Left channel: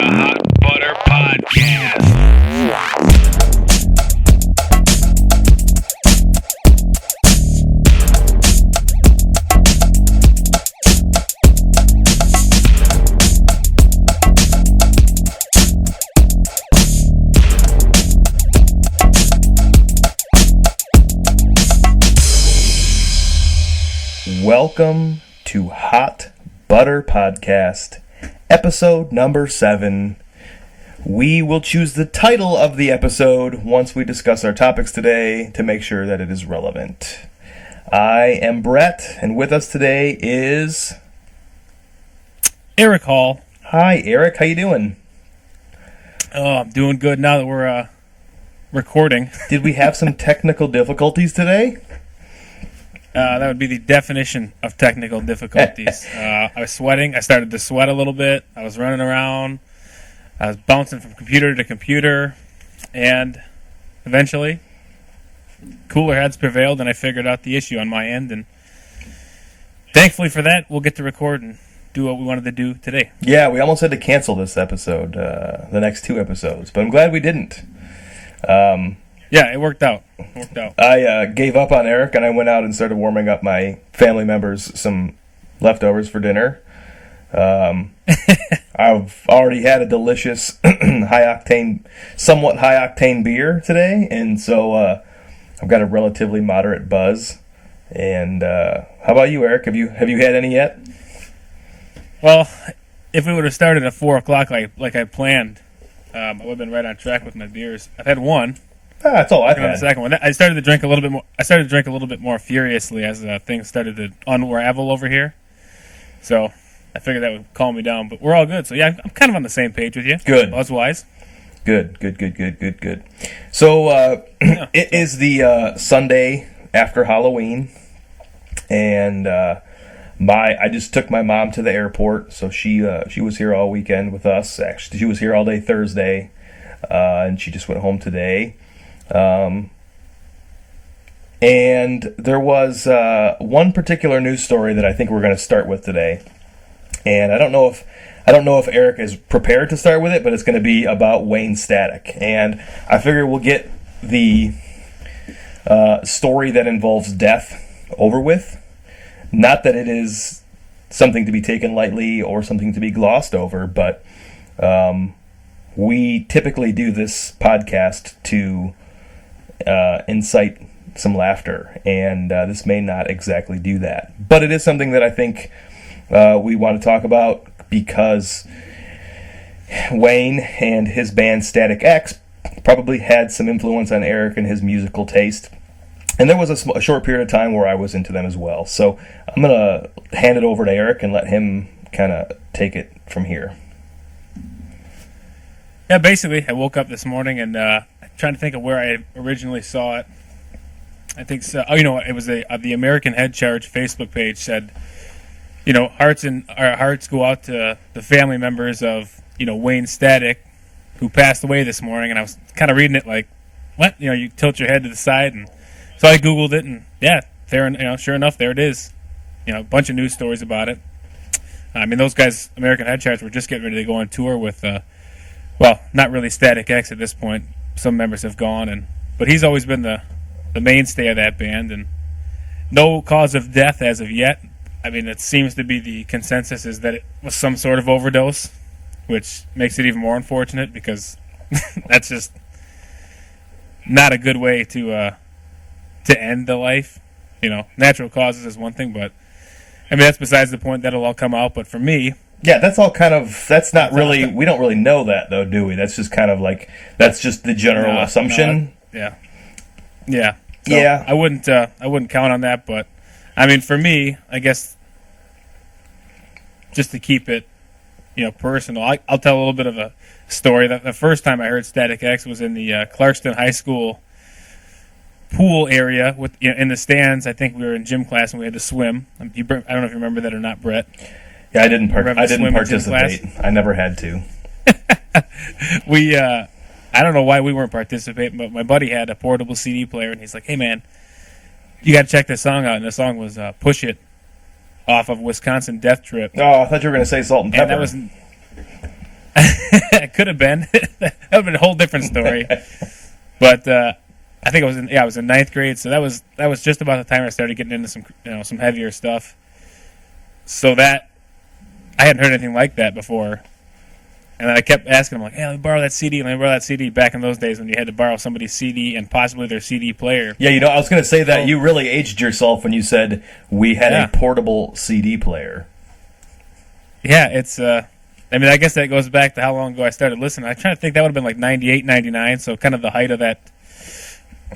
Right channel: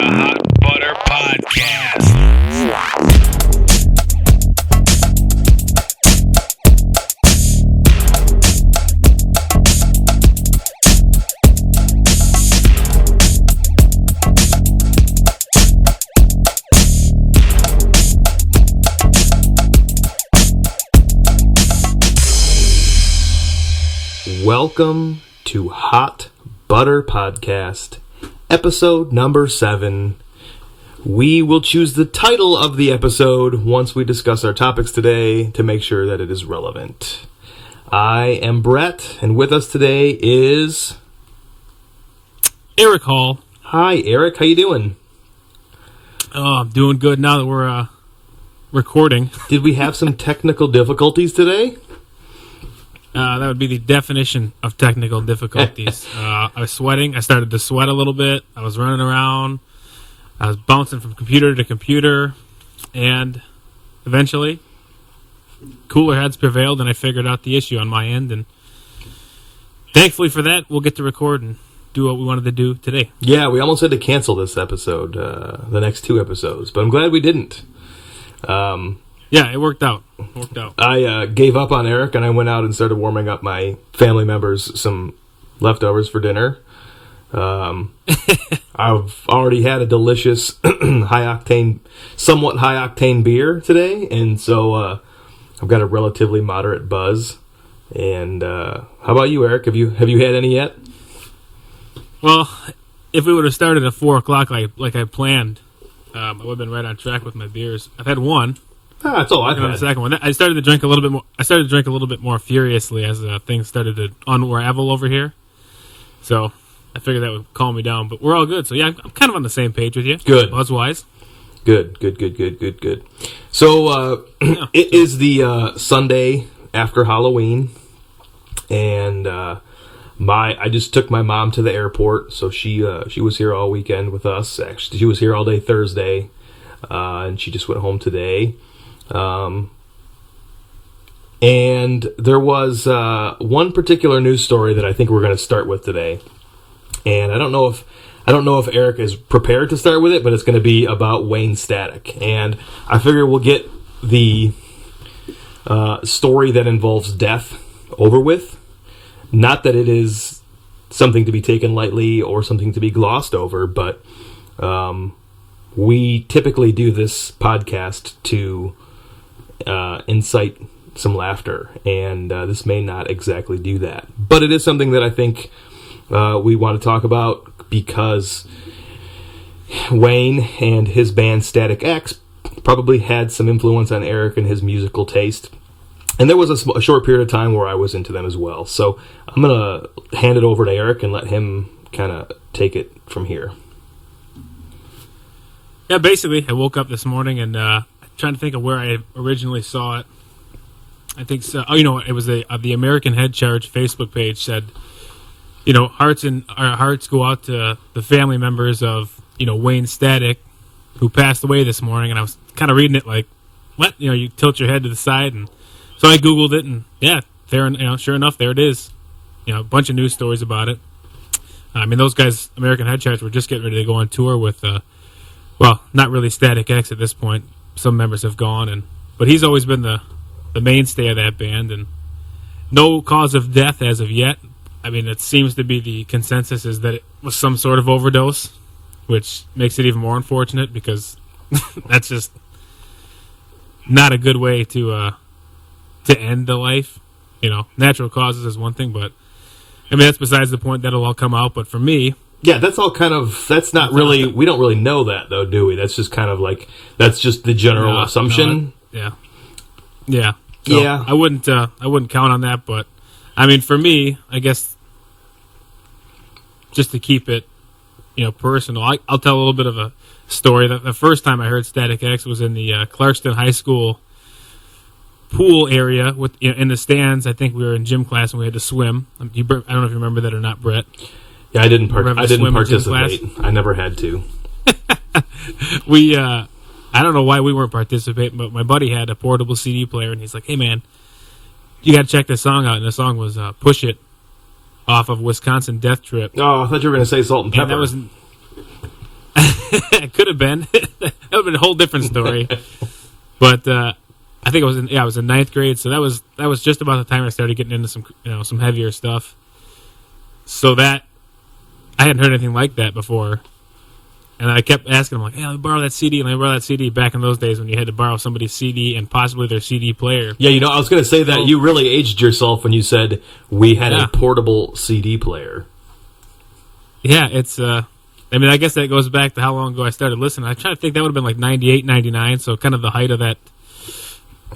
the Hot Butter Podcast. Welcome to Hot Butter Podcast, episode number 7. We will choose the title of the episode once we discuss our topics today to make sure that it is relevant. I am Brett, and with us today is Eric Hall. Hi, Eric. How you doing? Oh, I'm doing good now that we're recording. Did we have some technical difficulties today? That would be the definition of technical difficulties. I was sweating. I started to sweat a little bit. I was running around. I was bouncing from computer to computer. And eventually, cooler heads prevailed, and I figured out the issue on my end. And thankfully for that, we'll get to record and do what we wanted to do today. Yeah, we almost had to cancel this episode, the next 2 episodes, but I'm glad we didn't. Yeah, it worked out. I gave up on Eric, and I went out and started warming up my family members some leftovers for dinner. I've already had a delicious somewhat high-octane beer today, and so I've got a relatively moderate buzz. And how about you, Eric? Have you had any yet? Well, if we would have started at 4 o'clock like I planned, I would have been right on track with my beers. I've had one. That's all I've had. The second one. I started to drink a little bit more. I started to drink a little bit more furiously as things started to unravel over here. So I figured that would calm me down. But we're all good. So yeah, I'm kind of on the same page with you. Good. Buzz-wise. Good. So it is the Sunday after Halloween, and I just took my mom to the airport. So she was here all weekend with us. Actually, she was here all day Thursday, and she just went home today. And there was one particular news story that I think we're going to start with today, and I don't know if Eric is prepared to start with it, but it's going to be about Wayne Static, and I figure we'll get the story that involves death over with. Not that it is something to be taken lightly or something to be glossed over, but we typically do this podcast to incite some laughter, and this may not exactly do that. But it is something that I think we want to talk about because Wayne and his band Static X probably had some influence on Eric and his musical taste. And there was a short period of time where I was into them as well. So I'm going to hand it over to Eric and let him kind of take it from here. Yeah, basically, I woke up this morning and trying to think of where I originally saw it. I think so. Oh, you know what? It was the American Head Charge Facebook page said, our hearts go out to the family members of Wayne Static, who passed away this morning. And I was kind of reading it like, what? You tilt your head to the side, and so I Googled it, and yeah, there, sure enough, there it is. A bunch of news stories about it. I mean, those guys, American Head Charge, were just getting ready to go on tour with, not really Static X at this point. Some members have gone, but he's always been the mainstay of that band, and no cause of death as of yet. I mean, it seems to be the consensus is that it was some sort of overdose, which makes it even more unfortunate because that's just not a good way to end the life. Natural causes is one thing, but I mean that's besides the point. That'll all come out. But for me, yeah, that's all kind of. That's not really. We don't really know that though, do we? That's just kind of like that's just the general assumption. Yeah. So yeah. I wouldn't count on that, but I mean, for me, I guess just to keep it, personal, I'll tell a little bit of a story. That the first time I heard Static X was in the Clarkston High School pool area in the stands. I think we were in gym class and we had to swim. I don't know if you remember that or not, Brett. Yeah, I didn't participate. I never had to. I don't know why we weren't participating, but my buddy had a portable CD player, and he's like, "Hey, man, you got to check this song out." And the song was "Push It" off of Wisconsin Death Trip. Oh, I thought you were going to say Salt and Pepper. And that was it could have been. That would have been a whole different story. But I think I was in ninth grade, so that was just about the time I started getting into some heavier stuff. So that I hadn't heard anything like that before. And I kept asking him, like, hey, let me borrow that CD, let me borrow that CD, back in those days when you had to borrow somebody's CD and possibly their CD player. Yeah, I was going to say that you really aged yourself when you said we had Yeah. a portable CD player. Yeah, it's, I guess that goes back to how long ago I started listening. I'm trying to think, that would have been like 98, 99, so kind of the height of that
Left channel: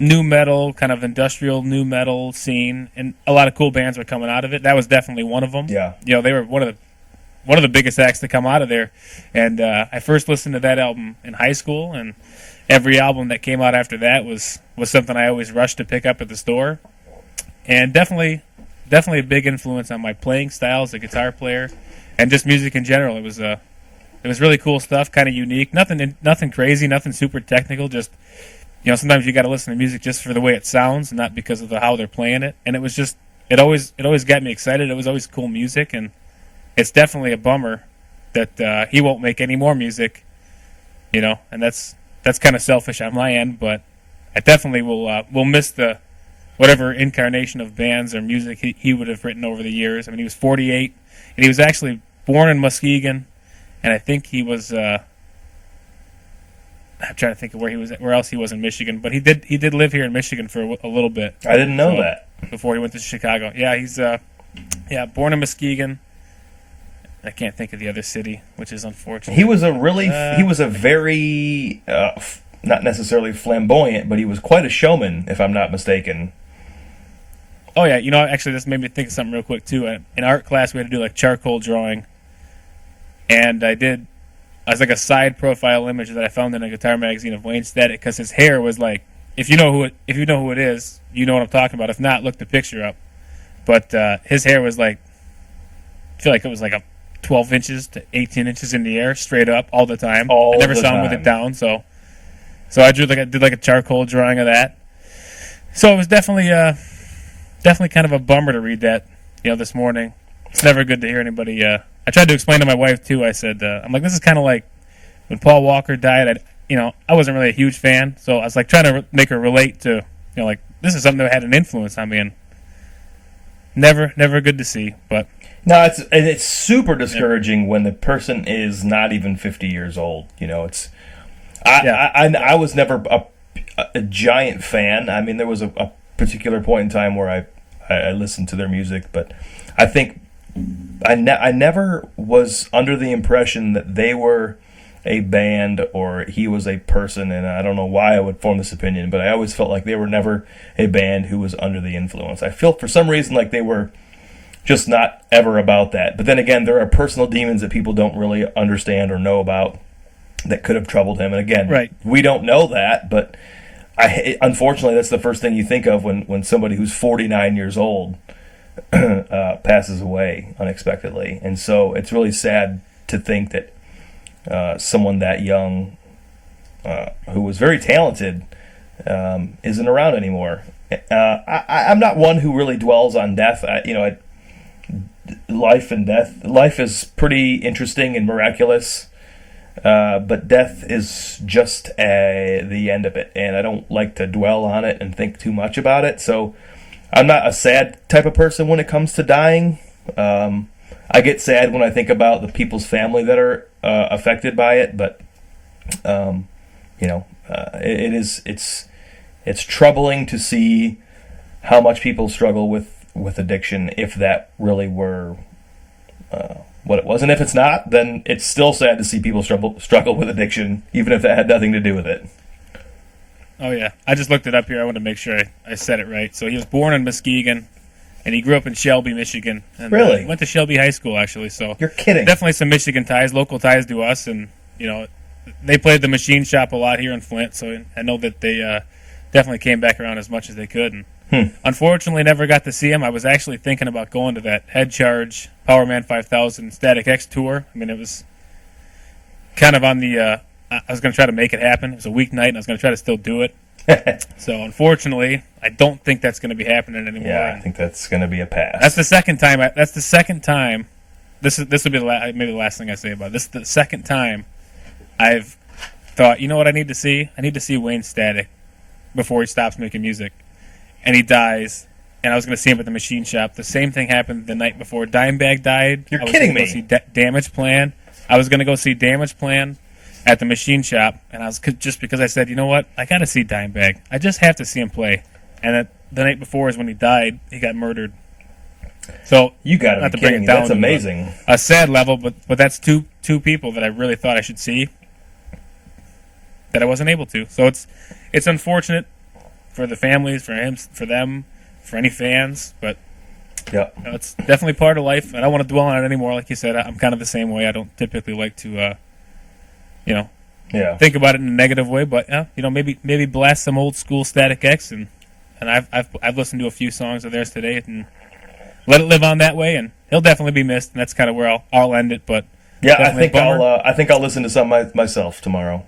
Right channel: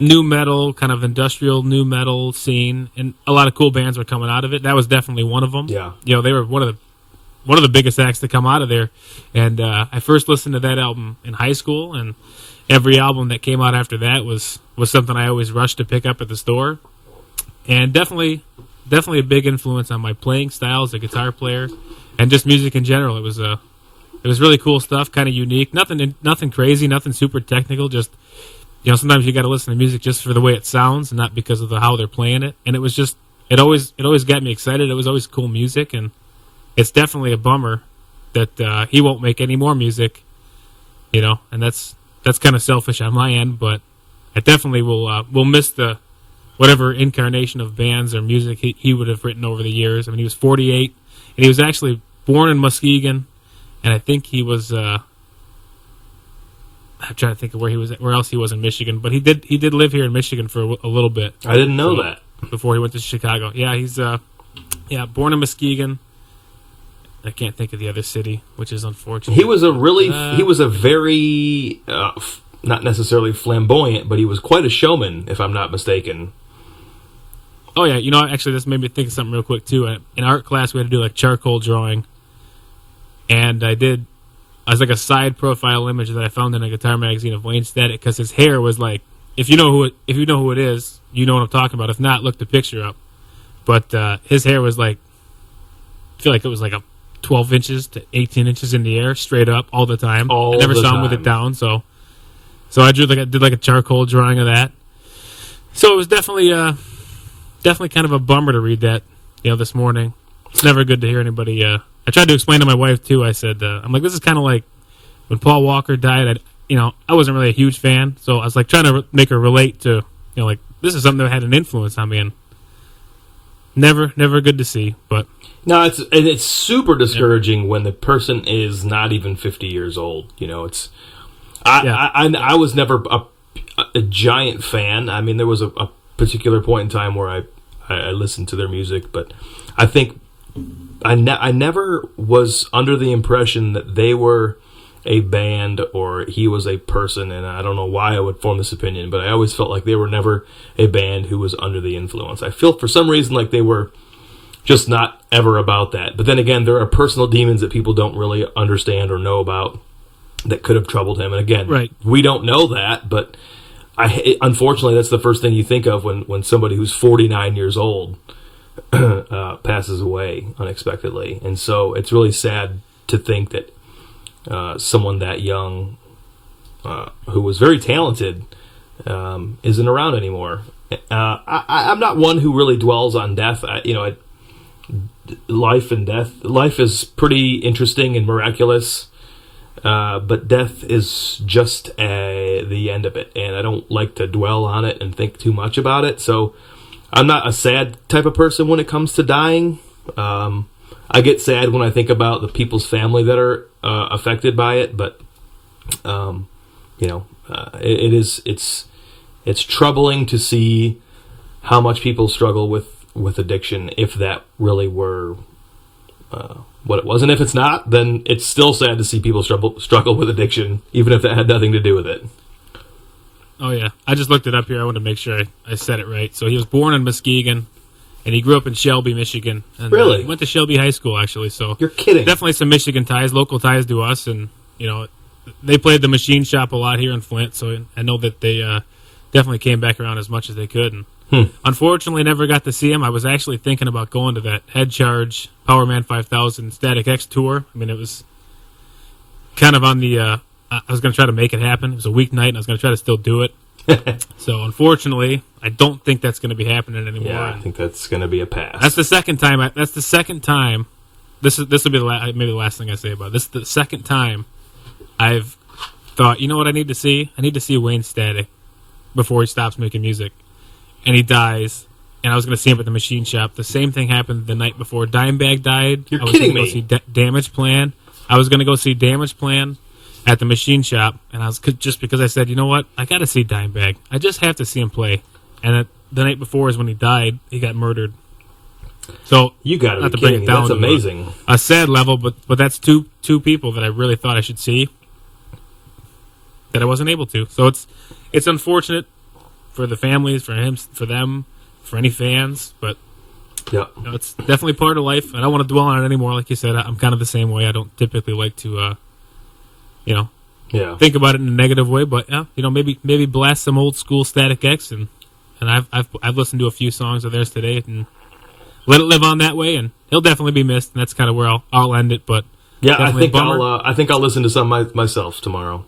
new metal, kind of industrial new metal scene, and a lot of cool bands were coming out of it. That was definitely one of them. Yeah. They were one of the biggest acts to come out of there. And I first listened to that album in high school, and every album that came out after that was something I always rushed to pick up at the store. And definitely a big influence on my playing style as a guitar player and just music in general. It was really cool stuff, kind of unique. Nothing crazy, nothing super technical, just sometimes you got to listen to music just for the way it sounds, and not because of how they're playing it. And it always got me excited. It was always cool music, and it's definitely a bummer that he won't make any more music, and that's kind of selfish on my end, but I definitely will miss the whatever incarnation of bands or music he would have written over the years. I mean, he was 48, and he was actually born in Muskegon, and I think he was. I'm trying to think of where else he was in Michigan, but he did live here in Michigan for a little bit. I didn't know that. Before he went to Chicago. Yeah, he's born in Muskegon. I can't think of the other city, which is unfortunate. He was a very not necessarily flamboyant, but he was quite a showman, if I'm not mistaken. Oh yeah, actually this made me think of something real quick too. In art class we had to do like charcoal drawing, and I was like a side profile image that I found in a guitar magazine of Wayne Static, because his hair was like, if you know who it is, you know what I'm talking about. If not, look the picture up. But his hair was like, I feel like it was like a 12 inches to 18 inches in the air, straight up, all the time. I never saw him with it down, so I did a charcoal drawing of that. So it was definitely kind of a bummer to read that, this morning. It's never good to hear anybody. I tried to explain to my wife too. I said, I'm like, this is kind of like when Paul Walker died. I wasn't really a huge fan, so I was like trying to make her relate to, like, this is something that had an influence on me, and never good to see. But no, it's super discouraging when the person is not even 50 years old. I was never a giant fan. I mean, there was a particular point in time where I listened to their music, but I think I never was under the impression that they were a band or he was a person, and I don't know why I would form this opinion, but I always felt like they were never a band who was under the influence. I feel for some reason like they were just not ever about that. But then again, there are personal demons that people don't really understand or know about that could have troubled him. And again, right. We don't know that, but unfortunately that's the first thing you think of when somebody who's 49 years old passes away unexpectedly. And so it's really sad to think that someone that young, who was very talented, isn't around anymore. I'm not one who really dwells on death. Life and death. Life is pretty interesting and miraculous, but death is just the end of it, and I don't like to dwell on it and think too much about it. So I'm not a sad type of person when it comes to dying. I get sad when I think about the people's family that are affected by it, but it's troubling to see how much people struggle with addiction, if that really were what it was. And if it's not, then it's still sad to see people struggle with addiction, even if that had nothing to do with it. Oh yeah, I just looked it up here. I want to make sure I said it right. So he was born in Muskegon, and he grew up in Shelby, Michigan. And, really? He went to Shelby High School, actually. So you're kidding. Definitely some Michigan ties, local ties to us, and they played the Machine Shop a lot here in Flint. So I know that they definitely came back around as much as they could. And unfortunately, never got to see him. I was actually thinking about going to that Head Charge Powerman 5000 Static X tour. I mean, it was kind of on the. I was going to try to make it happen. It was a weeknight, and I was going to try to still do it. So unfortunately, I don't think that's going to be happening anymore. Yeah, I think that's going to be a pass. That's the second time. This will be maybe the last thing I say about it. This is the second time I've thought, you know what I need to see? I need to see Wayne Static before he stops making music. And he dies. And I was going to see him at the machine shop. The same thing happened the night before Dimebag died. You're I was kidding gonna me. Go see Damage Plan. I was going to go see Damage Plan at the machine shop. And I was just because I said, you know what? I got to see Dimebag. I just have to see him play. And the night before is when he died. He got murdered. So You got not to to be bring kidding it me. down That's to amazing. a sad level, but that's two people that I really thought I should see that I wasn't able to. So it's unfortunate for the families, for him, for them, for any fans, but Yeah. you know, it's definitely part of life. I don't want to dwell on it anymore. Like you said, I'm kind of the same way. I don't typically like to, Yeah. think about it in a negative way. But maybe blast some old school Static X, and I've listened to a few songs of theirs today, and let it live on that way. And he'll definitely be missed, and that's kind of where I'll end it. But Yeah, I definitely a think bummer. I think I'll listen to some myself tomorrow.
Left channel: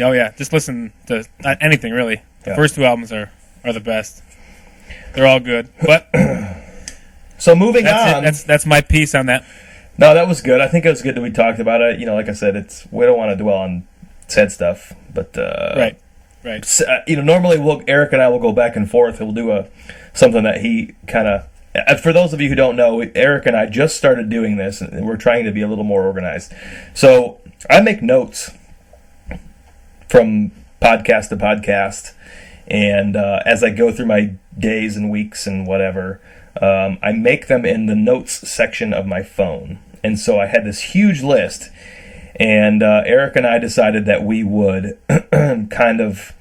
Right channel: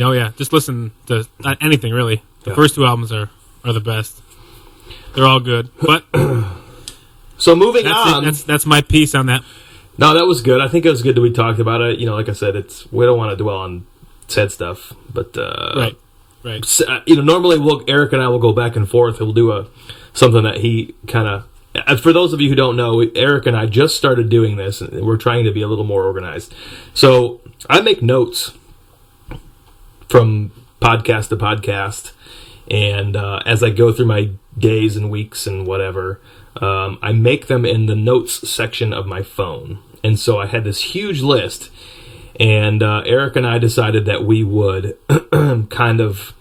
Oh yeah, just listen to anything really. The Yeah. first two albums are the best. They're all good. But So moving that's on. it. That's my piece on that. No, that was good. I think it was good that we talked about it. Like I said, we don't want to dwell on sad stuff, but Right. normally Eric and I will go back and forth. He'll do something that he kind of. For those of you who don't know, Eric and I just started doing this, and we're trying to be a little more organized. So I make notes from podcast to podcast, and as I go through my days and weeks and whatever, I make them in the notes section of my phone. And so I had this huge list, and Eric and I decided that we would kind of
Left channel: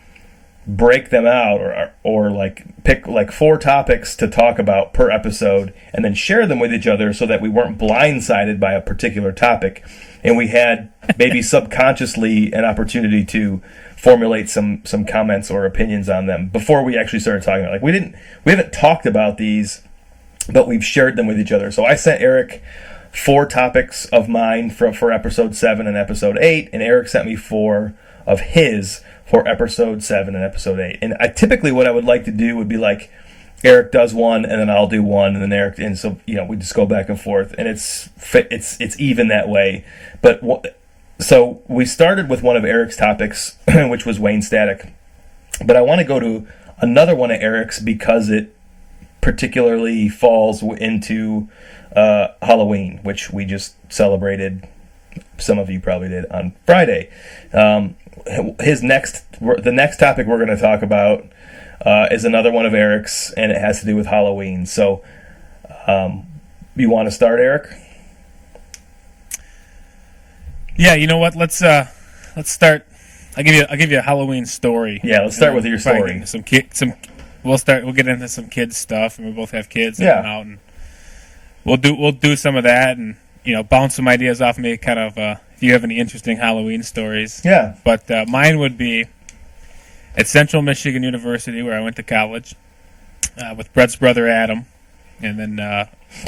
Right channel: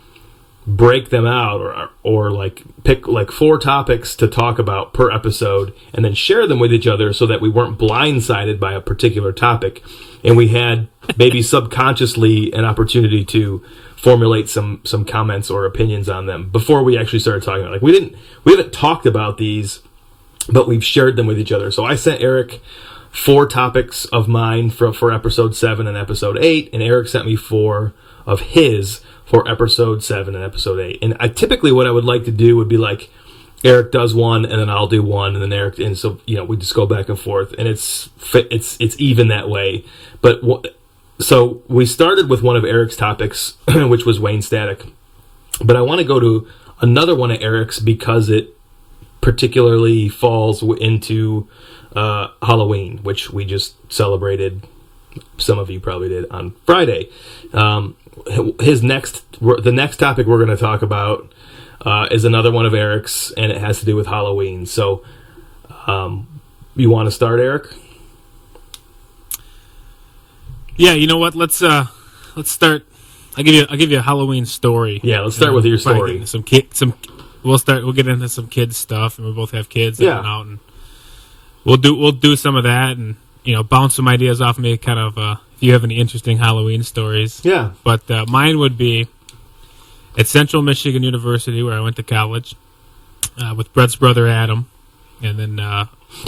break them out or like pick like 4 topics to talk about per episode and then share them with each other so that we weren't blindsided by a particular topic, and we had maybe subconsciously an opportunity to formulate some comments or opinions on them before we actually started talking about it. Like we haven't talked about these, but we've shared them with each other. So I sent Eric 4 topics of mine for episode 7 and episode 8, and Eric sent me 4 of his for episode 7 and episode 8. And typically what I would like to do would be like Eric does one, and then I'll do one, and then Eric, and so we just go back and forth, and it's even that way. But so we started with one of Eric's topics, which was Wayne Static, but I want to go to another one of Eric's because it particularly falls into Halloween, which we just celebrated. Some of you probably did on Friday. The next topic we're going to talk about is another one of Eric's, and it has to do with Halloween. So, you want to start, Eric? Yeah, you know what? Let's start. I'll give you a Halloween story. Yeah, let's start with your story. We'll get into some kids stuff, and we both have kids. Yeah. That went out, and we'll do some of that, and bounce some ideas off me. Kind of if you have any interesting Halloween stories. Yeah. But mine would be at Central Michigan University, where I went to college, with Brett's brother Adam, and then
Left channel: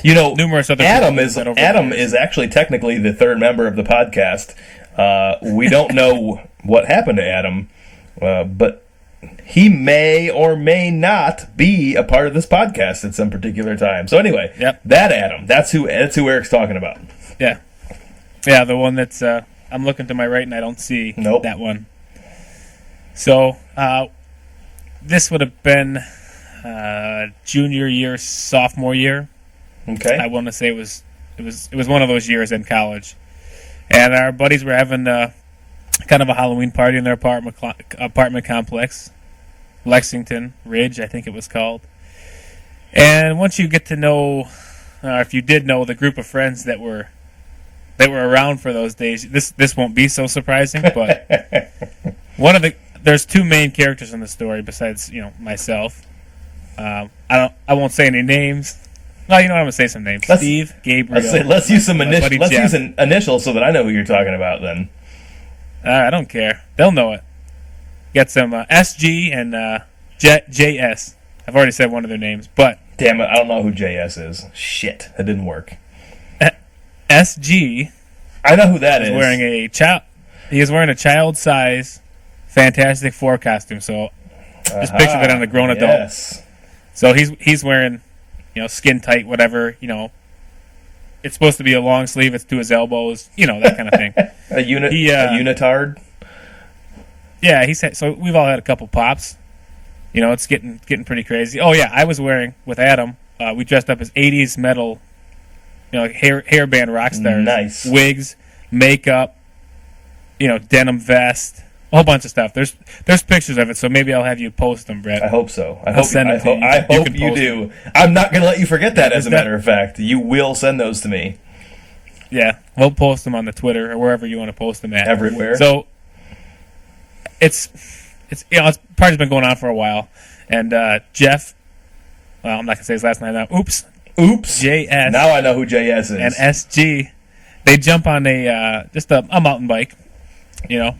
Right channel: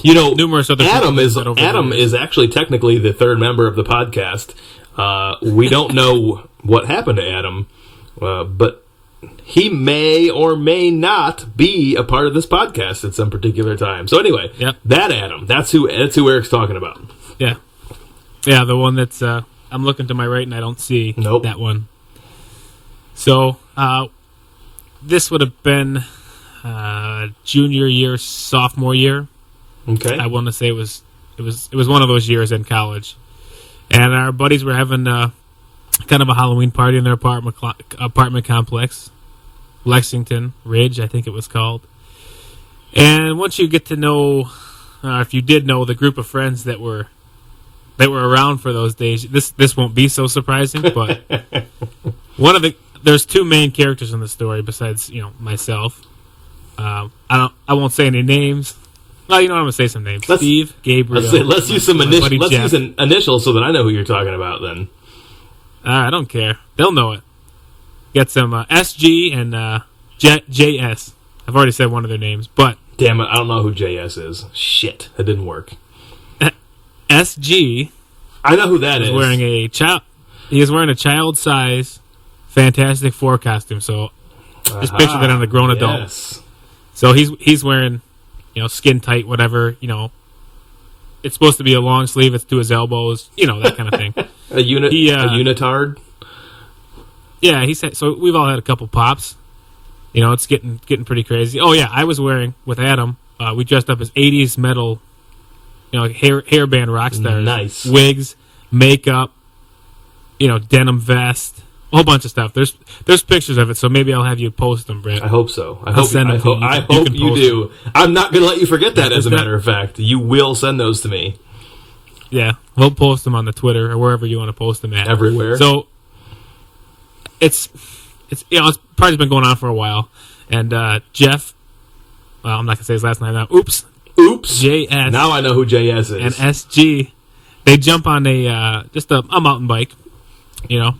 numerous other. Adam people that over the Adam years. is actually technically the third member of the podcast. We don't know what happened to Adam, but he may or may not be a part of this podcast at some particular time. So anyway, Yep. that Adam, that's who Eric's talking about. Yeah, the one that's I'm looking to my right and I don't see Nope. that one. So this would have been junior year, sophomore year. Okay. I want to say it was one of those years in college, and our buddies were having kind of a Halloween party in their apartment complex, Lexington Ridge, I think it was called. And once you get to know, if you did know the group of friends that were around for those days, this won't be so surprising. But there's 2 main characters in the story besides myself. I won't say any names. Well, I'm gonna say some names. Steve, Gabriel. Let's use some my initials. buddy Let's Jeff. use an initial so that I know who you're talking about. Then. I don't care. They'll know it. Get some SG and JS. I've already said one of their names, but Damn it! I don't know who JS is. Shit, that didn't work. SG I know who that is. wearing a child. He is wearing a child-size Fantastic Four costume. So just picture that on a grown adult. Yes. So he's wearing, skin tight, whatever. it's supposed to be a long sleeve. It's to his elbows. You know, that kind of thing. A unitard. Yeah, he said. So we've all had a couple pops. You know, it's getting pretty crazy. Oh yeah, I was wearing with Adam. We dressed up as '80s metal, you know, like hairband rock stars. Nice wigs, makeup, you know, denim vest, a whole bunch of stuff. There's pictures of it, so maybe I'll have you post them, Brett. I hope so. I I'll hope send them to you. I hope can you post do. I'm not going to let you forget that. As a that- matter of fact, you will send those to me Yeah, we'll post them on the Twitter or wherever you want to post them at. everywhere. So it's you know, it's party's been going on for a while, and Jeff. Well, I'm not gonna say his last name now. Oops, JS. Now I know who JS is. And SG, they jump on just a mountain bike, you know,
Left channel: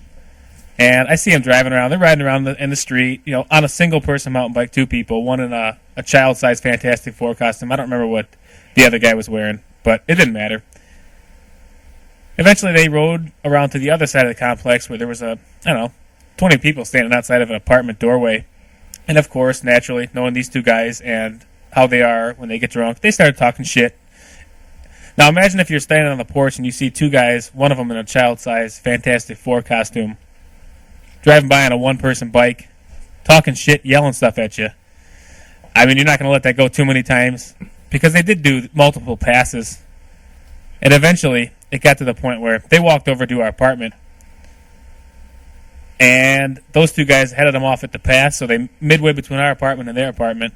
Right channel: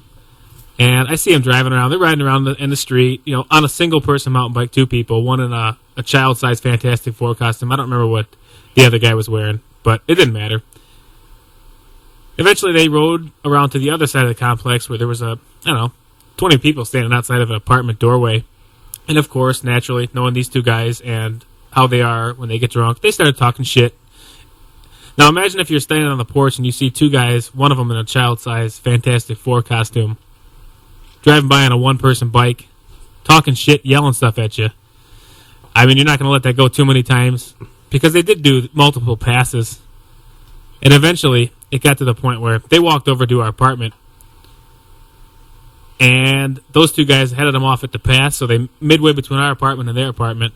and I see them driving around. They're riding around in the street, you know, on a single person mountain bike, two people, one in a child-sized Fantastic Four costume. I don't remember what the other guy was wearing, but it didn't matter. Eventually, they rode around to the other side of the complex where there was 20 people standing outside of an apartment doorway. And of course, naturally, knowing these two guys and how they are when they get drunk, they started talking shit. Now imagine if you're standing on the porch and you see two guys, one of them in a child-sized Fantastic Four costume, driving by on a one-person bike, talking shit, yelling stuff at you. I mean, you're not going to let that go too many times because they did do multiple passes. And eventually, it got to the point where they walked over to our apartment, and those two guys headed them off at the pass, so they midway between our apartment and their apartment.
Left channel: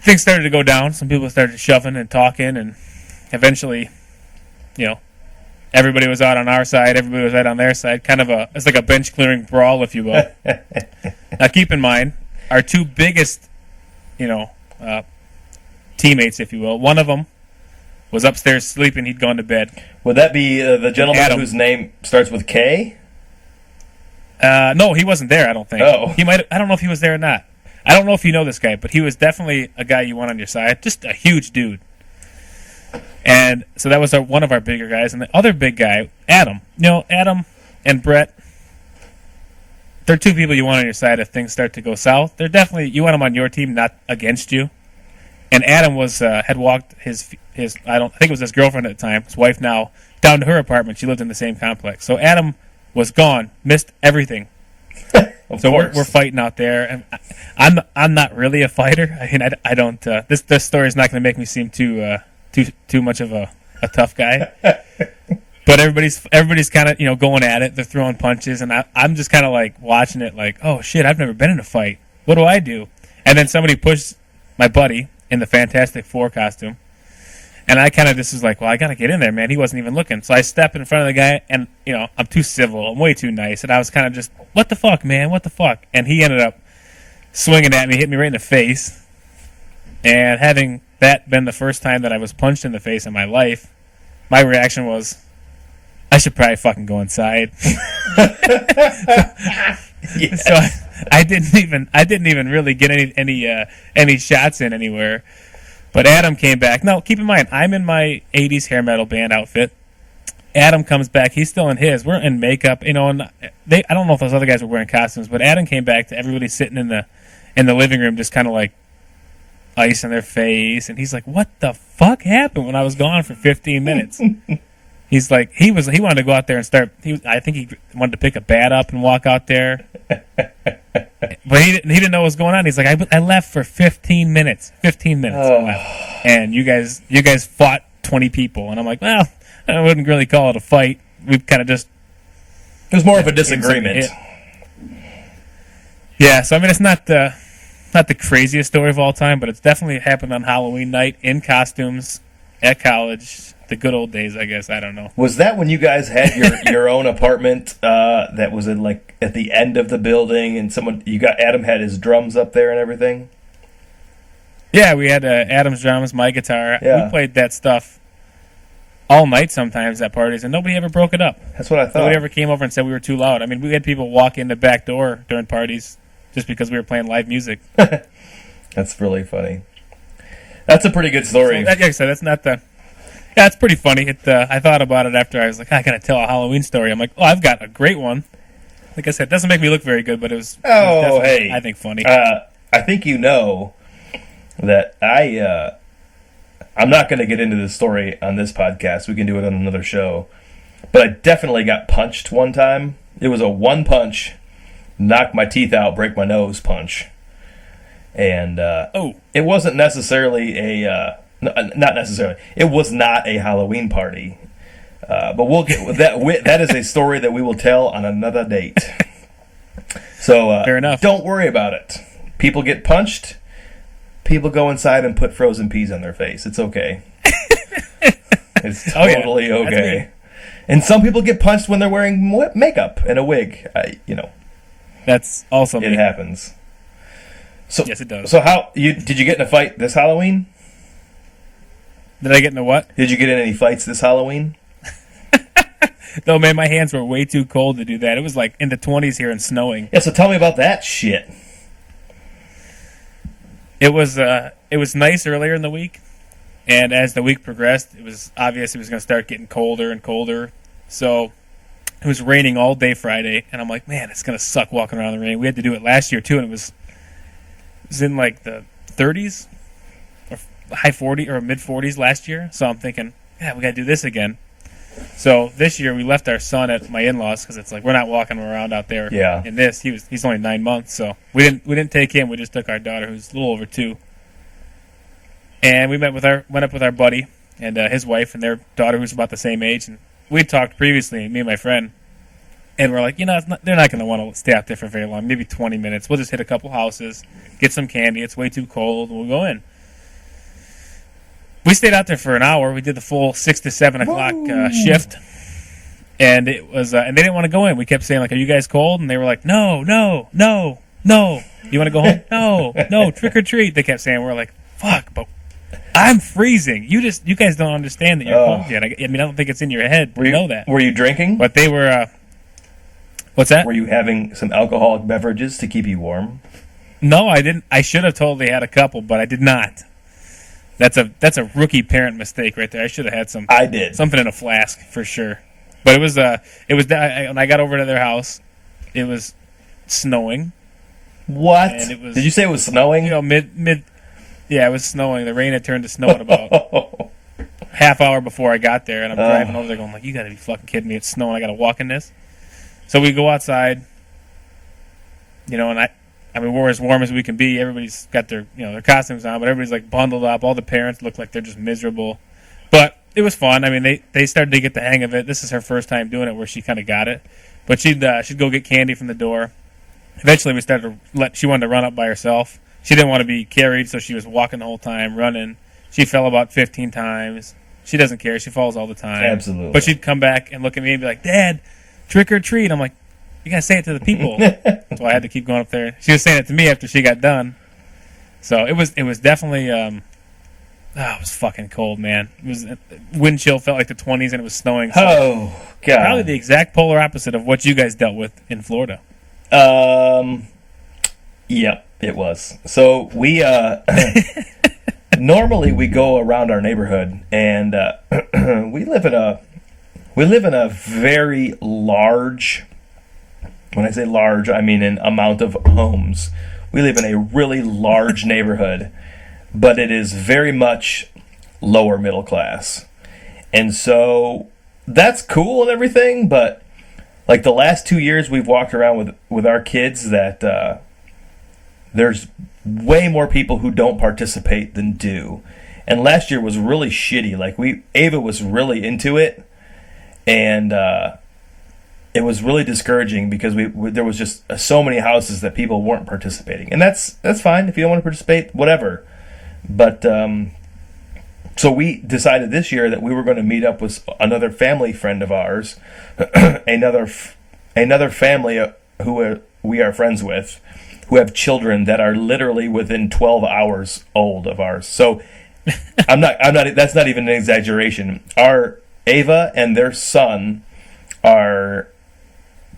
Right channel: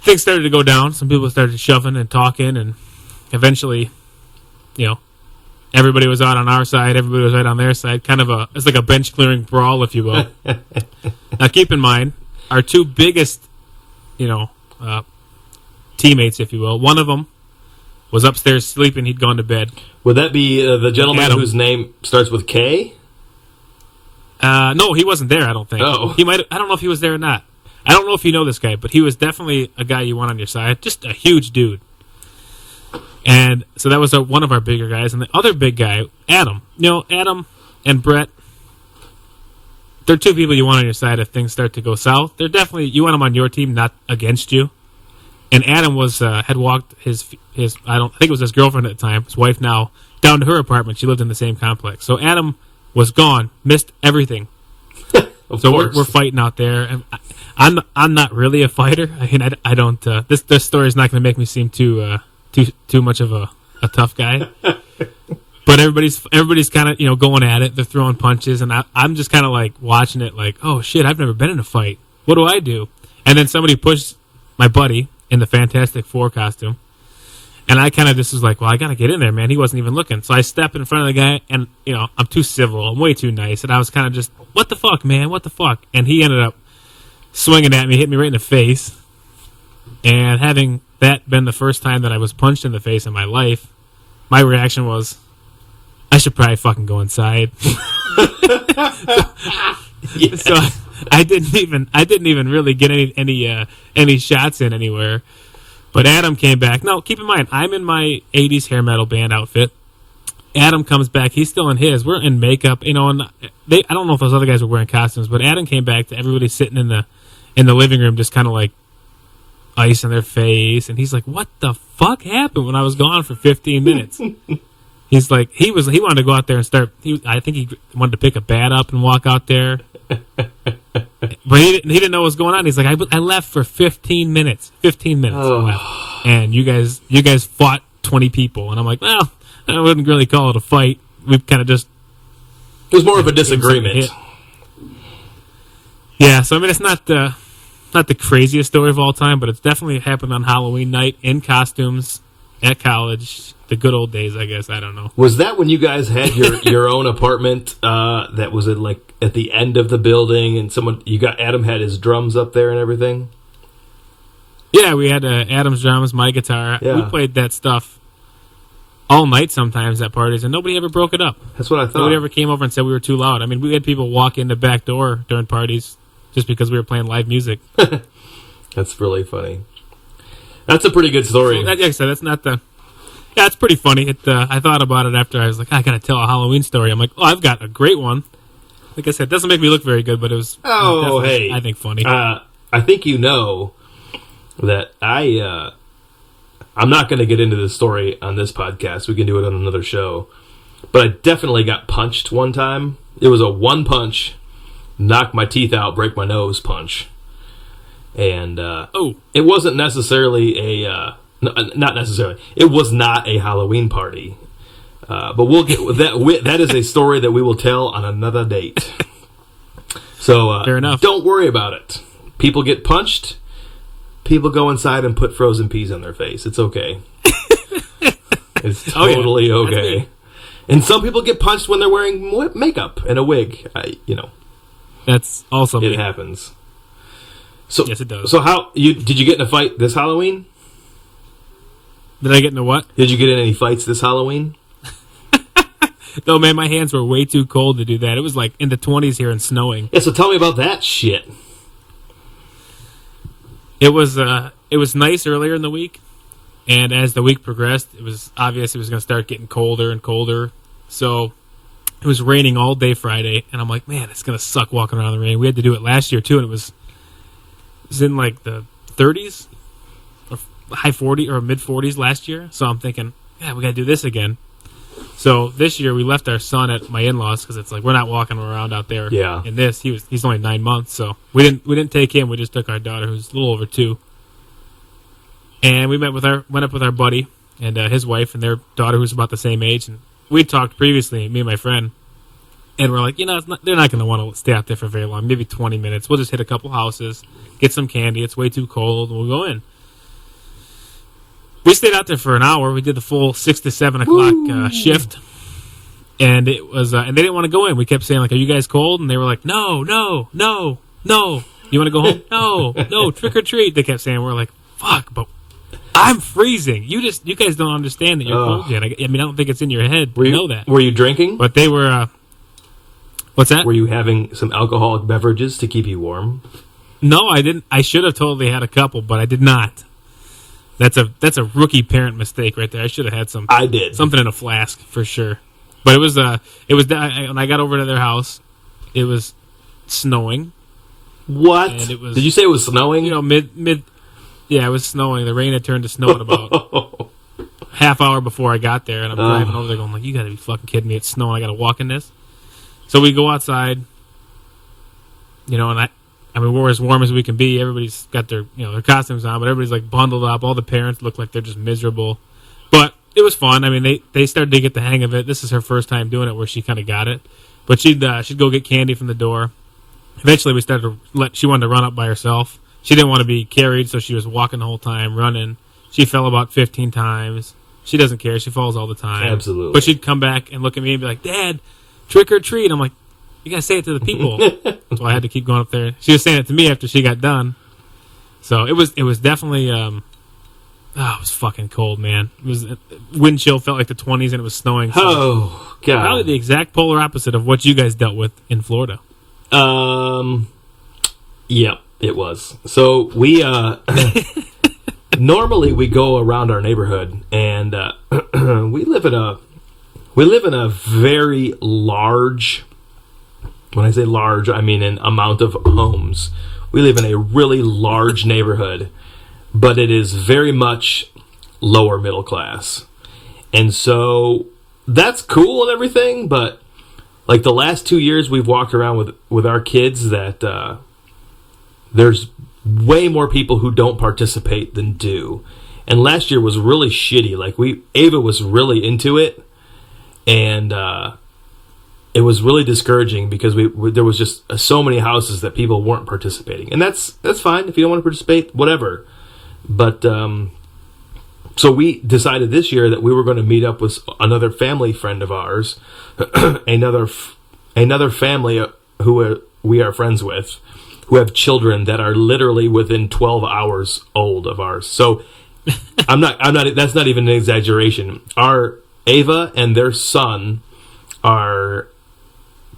Things started to go down. Some people started shoving and talking, and eventually, you know, everybody was out on our side, everybody was right on their side. It's like a bench clearing brawl, if you will. Now, keep in mind, our two biggest, you know, teammates, if you will. One of them was upstairs sleeping. He'd gone to bed. Would that be the gentleman Adam. whose name starts with K? No, he wasn't there, I don't think. Oh. He might. I don't know if he was there or not. I don't know if you know this guy, but he was definitely a guy you want on your side. Just a huge dude. And so that was one of our bigger guys. And the other big guy, Adam. You know, Adam and Brett, they're two people you want on your side if things start to go south. They're definitely, you want them on your team, not against you. And Adam was had walked his I think it was his girlfriend at the time, his wife now, down to her apartment. She lived in the same complex. So Adam was gone, missed everything. So we're fighting out there, and I'm not really a fighter. I mean, I don't. This story is not going to make me seem too much of a tough guy. But everybody's kind of, you know, going at it. They're throwing punches, and I'm just kind of like watching it, like, oh shit, I've never been in a fight. What do I do? And then somebody pushed my buddy in the Fantastic Four costume. And I kind of just was like, well, I got to get in there, man. He wasn't even looking. So I step in front of the guy, and, you know, I'm too civil. I'm way too nice. And I was kind of just, what the fuck, man? What the fuck? And he ended up swinging at me, hit me right in the face. And having that been the first time that I was punched in the face in my life, my reaction was, I should probably fucking go inside. Yeah. So I didn't even really get any shots in anywhere. But Adam came back. Now, keep in mind, I'm in my 80s hair metal band outfit. Adam comes back. He's still in his. We're in makeup, you know, and I don't know if those other guys were wearing costumes, but Adam came back to everybody sitting in the living room just kind of like ice on their face, and he's like, what the fuck happened when I was gone for 15 minutes? He's like, he wanted to go out there and start, I think he wanted to pick a bat up and walk out there. But he didn't know what was going on. He's like, I left for 15 minutes. 15 minutes. Oh. I left. And you guys fought 20 people. And I'm like, well, I wouldn't really call it a fight. We've kind of just... It was more of a disagreement. Yeah, so I mean, it's not the craziest story of all time, but it's definitely happened on Halloween night in costumes at college. The good old days, I guess. I don't know. Was that when you guys had your own apartment that was at the end of the building, and Adam had his drums up there and everything? Yeah, we had Adam's drums, my guitar. Yeah. We played that stuff all night sometimes at parties, and nobody ever broke it up. That's what I thought. Nobody ever came over and said we were too loud. I mean, we had people walk in the back door during parties just because we were playing live music. That's really funny. That's a pretty good story. So like I said, that's not the... Yeah, it's pretty funny. I thought about it after. I was like, I gotta tell a Halloween story. I'm like, oh, I've got a great one. Like I said, it doesn't make me look very good, but it was. Oh, hey, I think funny. I think you know that I I'm not going to get into this story on this podcast. We can do it on another show. But I definitely got punched one time. It was a one punch, knock my teeth out, break my nose punch. And it wasn't necessarily not necessarily. It was not a Halloween party. But we'll get that. That is a story that we will tell on another date. So fair enough. Don't worry about it. People get punched. People go inside and put frozen peas on their face. It's okay. It's totally okay. And some people get punched when they're wearing makeup and a wig. That's also it me. happens. So yes, it does. So did you get in a fight this Halloween? Did I get into what? Did you get in any fights this Halloween? No, man, my hands were way too cold to do that. It was like in the 20s here and snowing. Yeah, so tell me about that shit. It was nice earlier in the week, and as the week progressed, it was obvious it was going to start getting colder and colder. So it was raining all day Friday, and I'm like, man, it's going to suck walking around in the rain. We had to do it last year too, and it was in like the 30s or high 40s or mid 40s last year. So I'm thinking, yeah, we got to do this again. So this year we left our son at my in-laws because it's like we're not walking around out there. Yeah. In this, he's only 9 months, so we didn't take him. We just took our daughter, who's a little over 2. And we went up with our buddy and his wife and their daughter, who's about the same age. And we talked previously, me and my friend, and we're like, they're not going to want to stay out there for very long, maybe 20 minutes. We'll just hit a couple houses, get some candy. It's way too cold, and we'll go in. We stayed out there for an hour. We did the full 6 to 7 o'clock shift, and it was and they didn't want to go in. We kept saying like, "Are you guys cold?" And they were like, "No, no, no, no. You want to go home? No, no. Trick or treat." They kept saying. We're like, "Fuck!" But I'm freezing. You guys don't understand that you're cold yet. I mean, I don't think it's in your head to know that. Were you drinking? But they were. What's that? Were you having some alcoholic beverages to keep you warm? No, I didn't. I should have totally had a couple, but I did not. That's a rookie parent mistake right there. I should have had some. I did something in a flask for sure. But it was when I got over to their house, it was snowing. What? And it was, did you say it was snowing? Mid. Yeah, it was snowing. The rain had turned to snow at about half hour before I got there, and I'm driving over there going like, "You got to be fucking kidding me! It's snowing. I got to walk in this." So we go outside, and I mean, we're as warm as we can be. Everybody's got their costumes on, but everybody's like bundled up. All the parents look like they're just miserable. But it was fun. I mean, they started to get the hang of it. This is her first time doing it where she kind of got it. But she'd go get candy from the door. Eventually, she wanted to run up by herself. She didn't want to be carried, so she was walking the whole time, running. She fell about 15 times. She doesn't care. She falls all the time. Absolutely. But she'd come back and look at me and be like, "Dad, trick or treat." I'm like, "You gotta say it to the people." So I had to keep going up there. She was saying it to me after she got done. So it was definitely it was fucking cold, man. It was wind chill felt like the 20s and it was snowing. So oh god. Probably the exact polar opposite of what you guys dealt with in Florida. Yep, it was. So we normally we go around our neighborhood and we live in a very large. When I say large, I mean in amount of homes. We live in a really large neighborhood, but it is very much lower middle class. And so that's cool and everything, but like the last 2 years we've walked around with our kids that there's way more people who don't participate than do. And last year was really shitty. Like Ava was really into it, and it was really discouraging because there was just so many houses that people weren't participating, and that's fine if you don't want to participate, whatever. But so we decided this year that we were going to meet up with another family friend of ours, another family who we are friends with, who have children that are literally within 12 hours old of ours. So I'm not. That's not even an exaggeration. Our Ava and their son are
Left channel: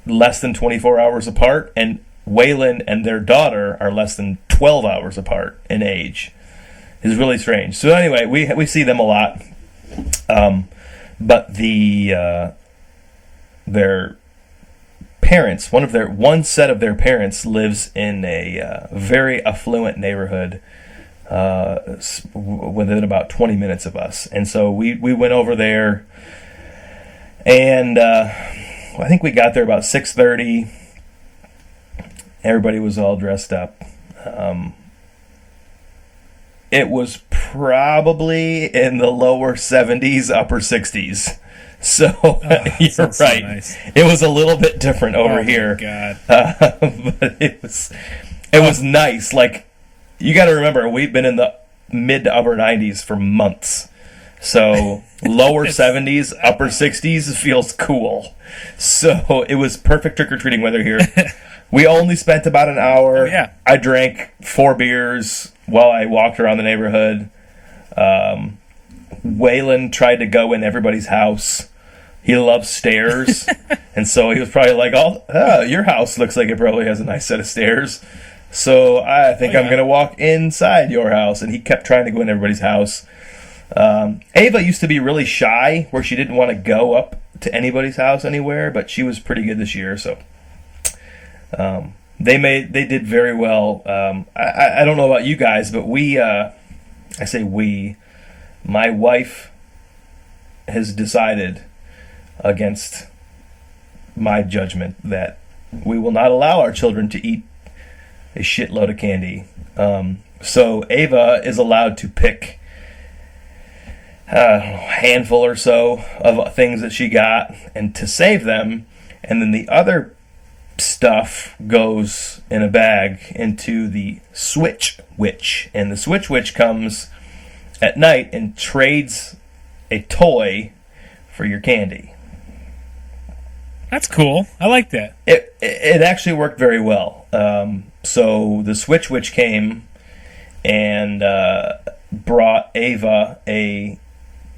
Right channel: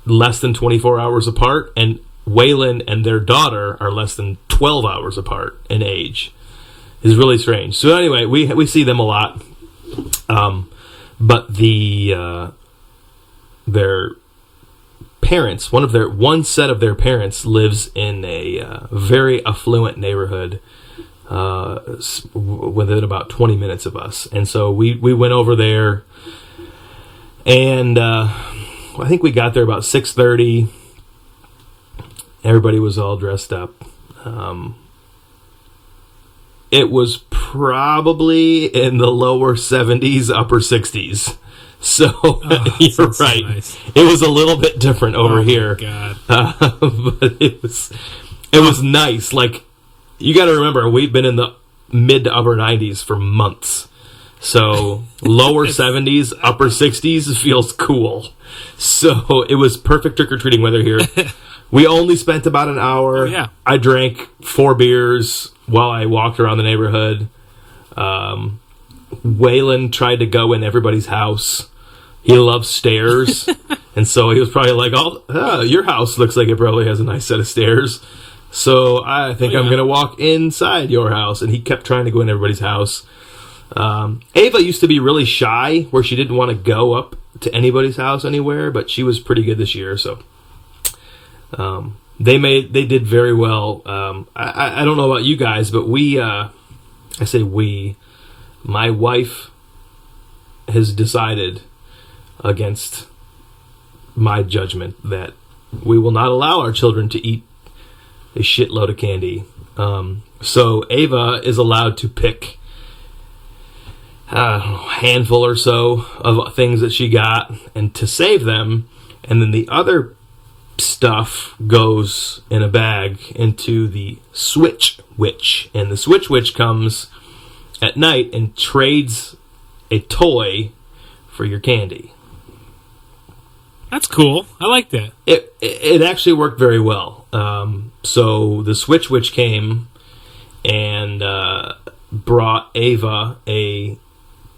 less than 24 hours apart, and Waylon and their daughter are less than 12 hours apart in age. It's really strange. So anyway, we see them a lot, but their parents, one set of their parents lives in a very affluent neighborhood within about 20 minutes of us. And so we went over there, and I think we got there about 6:30. Everybody was all dressed up. It was probably in the lower 70s, upper 60s. So you're sounds so right. nice. It was a little bit different over Oh, here. my God. But it was nice. Like, you got to remember, we've been in the mid to upper 90s for months. So lower 70s, upper 60s feels cool. So it was perfect trick-or-treating weather here. We only spent about an hour. Oh, yeah. I drank 4 beers while I walked around the neighborhood. Waylon tried to go in everybody's house. He loves stairs. And so he was probably like, "Oh, your house looks like it probably has a nice set of stairs. So I think I'm going to walk inside your house." And he kept trying to go in everybody's house. Ava used to be really shy, where she didn't want to go up to anybody's house anywhere, but she was pretty good this year. So they did very well. I don't know about you guys, but my wife has decided, against my judgment, that we will not allow our children to eat a shitload of candy. So Ava is allowed to pick a handful or so of things that she got and to save them, and then the other stuff goes in a bag into the Switch Witch. And the Switch Witch comes at night and trades a toy for your candy. That's cool. I like that. It actually worked very well. So the Switch Witch came and brought Ava a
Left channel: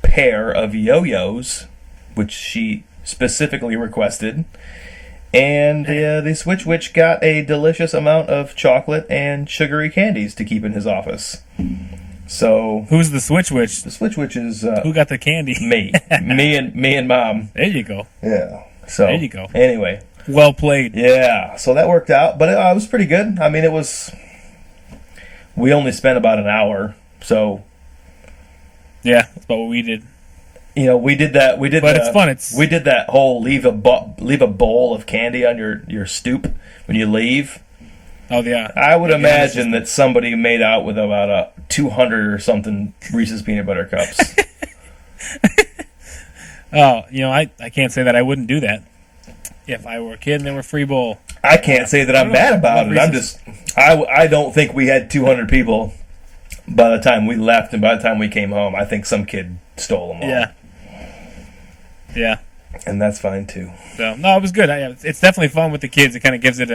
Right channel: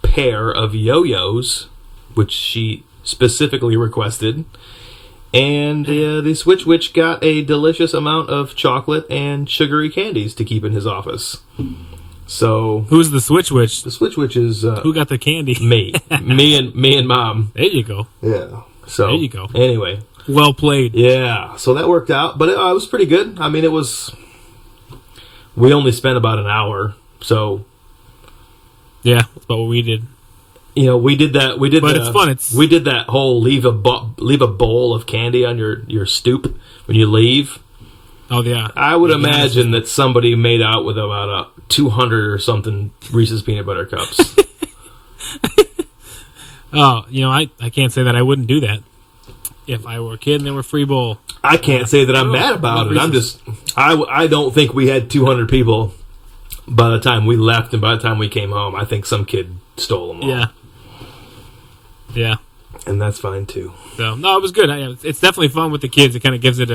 pair of yo-yos, which she specifically requested. And the Switch Witch got a delicious amount of chocolate and sugary candies to keep in his office. So Who's the Switch Witch? the Switch Witch is Who got the candy? me and Mom. There you go. Yeah. So There you go. Anyway, Well played. yeah. So that worked out, but it was pretty good. I mean, we only spent about an hour, so Yeah, that's about what we did. we did that. But it's fun. We did that whole leave a bowl of candy on your stoop when you leave. Oh, yeah. I would Yeah, imagine that somebody made out with about 200 or something Reese's peanut butter cups. Oh, I can't say that I wouldn't do that if I were a kid and they were free bowl. I can't say that I'm mad about it. I'm just, I don't think we had 200 people by the time we left, and by the time we came home, I think some kid stole them all. Yeah. And that's fine too. So, no, it was good. It's definitely fun with the kids. It kind of gives it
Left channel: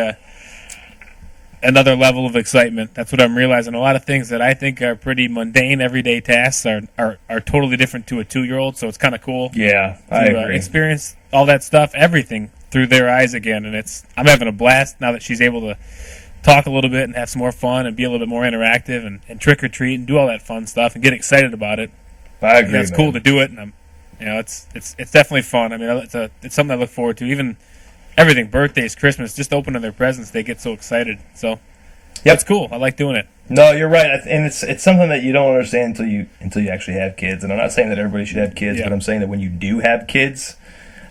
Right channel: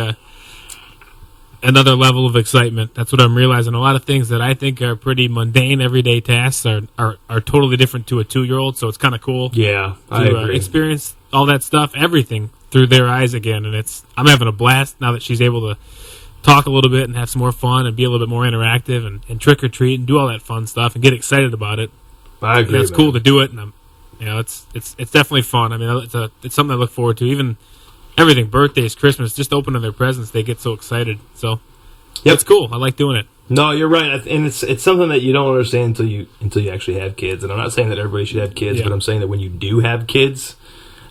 another level of excitement. That's what I'm realizing. A lot of things that I think are pretty mundane, everyday tasks are totally different to a 2-year-old. So it's kind of cool Yeah, I to agree. experience all that stuff, everything through their eyes again. And I'm having a blast now that she's able to talk a little bit and have some more fun and be a little bit more interactive and trick or treat and do all that fun stuff and get excited about it. I agree. It's cool to do it, and it's definitely fun. I mean, it's something I look forward to. Even everything, birthdays, Christmas, just opening their presents, they get so excited. So, Yep. it's cool. I like doing it. No, you're right, and it's something that you don't understand until you actually have kids. And I'm not saying that everybody should have kids, Yeah. but I'm saying that when you do have kids,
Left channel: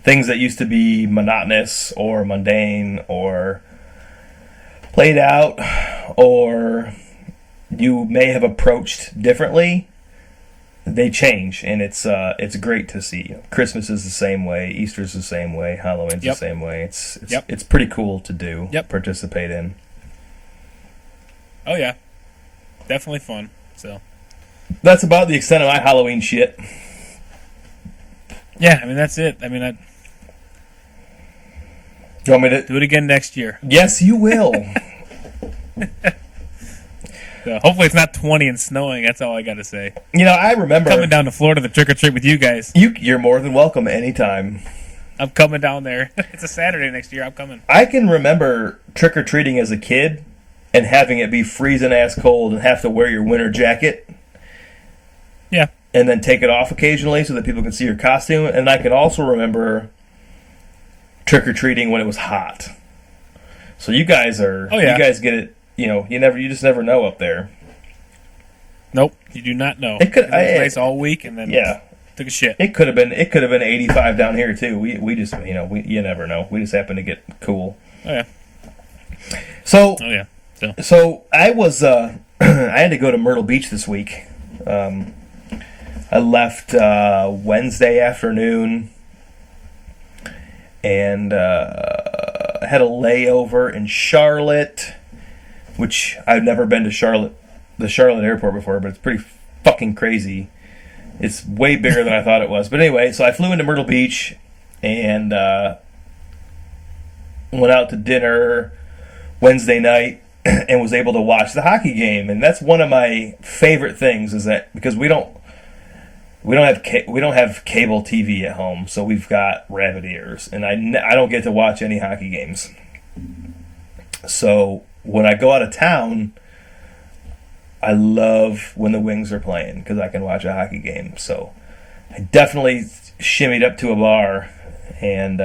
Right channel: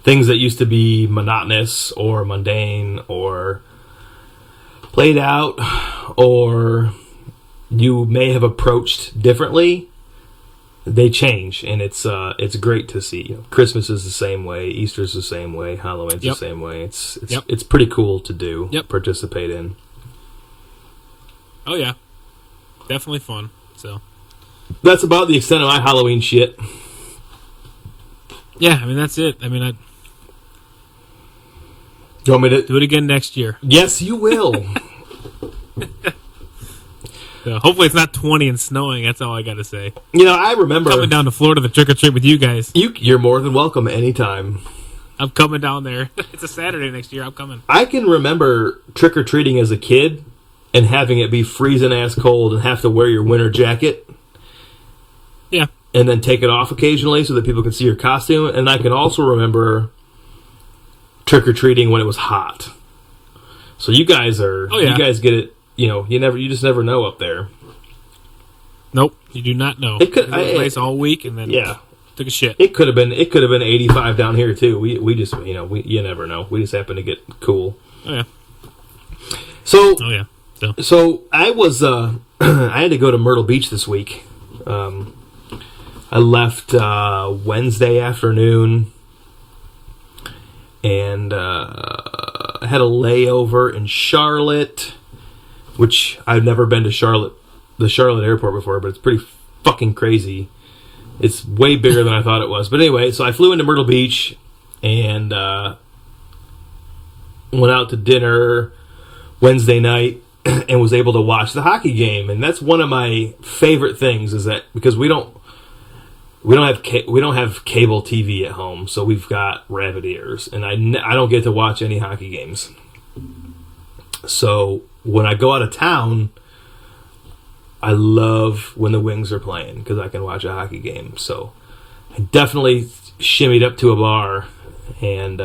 things that used to be monotonous or mundane or played out, or you may have approached differently, they change, and it's great to see. Christmas is the same way, Easter's the same way, Halloween's Yep. the same way. It's Yep. it's pretty cool to do, Yep. participate in. Oh yeah, definitely fun. So That's about the extent of my Halloween shit. yeah, I mean that's it. I mean I You want me to? do it again next year. Yes, you will. So hopefully it's not 20 and snowing. That's all I got to say. I remember Coming down to Florida to trick or treat with you guys. You're more than welcome anytime. I'm coming down there. It's a Saturday next year. I'm coming. I can remember trick or treating as a kid and having it be freezing ass cold and have to wear your winter jacket. Yeah. And then take it off occasionally so that people can see your costume. And I can also remember trick or treating when it was hot. So you guys are. Oh, yeah. You guys get it. You just never know up there. Nope, you do not know. It could- It was nice all week, and then Yeah. took a shit. It could have been 85 down here too. We just you never know. We just happen to get cool. Oh yeah, So oh yeah. So I was I had to go to Myrtle Beach this week. I left Wednesday afternoon and I had a layover in Charlotte, which I've never been to the Charlotte airport before, but it's pretty fucking crazy. It's way bigger than I thought it was. But anyway, so I flew into Myrtle Beach and went out to dinner Wednesday night and was able to watch the hockey game. And that's one of my favorite things, is that because we don't have cable TV at home, so we've got rabbit ears, and I don't get to watch any hockey games. So when I go out of town, I love when the Wings are playing because I can watch a hockey game. So I definitely shimmied up to a bar and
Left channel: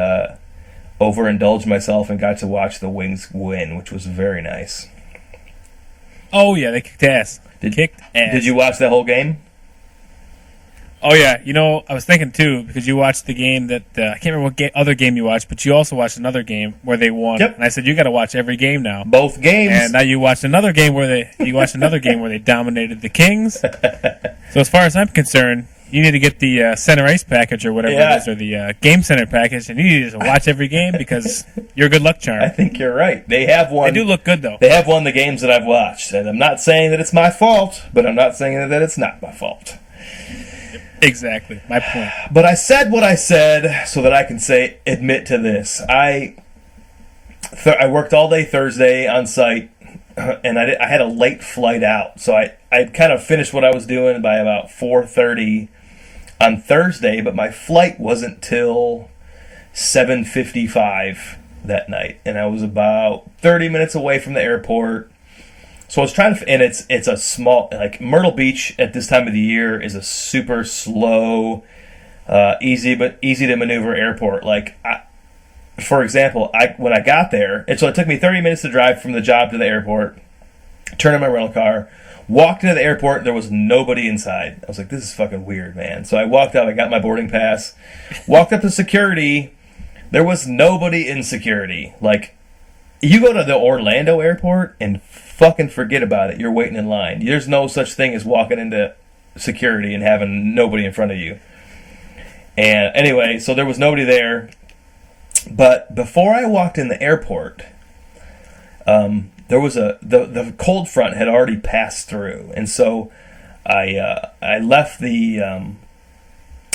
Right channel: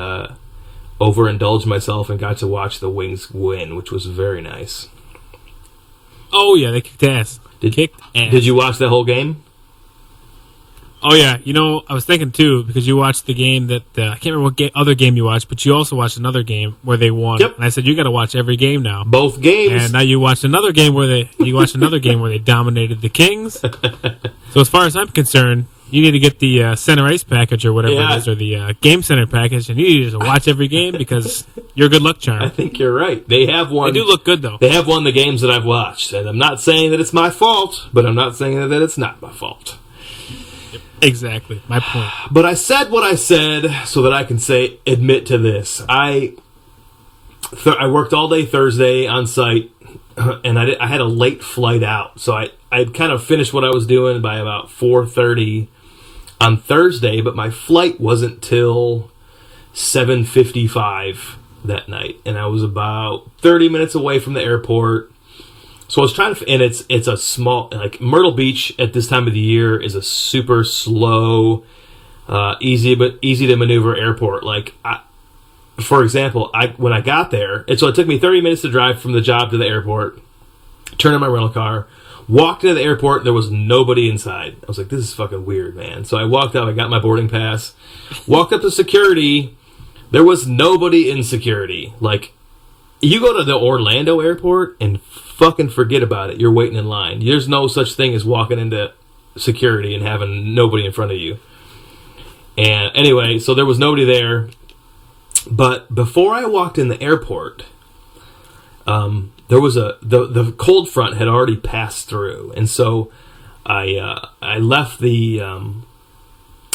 overindulged myself and got to watch the Wings win, which was very nice. Oh yeah, they kicked ass. Kicked ass. Did you watch that whole game? Oh yeah, I was thinking too, because you watched the game that I can't remember what other game you watched, but you also watched another game where they won. Yep. And I said you got to watch every game now. Both games. And now you watched another game where they dominated the Kings. So as far as I'm concerned, you need to get the Center Ice package or whatever it is, or the Game Center package, and you need to watch every game because you're a good luck charm. I think you're right. They have won. They do look good though. They have won the games that I've watched, and I'm not saying that it's my fault, but I'm not saying that it's not my fault. Exactly, my point. But I said what I said so that I can admit to this. I worked all day Thursday on site, and I had a late flight out, so I had kind of finished what I was doing by about 4:30 on Thursday, but my flight wasn't till 7:55 that night, and I was about 30 minutes away from the airport. So I was trying to, and it's a small, like Myrtle Beach at this time of the year is a super slow, easy to maneuver airport. Like, for example, when I got there, so it took me 30 minutes to drive from the job to the airport, turn in my rental car, walked into the airport, there was nobody inside. I was like, this is fucking weird, man. So I walked up, I got my boarding pass, walked up to security, there was nobody in security. Like, you go to the Orlando airport and fucking forget about it. You're waiting in line. There's no such thing as walking into security and having nobody in front of you. And anyway, so there was nobody there. But before I walked in the airport, there was the cold front had already passed through, and so I left the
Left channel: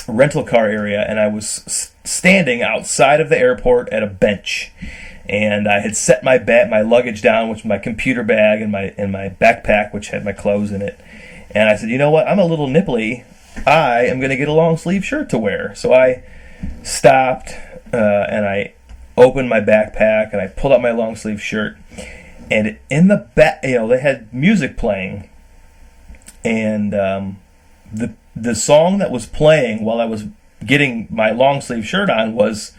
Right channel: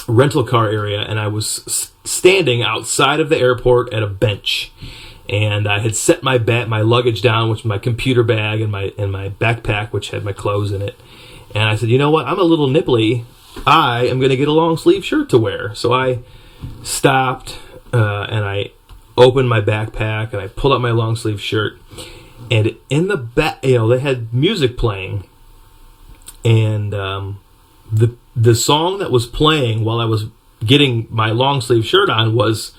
rental car area, and I was standing outside of the airport at a bench. And I had set my luggage down, which was my computer bag and my backpack, which had my clothes in it. And I said, you know what? I'm a little nipply. I am going to get a long sleeve shirt to wear. So I stopped and I opened my backpack and I pulled out my long sleeve shirt. And in the back, they had music playing, and the song that was playing while I was getting my long sleeve shirt on was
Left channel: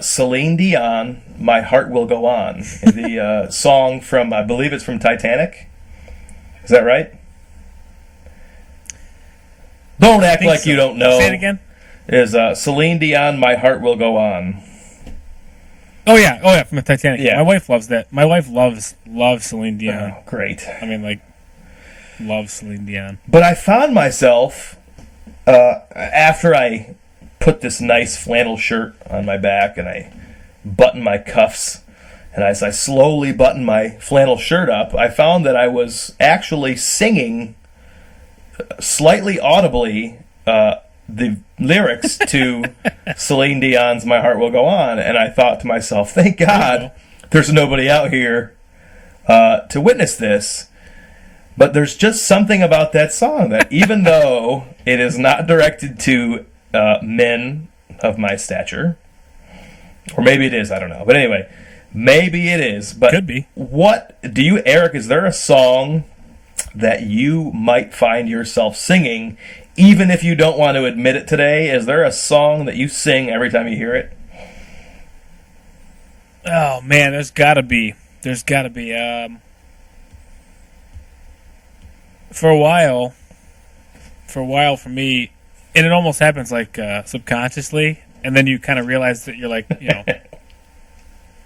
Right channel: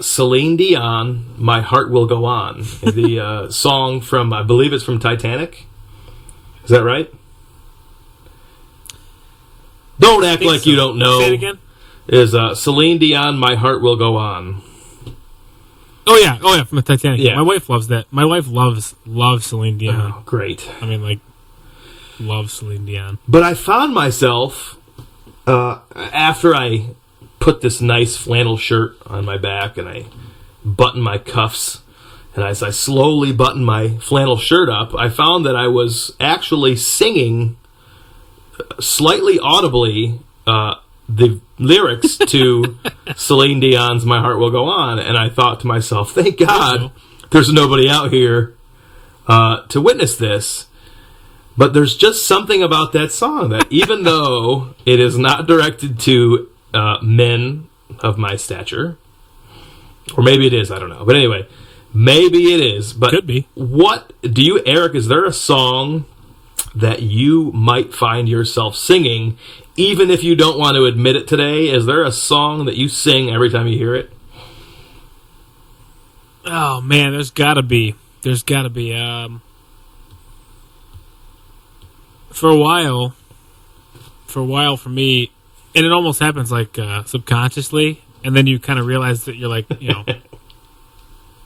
Celine Dion, "My Heart Will Go On," the song from, I believe it's from Titanic. Is that right? Don't act like you don't know. Say it again. Is Celine Dion, "My Heart Will Go On"? Oh yeah, from the Titanic. Yeah. My wife loves that. My wife loves Celine Dion. Oh, great. I mean, like, love Celine Dion. But I found myself after I put this nice flannel shirt on my back and I buttoned my cuffs, and as I slowly buttoned my flannel shirt up, I found that I was actually singing slightly audibly the lyrics to Celine Dion's "My Heart Will Go On," and I thought to myself, thank God there's nobody out here to witness this. But there's just something about that song that, even though it is not directed to men of my stature, or maybe it is, I don't know. But anyway, maybe it is. But could be. What do you, Eric? Is there a song that you might find yourself singing, even if you don't want to admit it today? Is there a song that you sing every time you hear it? Oh man, there's gotta be. for a while for me, and it almost happens like subconsciously, and then you kind of realize that you're like,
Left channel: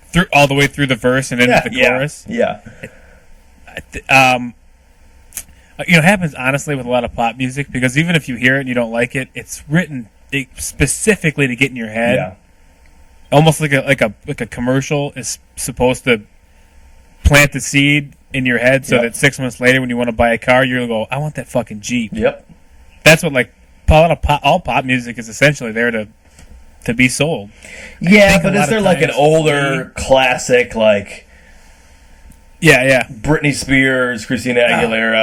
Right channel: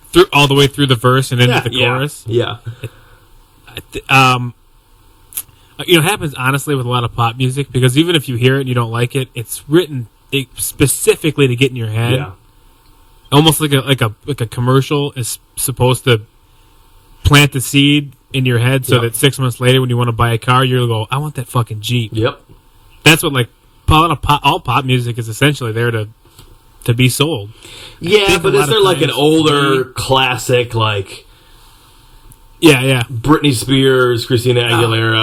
through all the way through the verse and into the chorus. Yeah. It happens honestly with a lot of pop music, because even if you hear it and you don't like it, it's written specifically to get in your head. Yeah. Almost like a commercial is supposed to plant the seed in your head, so that 6 months later, when you want to buy a car, you'll go, "I want that fucking Jeep." Yep. That's what all pop music is essentially there to be sold. Yeah, but is there like an older classic like? Yeah. Britney Spears, Christina Aguilera,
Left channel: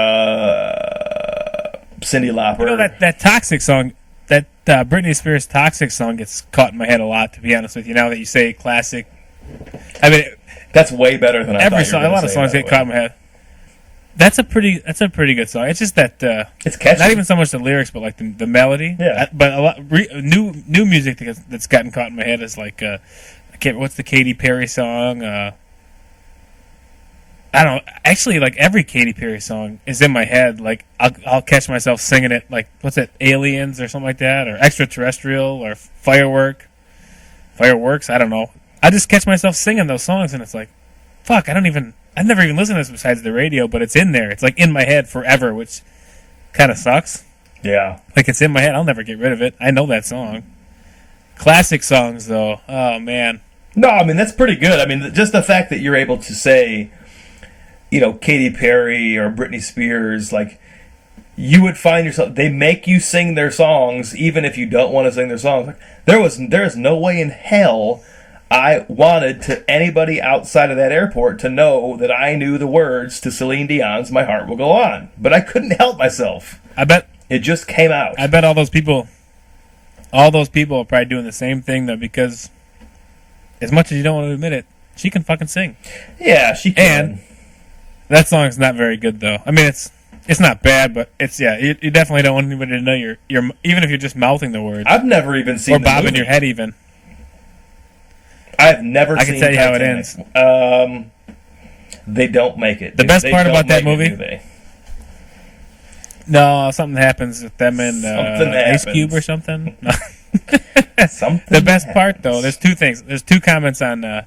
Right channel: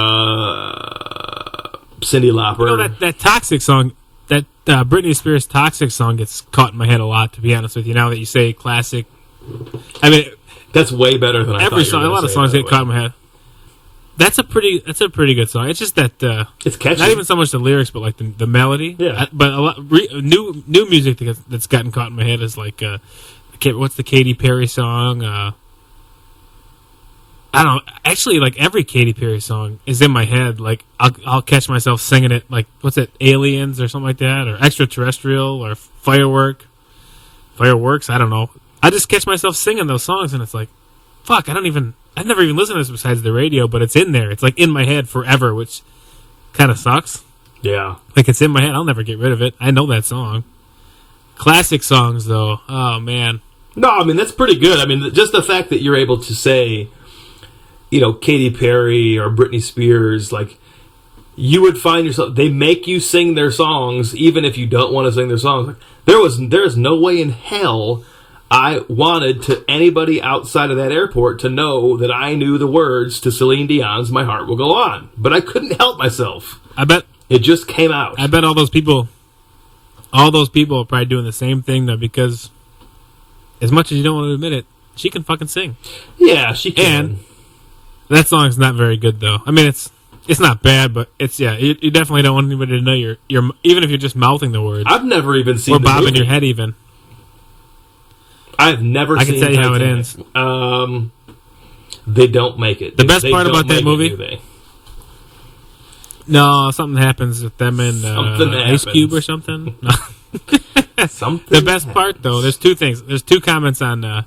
Cyndi Lauper. That Toxic song, that Britney Spears Toxic song gets caught in my head a lot, to be honest with you. Now that you say classic, I mean, that's way better than I thought. A lot of songs get caught in my head. That's a pretty good song. It's just that it's catchy. Not even so much the lyrics, but like the melody. Yeah. But a lot new music that's gotten caught in my head is like what's the Katy Perry song? I don't know. Actually, like every Katy Perry song is in my head. Like I'll catch myself singing it. Like what's it, Aliens or something like that, or Extraterrestrial or Fireworks. I don't know. I just catch myself singing those songs, and it's like, fuck. I've never even listened to this besides the radio, but it's in there. It's like in my head forever, which kind of sucks. Yeah. Like it's in my head. I'll never get rid of it. I know that song. Classic songs, though. Oh man. No, I mean that's pretty good. I mean, just the fact that you're able to say, Katy Perry or Britney Spears, like, you would find yourself, they make you sing their songs even if you don't want to sing their songs. Like, there is no way in hell I wanted to anybody outside of that airport to know that I knew the words to Celine Dion's "My Heart Will Go On," but I couldn't help myself. I bet it just came out. I bet all those people are probably doing the same thing, though, because as much as you don't want to admit it, she can fucking sing. Yeah, she can. And that song's not very good, though. I mean, it's not bad, but it's you definitely don't want anybody to know you're even if you're just mouthing the words. I've never even seen or the bobbing movie. your head even. I've never seen I can tell you Titanic. how it ends. They don't make it. The best part don't about that make it, movie? do they? No, something happens with them and Ice Cube or something. No. Something. The best part, though, there's two things. There's two comments on there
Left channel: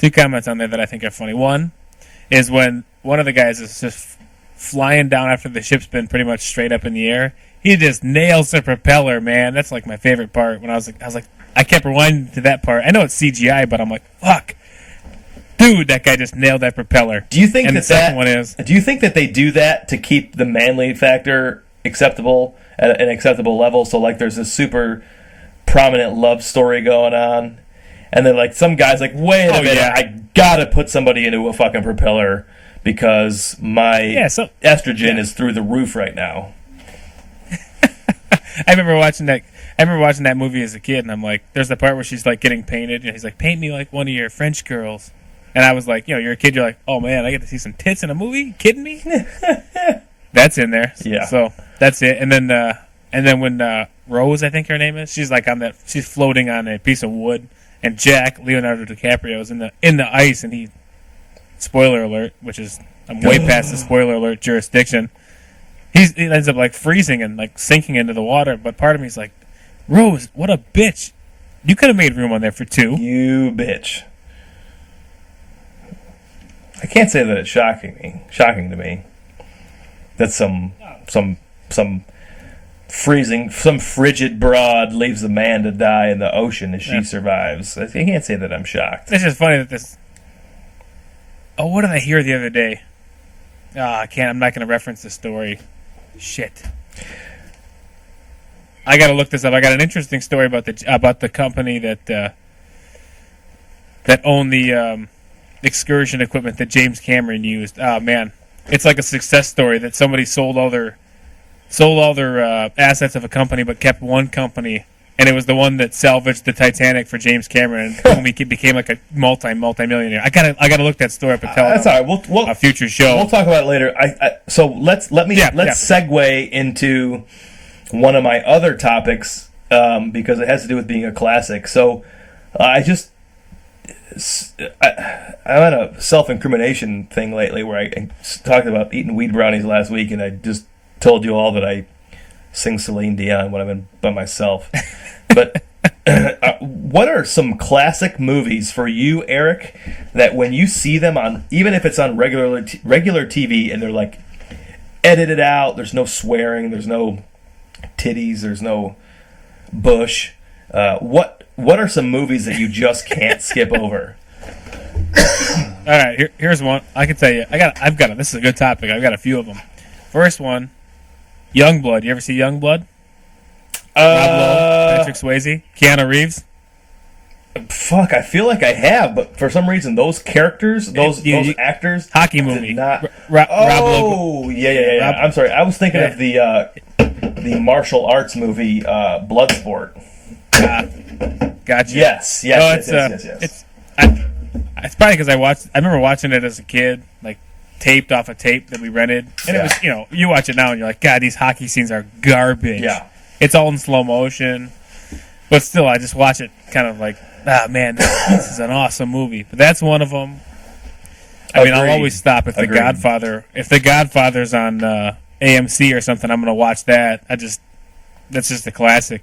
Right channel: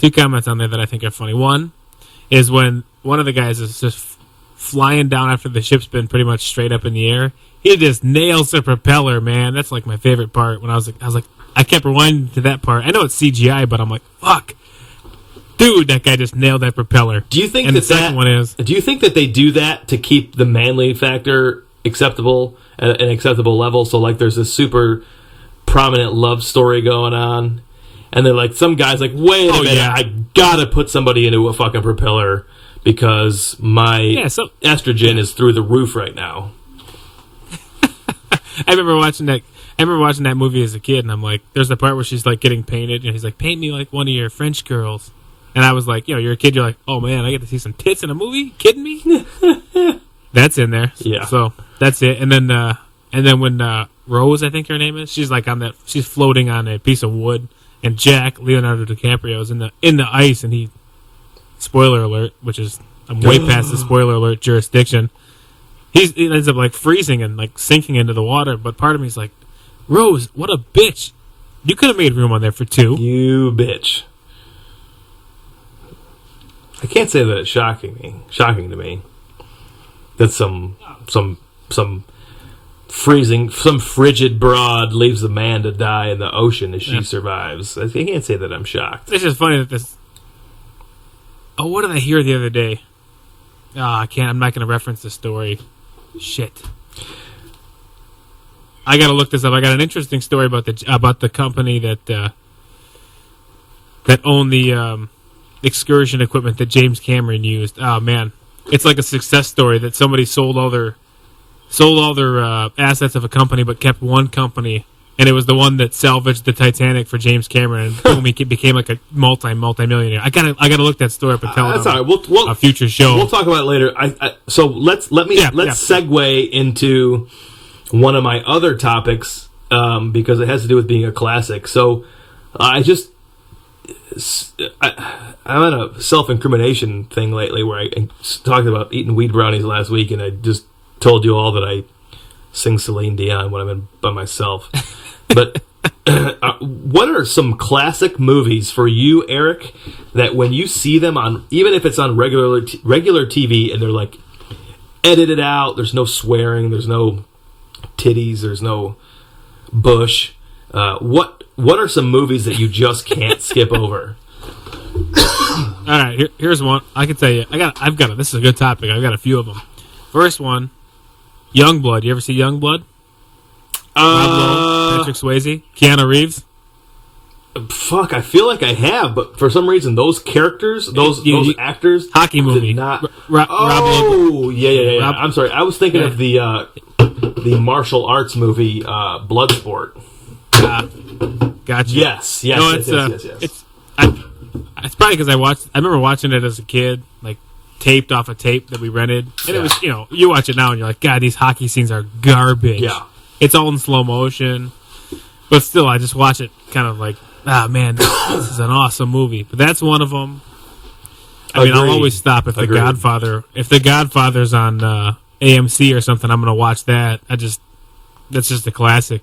that I think are funny. One is when one of the guys is just flying down after the ship's been pretty much straight up in the air. He just nails the propeller, man. That's like my favorite part. When I was like, I kept rewinding to that part. I know it's CGI, but I'm like, fuck, dude, that guy just nailed that propeller. Do you think and that the second one is? Do you think that they do that to keep the manly factor acceptable at an acceptable level? So like, there's this super prominent love story going on, and then like some guy's like, wait a minute, yeah. I gotta put somebody into a fucking propeller because my estrogen is through the roof right now. I remember watching that movie as a kid, and I'm like, there's the part where she's like getting painted, and he's like, paint me like one of your French girls. And I was like, you're a kid, you're like, oh man, I get to see some tits in a movie? You kidding me? That's in there. Yeah. So that's it. And then when Rose, I think her name is, she's like she's floating on a piece of wood, and Jack, Leonardo DiCaprio, is in the ice, and he, spoiler alert, which is, I'm way past the spoiler alert jurisdiction. He ends up like freezing and like sinking into the water, but part of me is like, Rose, what a bitch. You could have made room on there for two. You bitch. I can't say that it's shocking to me that some frigid broad leaves a man to die in the ocean as she survives. I can't say that I'm shocked. It's just funny that this. Oh, what did I hear the other day? Oh, I can't. I'm not going to reference the story. Shit. I got to look this up. I got an interesting story about the company that owned the excursion equipment that James Cameron used. Oh man, it's like a success story that somebody sold all their assets of a company, but kept one company, and it was the one that salvaged the Titanic for James Cameron, and boom, he became like a multi-millionaire. I gotta look that story up and tell that's all right. We'll a future show. We'll talk about it later. So let's segue into one of my other topics because it has to do with being a classic. So I'm on a self-incrimination thing lately where I talked about eating weed brownies last week, and I just told you all that I sing Celine Dion when I'm by myself. But what are some classic movies for you, Eric, that when you see them on, even if it's on regular TV, and they're like edited out, there's no swearing, there's no titties, there's no bush. What are some movies that you just can't skip over? All right, here's one. I can tell you. I've got it. This is a good topic. I've got a few of them. First one, Youngblood. You ever see Youngblood? Rob Lowe, Patrick Swayze, Keanu Reeves. Fuck, I feel like I have, but for some reason those characters, those actors, hockey movie. did not. Rob Lowe. Oh, yeah. Rob- I'm sorry. I was thinking of the martial arts movie, Bloodsport. Gotcha. Yes. No, Yes. It's probably because I remember watching it as a kid, like taped off a tape that we rented, and it was, you watch it now and you're like, God, these hockey scenes are garbage. Yeah. It's all in slow motion, but still, I just watch it kind of like, man, this is an awesome movie. But that's one of them. I mean, I'll always stop if The Godfather's on AMC or something. I'm gonna watch that. That's just a classic.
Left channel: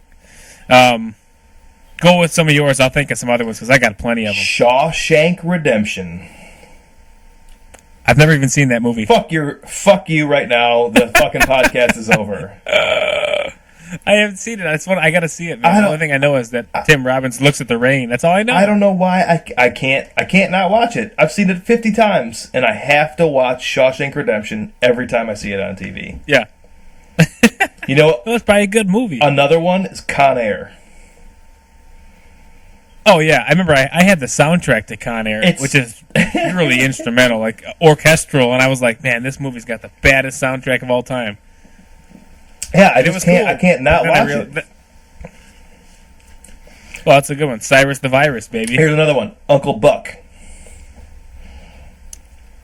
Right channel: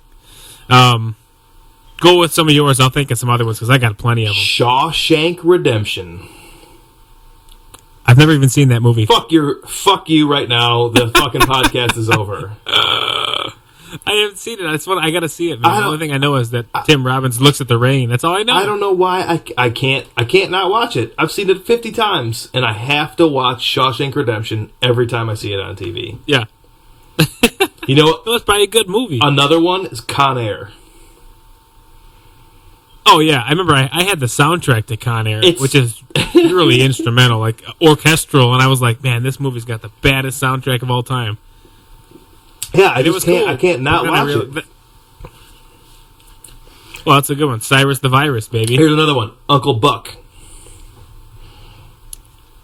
Go with some of yours. I'll think of some other ones because I got plenty of them. Shawshank Redemption. I've never even seen that movie. Fuck you right now. The fucking podcast is over. I haven't seen it. That's what I got to see it, man. The only thing I know is that Tim Robbins looks at the rain. That's all I know. I don't know why I can't not watch it. I've seen it 50 times, and I have to watch Shawshank Redemption every time I see it on TV. Yeah. You know, Well, it's probably a good movie. another one is Con Air. Oh, yeah. I remember I had the soundtrack to Con Air, which is really instrumental, like orchestral, and I was like, man, this movie's got the baddest soundtrack of all time. Yeah, I can't not watch it. Well, that's a good one. Cyrus the Virus, baby. Here's another one, Uncle Buck.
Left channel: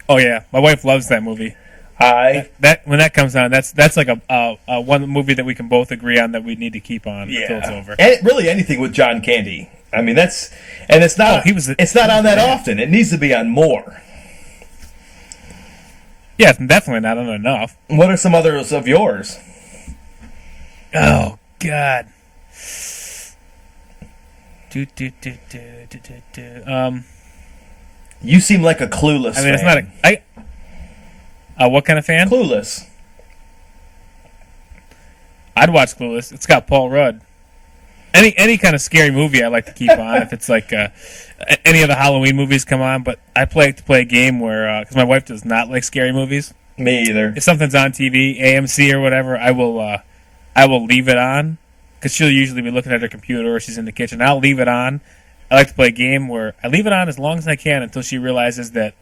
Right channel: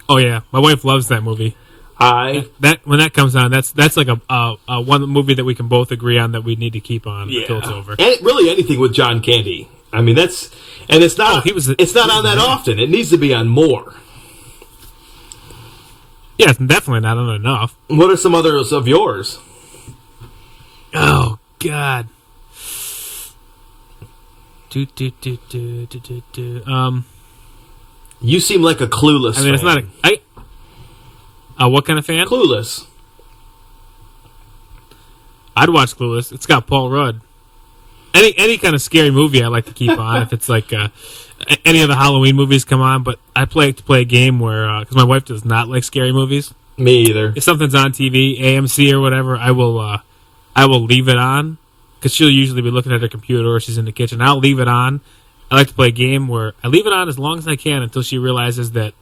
Oh, yeah. My wife loves that movie. When that comes on, that's like a one movie that we can both agree on that we need to keep on until it's over. And really anything with John Candy. I mean, it's not on that often. It needs to be on more. Yeah, it's definitely not on enough. What are some others of yours? Oh God. You seem like a Clueless fan. I mean, it's not what kind of fan? Clueless. I'd watch Clueless. It's got Paul Rudd. Any kind of scary movie I like to keep on. If it's like any of the Halloween movies come on, but I like to play a game where because my wife does not like scary movies. Me either. If something's on TV, AMC or whatever, I will leave it on because she'll usually be looking at her computer or she's in the kitchen. I'll leave it on. I like to play a game where I leave it on as long as I can until she realizes that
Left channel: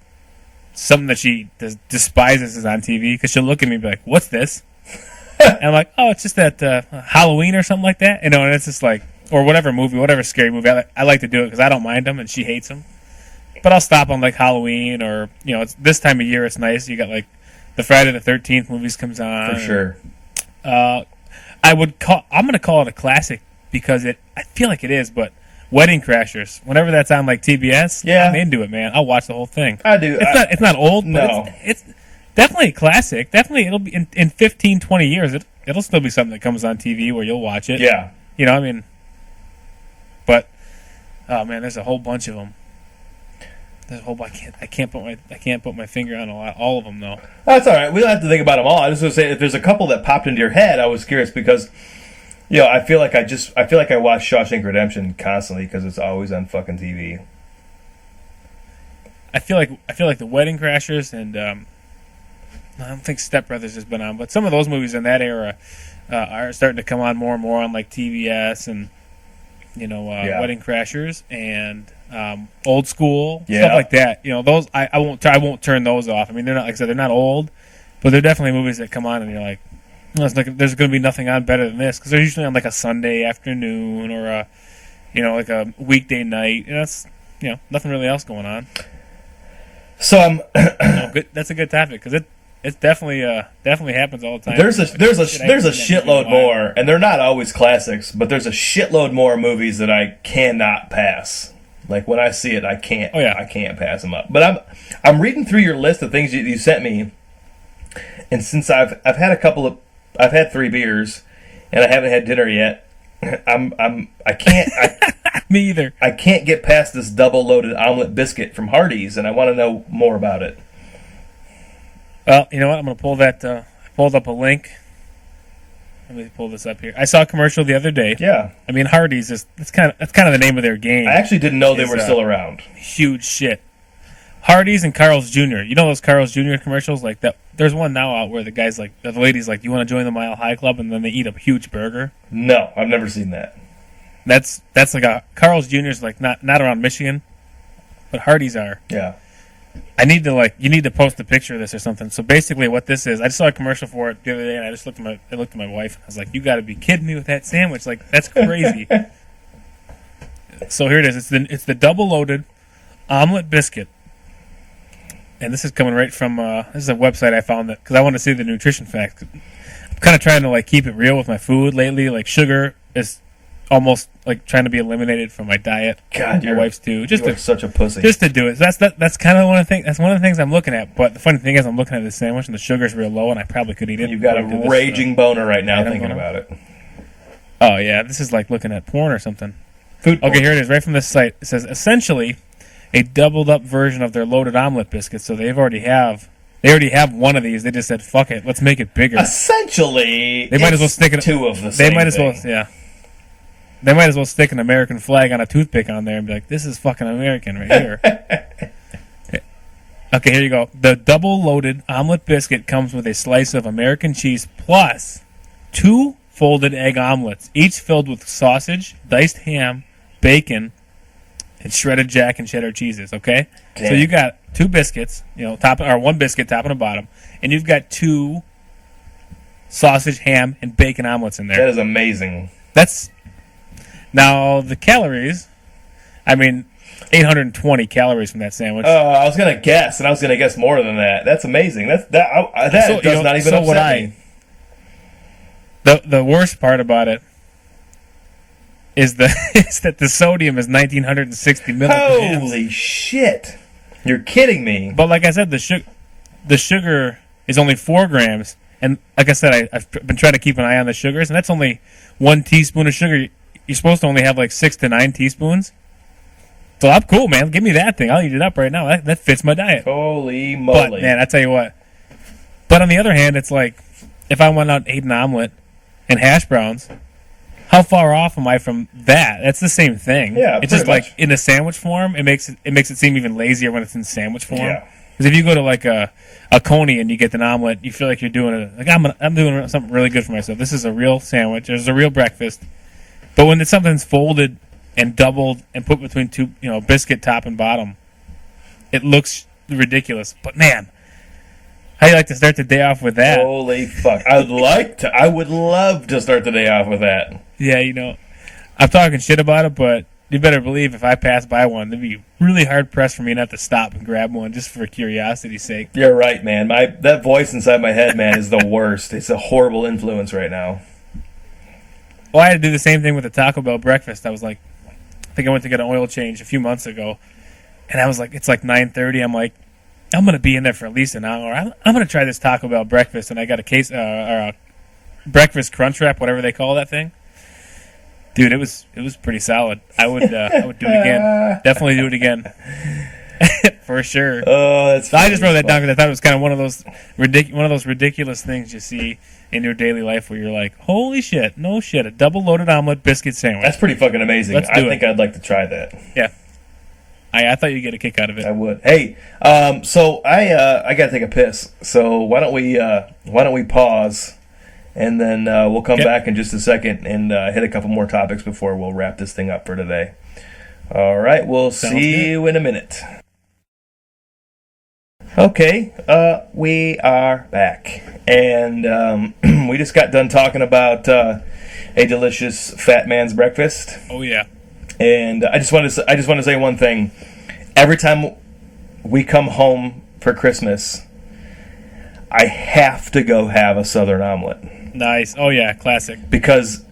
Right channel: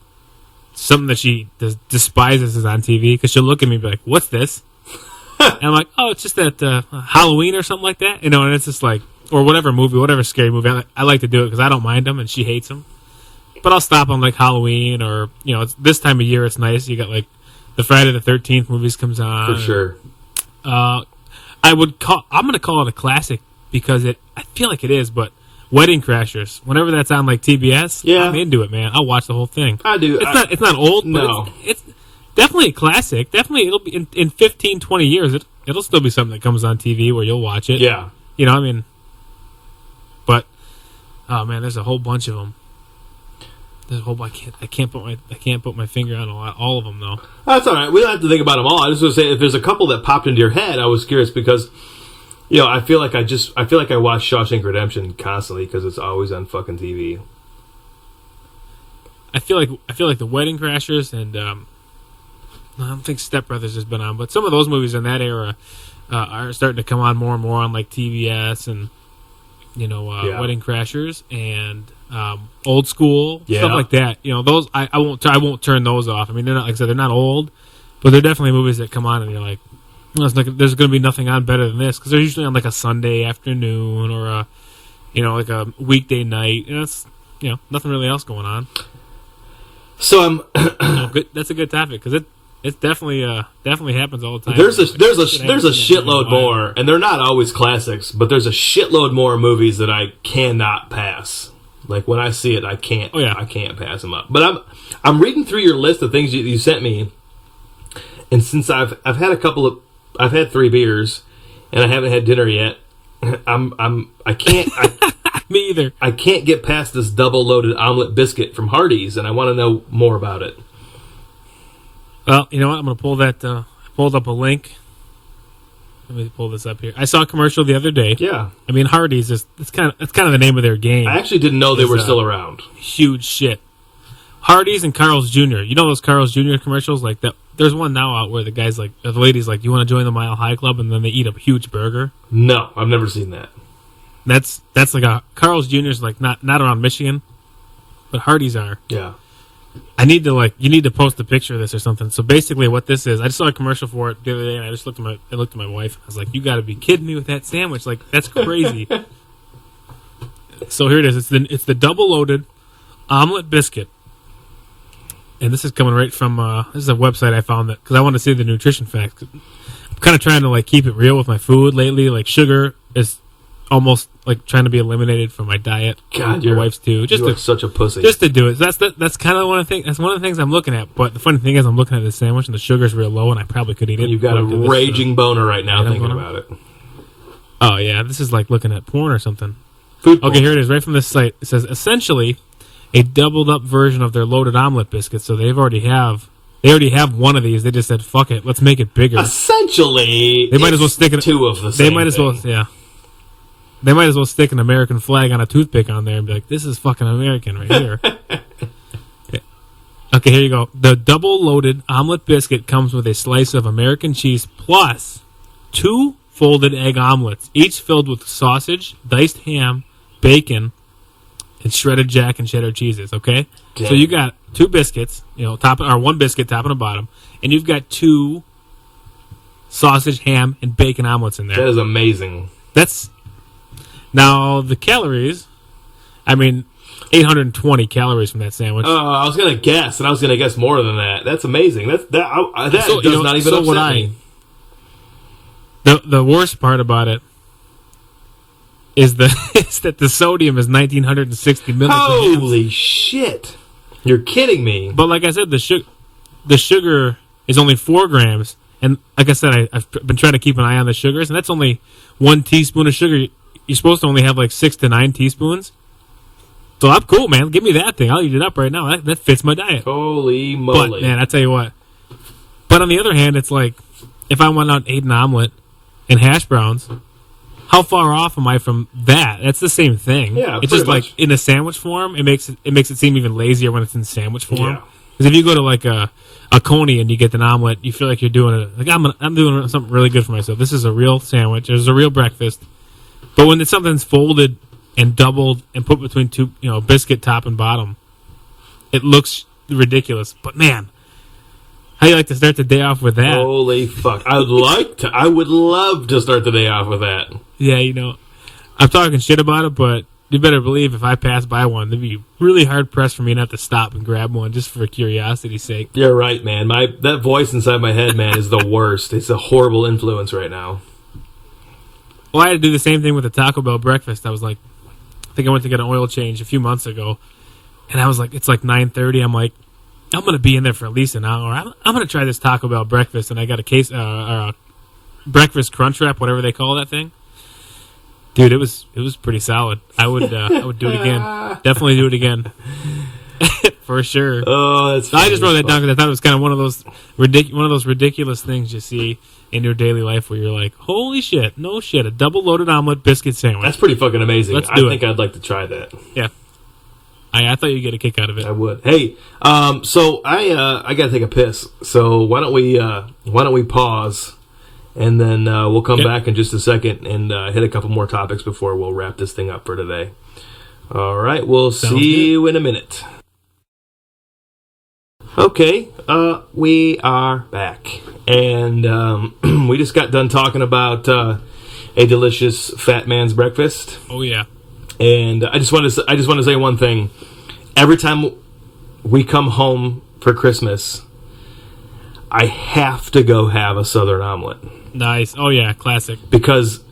something that she despises is on TV because she'll look at me and be like, "What's this?" And I'm like, "Oh, it's just that Halloween or something like that." And it's just like, or whatever movie, whatever scary movie. I like to do it because I don't mind them and she hates them. But I'll stop on like Halloween or it's this time of year. It's nice. You got like the Friday the 13th movies comes on for sure. I'm going to call it a classic because I feel like it is, but Wedding Crashers, whenever that's on like TBS, I'm into it, man. I'll watch the whole thing. I do. It's not old, but no. it's definitely a classic. Definitely, it'll be in 15, 20 years. It'll still be something that comes on TV where you'll watch it. Yeah. But oh man, there's a whole bunch of them. There's a whole. I can't put my finger on all of them though. That's all right. We don't have to think about them all. I just want to say if there's a couple that popped into your head, I was curious because. I feel like I watch Shawshank Redemption constantly because it's always on fucking TV. I feel like the Wedding Crashers and I don't think Step Brothers has been on, but some of those movies in that era are starting to come on more and more on like TBS and Wedding Crashers and Old School stuff like that. Those I won't turn those off. I mean, they're not, like I said, they're not old, but they're definitely movies that come on and you're like. There's going to be nothing on better than this because they're usually on like a Sunday afternoon or like a weekday night. That's nothing really else going on. So good. That's a good topic because it definitely happens all the time. There's a shitload more, and they're not always classics, but there's a shitload more movies that I cannot pass. Like when I see it, I can't. Oh, yeah. I can't pass them up. But I'm reading through your list of things you sent me, and since I've had 3 beers, and I haven't had dinner yet. I can't. Me either. I can't get past this double loaded omelet biscuit from Hardee's, and I want to know more about it. Well, you know what? I'm going to pull that. I pulled up a link. Let me pull this up here. I saw a commercial the other day. Yeah, I mean, Hardee's is that's kind of the name of their game. I actually didn't know they were still around. Huge shit. Hardee's and Carl's Jr. You know those Carl's Jr. commercials like that? There's one now out where the lady's like, "You want to join the Mile High Club?" and then they eat a huge burger. No, I've never seen that. That's like a Carl's Jr.'s like not around Michigan, but Hardee's are. Yeah. You need to post a picture of this or something. So basically, what this is, I just saw a commercial for it the other day, and I looked at my wife, and I was like, "You got to be kidding me with that sandwich! Like that's crazy." So here it is. It's the double loaded omelet biscuit, and this is coming right from this is a website I found that because I want to see the nutrition facts. I'm kind of trying to like keep it real with my food lately. Like sugar is almost like trying to be eliminated from my diet. God, your wife's too. You are such a pussy. Just to do it. So that's kind of one of the things. That's one of the things I'm looking at. But the funny thing is, I'm looking at this sandwich and the sugar's real low, and I probably could eat it. You've got a raging boner right now thinking about it. Oh yeah, this is like looking at porn or something. Food porn. Okay, here it is, right from this site. It says essentially a doubled up version of their loaded omelet biscuits. So they already have one of these. They just said, "Fuck it, let's make it bigger." Essentially, they might as well stick it. 2 of the same. They might as well, yeah. They might as well stick an American flag on a toothpick on there and be like, "This is fucking American right here." Okay, here you go. The double-loaded omelet biscuit comes with a slice of American cheese plus 2 folded egg omelets, each filled with sausage, diced ham, bacon, and shredded Jack and cheddar cheeses. Okay, damn. So you got 2 biscuits, one biscuit top and a bottom, and you've got 2 sausage, ham, and bacon omelets in there. That is amazing. Now, the calories, 820 calories from that sandwich. I was going to guess, and I was going to guess more than that. That's amazing. That does not even upset me. The worst part about it is that the sodium is 1,960 milligrams. Holy shit. You're kidding me. But like I said, the sugar is only 4 grams. And like I said, I've been trying to keep an eye on the sugars, and that's only 1 teaspoon of sugar. You're supposed to only have like 6 to 9 teaspoons. So I'm cool, man. Give me that thing. I'll eat it up right now. That fits my diet. Holy moly. But, man, I tell you what. But on the other hand, it's like, if I went out and ate an omelet and hash browns, how far off am I from that? That's the same thing. Yeah, it's just much. like in a sandwich form, it makes it seem even lazier when it's in sandwich form. Yeah. Because if you go to like a Coney and you get an omelet, you feel like you're doing it. Like I'm doing something really good for myself. This is a real sandwich. There's a real breakfast. But when something's folded and doubled and put between 2, biscuit top and bottom, it looks ridiculous. But man, how you like to start the day off with that? Holy fuck! I would love to start the day off with that. Yeah, I'm talking shit about it, but you better believe if I pass by one, it'd be really hard pressed for me not to stop and grab one just for curiosity's sake. You're right, man. That voice inside my head, man, is the worst. It's a horrible influence right now. Well, I had to do the same thing with the Taco Bell breakfast. I was like, I think I went to get an oil change a few months ago, and I was like, it's like 9:30. I'm like, I'm gonna be in there for at least an hour. I'm gonna try this Taco Bell breakfast, and I got a breakfast crunch wrap, whatever they call that thing. Dude, it was pretty solid. I would do it again. Definitely do it again. For sure. Oh, that's. So I just wrote that down because I thought it was kind of one of those ridiculous things you see in your daily life where you're like, holy shit, no shit, a double loaded omelet biscuit sandwich. That's pretty fucking amazing. Let's do I think I'd like to try that. Yeah. I thought you'd get a kick out of it. I would. Hey, so I got to take a piss. So why don't we pause, and then we'll come back in just a second and hit a couple more topics before we'll wrap this thing up for today. All right, we'll see you in a minute. Okay, we are back, and we just got done talking about a delicious fat man's breakfast. Oh yeah. And I just want to say one thing. Every time we come home for Christmas, I have to go have a Southern omelet. Nice. Oh yeah, classic. Because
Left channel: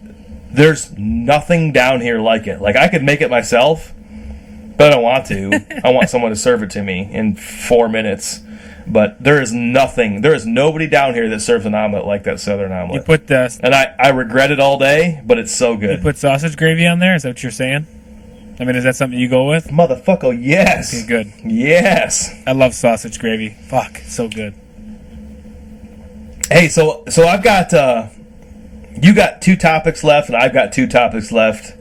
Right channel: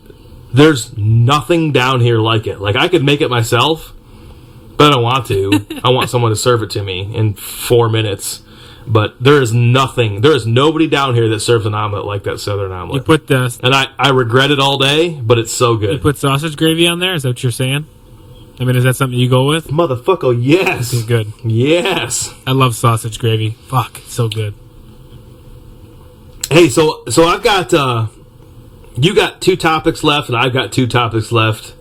there's nothing down here like it. Like I could make it myself, but I don't want to. I want someone to serve it to me in 4 minutes. But there is nobody down here that serves an omelet like that Southern omelet. You put the And I regret it all day, but it's so good. you put sausage gravy on there. Is that what you're saying? I mean, is that something you go with? Motherfucker, yes. Okay, good. Yes. I love sausage gravy. Fuck, it's so good. Hey, so I've got you got 2 topics left, and I've got 2 topics left.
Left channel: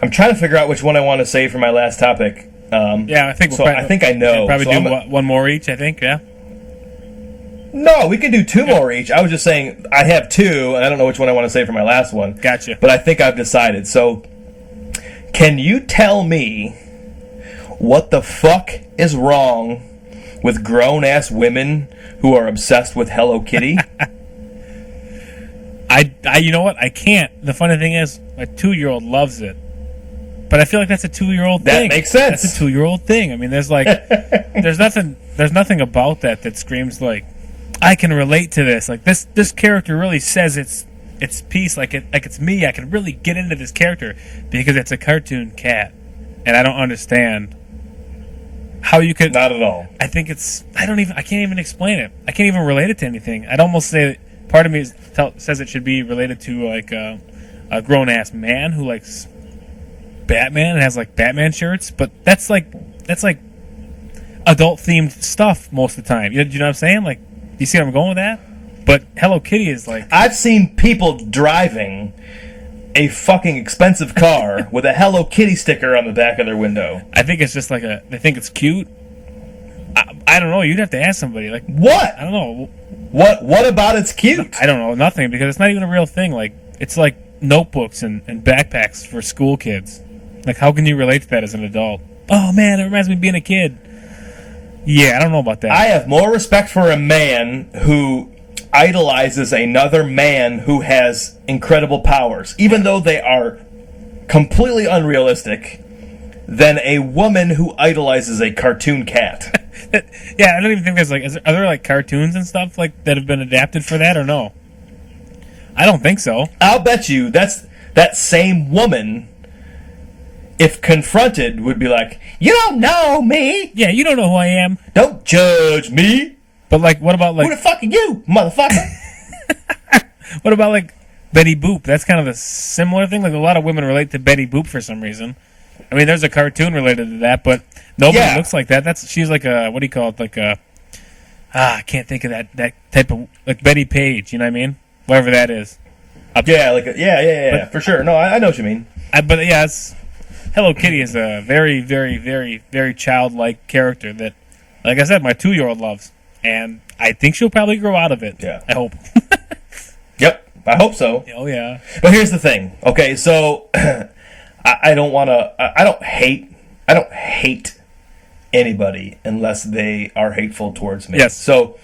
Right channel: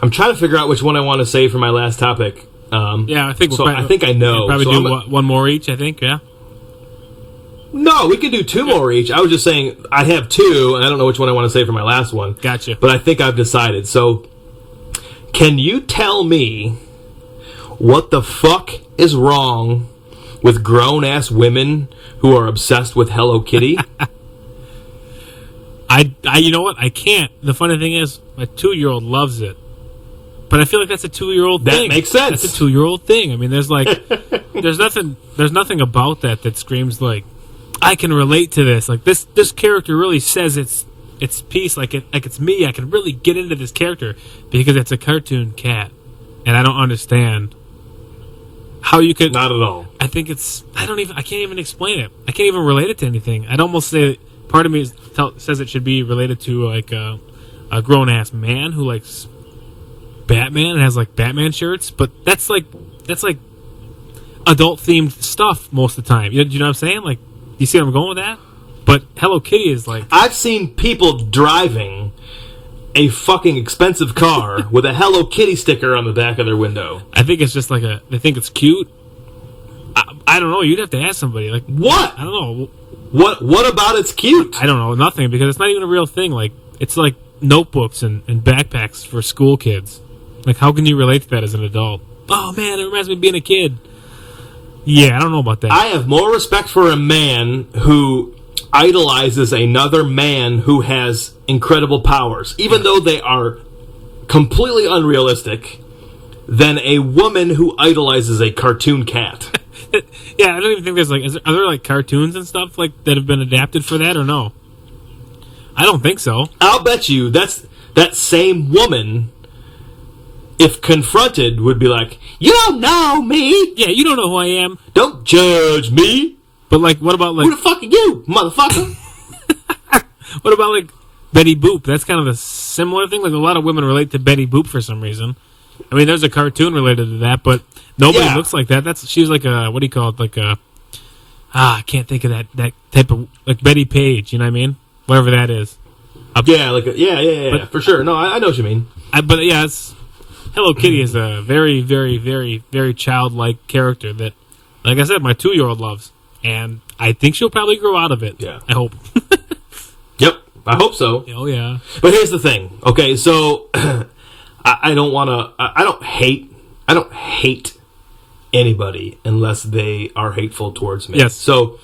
I'm trying to figure out which one I want to save for my last topic. Yeah, I think. So I think I know. Probably So do one more each. I think. Yeah. No, we could do 2 more each. I was just saying I have 2, and I don't know which one I want to save for my last one. Gotcha. But I think I've decided. So, can you tell me what the fuck is wrong with grown-ass women who are obsessed with Hello Kitty? I you know what? I can't. The funny thing is, my 2-year-old loves it. But I feel like that's a 2-year-old That thing. makes sense. That's a 2-year-old thing. I mean, there's nothing about that screams like, I can relate to this. Like this character really says its piece, like it's me. I can really get into this character because it's a cartoon cat, and I don't understand how you could. Not at all. I think I can't even explain it. I can't even relate it to anything. I'd almost say part of me says it should be related to like a grown ass man who likes Batman and has like Batman shirts, but that's like adult themed stuff most of the time. You know what I'm saying? Like, you see where I'm going with that? But Hello Kitty is like, I've seen people driving a fucking expensive car with a Hello Kitty sticker on the back of their window. I think it's just like they think it's cute. I don't know. You'd have to ask somebody. Like, What? I don't know. What about it's cute? I don't know. Nothing, because it's not even a real thing. Like, it's like notebooks and backpacks for school kids. Like, how can you relate to that as an adult? Oh, man, it reminds me of being a kid. Yeah, I don't know about that. I have more respect for a man who idolizes another man who has incredible powers, even though they are completely unrealistic, than a woman who idolizes a cartoon cat. Yeah, I don't even think there's like... Are there like cartoons and stuff like that have been adapted for that, or no? I don't think so. I'll bet you that same woman, if confronted, would be like, "You don't know me. Yeah, you don't know who I am. Don't judge me. But like, what about like... Who the fuck are you, motherfucker?" What about like Betty Boop? That's kind of a similar thing. Like, a lot of women relate to Betty Boop for some reason. I mean, there's a cartoon related to that, but nobody looks like that. She's like a, what do you call it? Like a, I can't think of that type of, like Betty Page. You know what I mean? Whatever that is. Yeah, yeah, But- for sure. No, I know what you mean. But yeah, Hello Kitty is a very, very, very, very childlike character that, like I said, my 2-year-old loves, and I think she'll probably grow out of it. Yeah. I hope. Yep, I hope so. Oh yeah. But here's the thing. Okay, so I don't want to. I don't hate anybody unless they are hateful towards me. Yes. So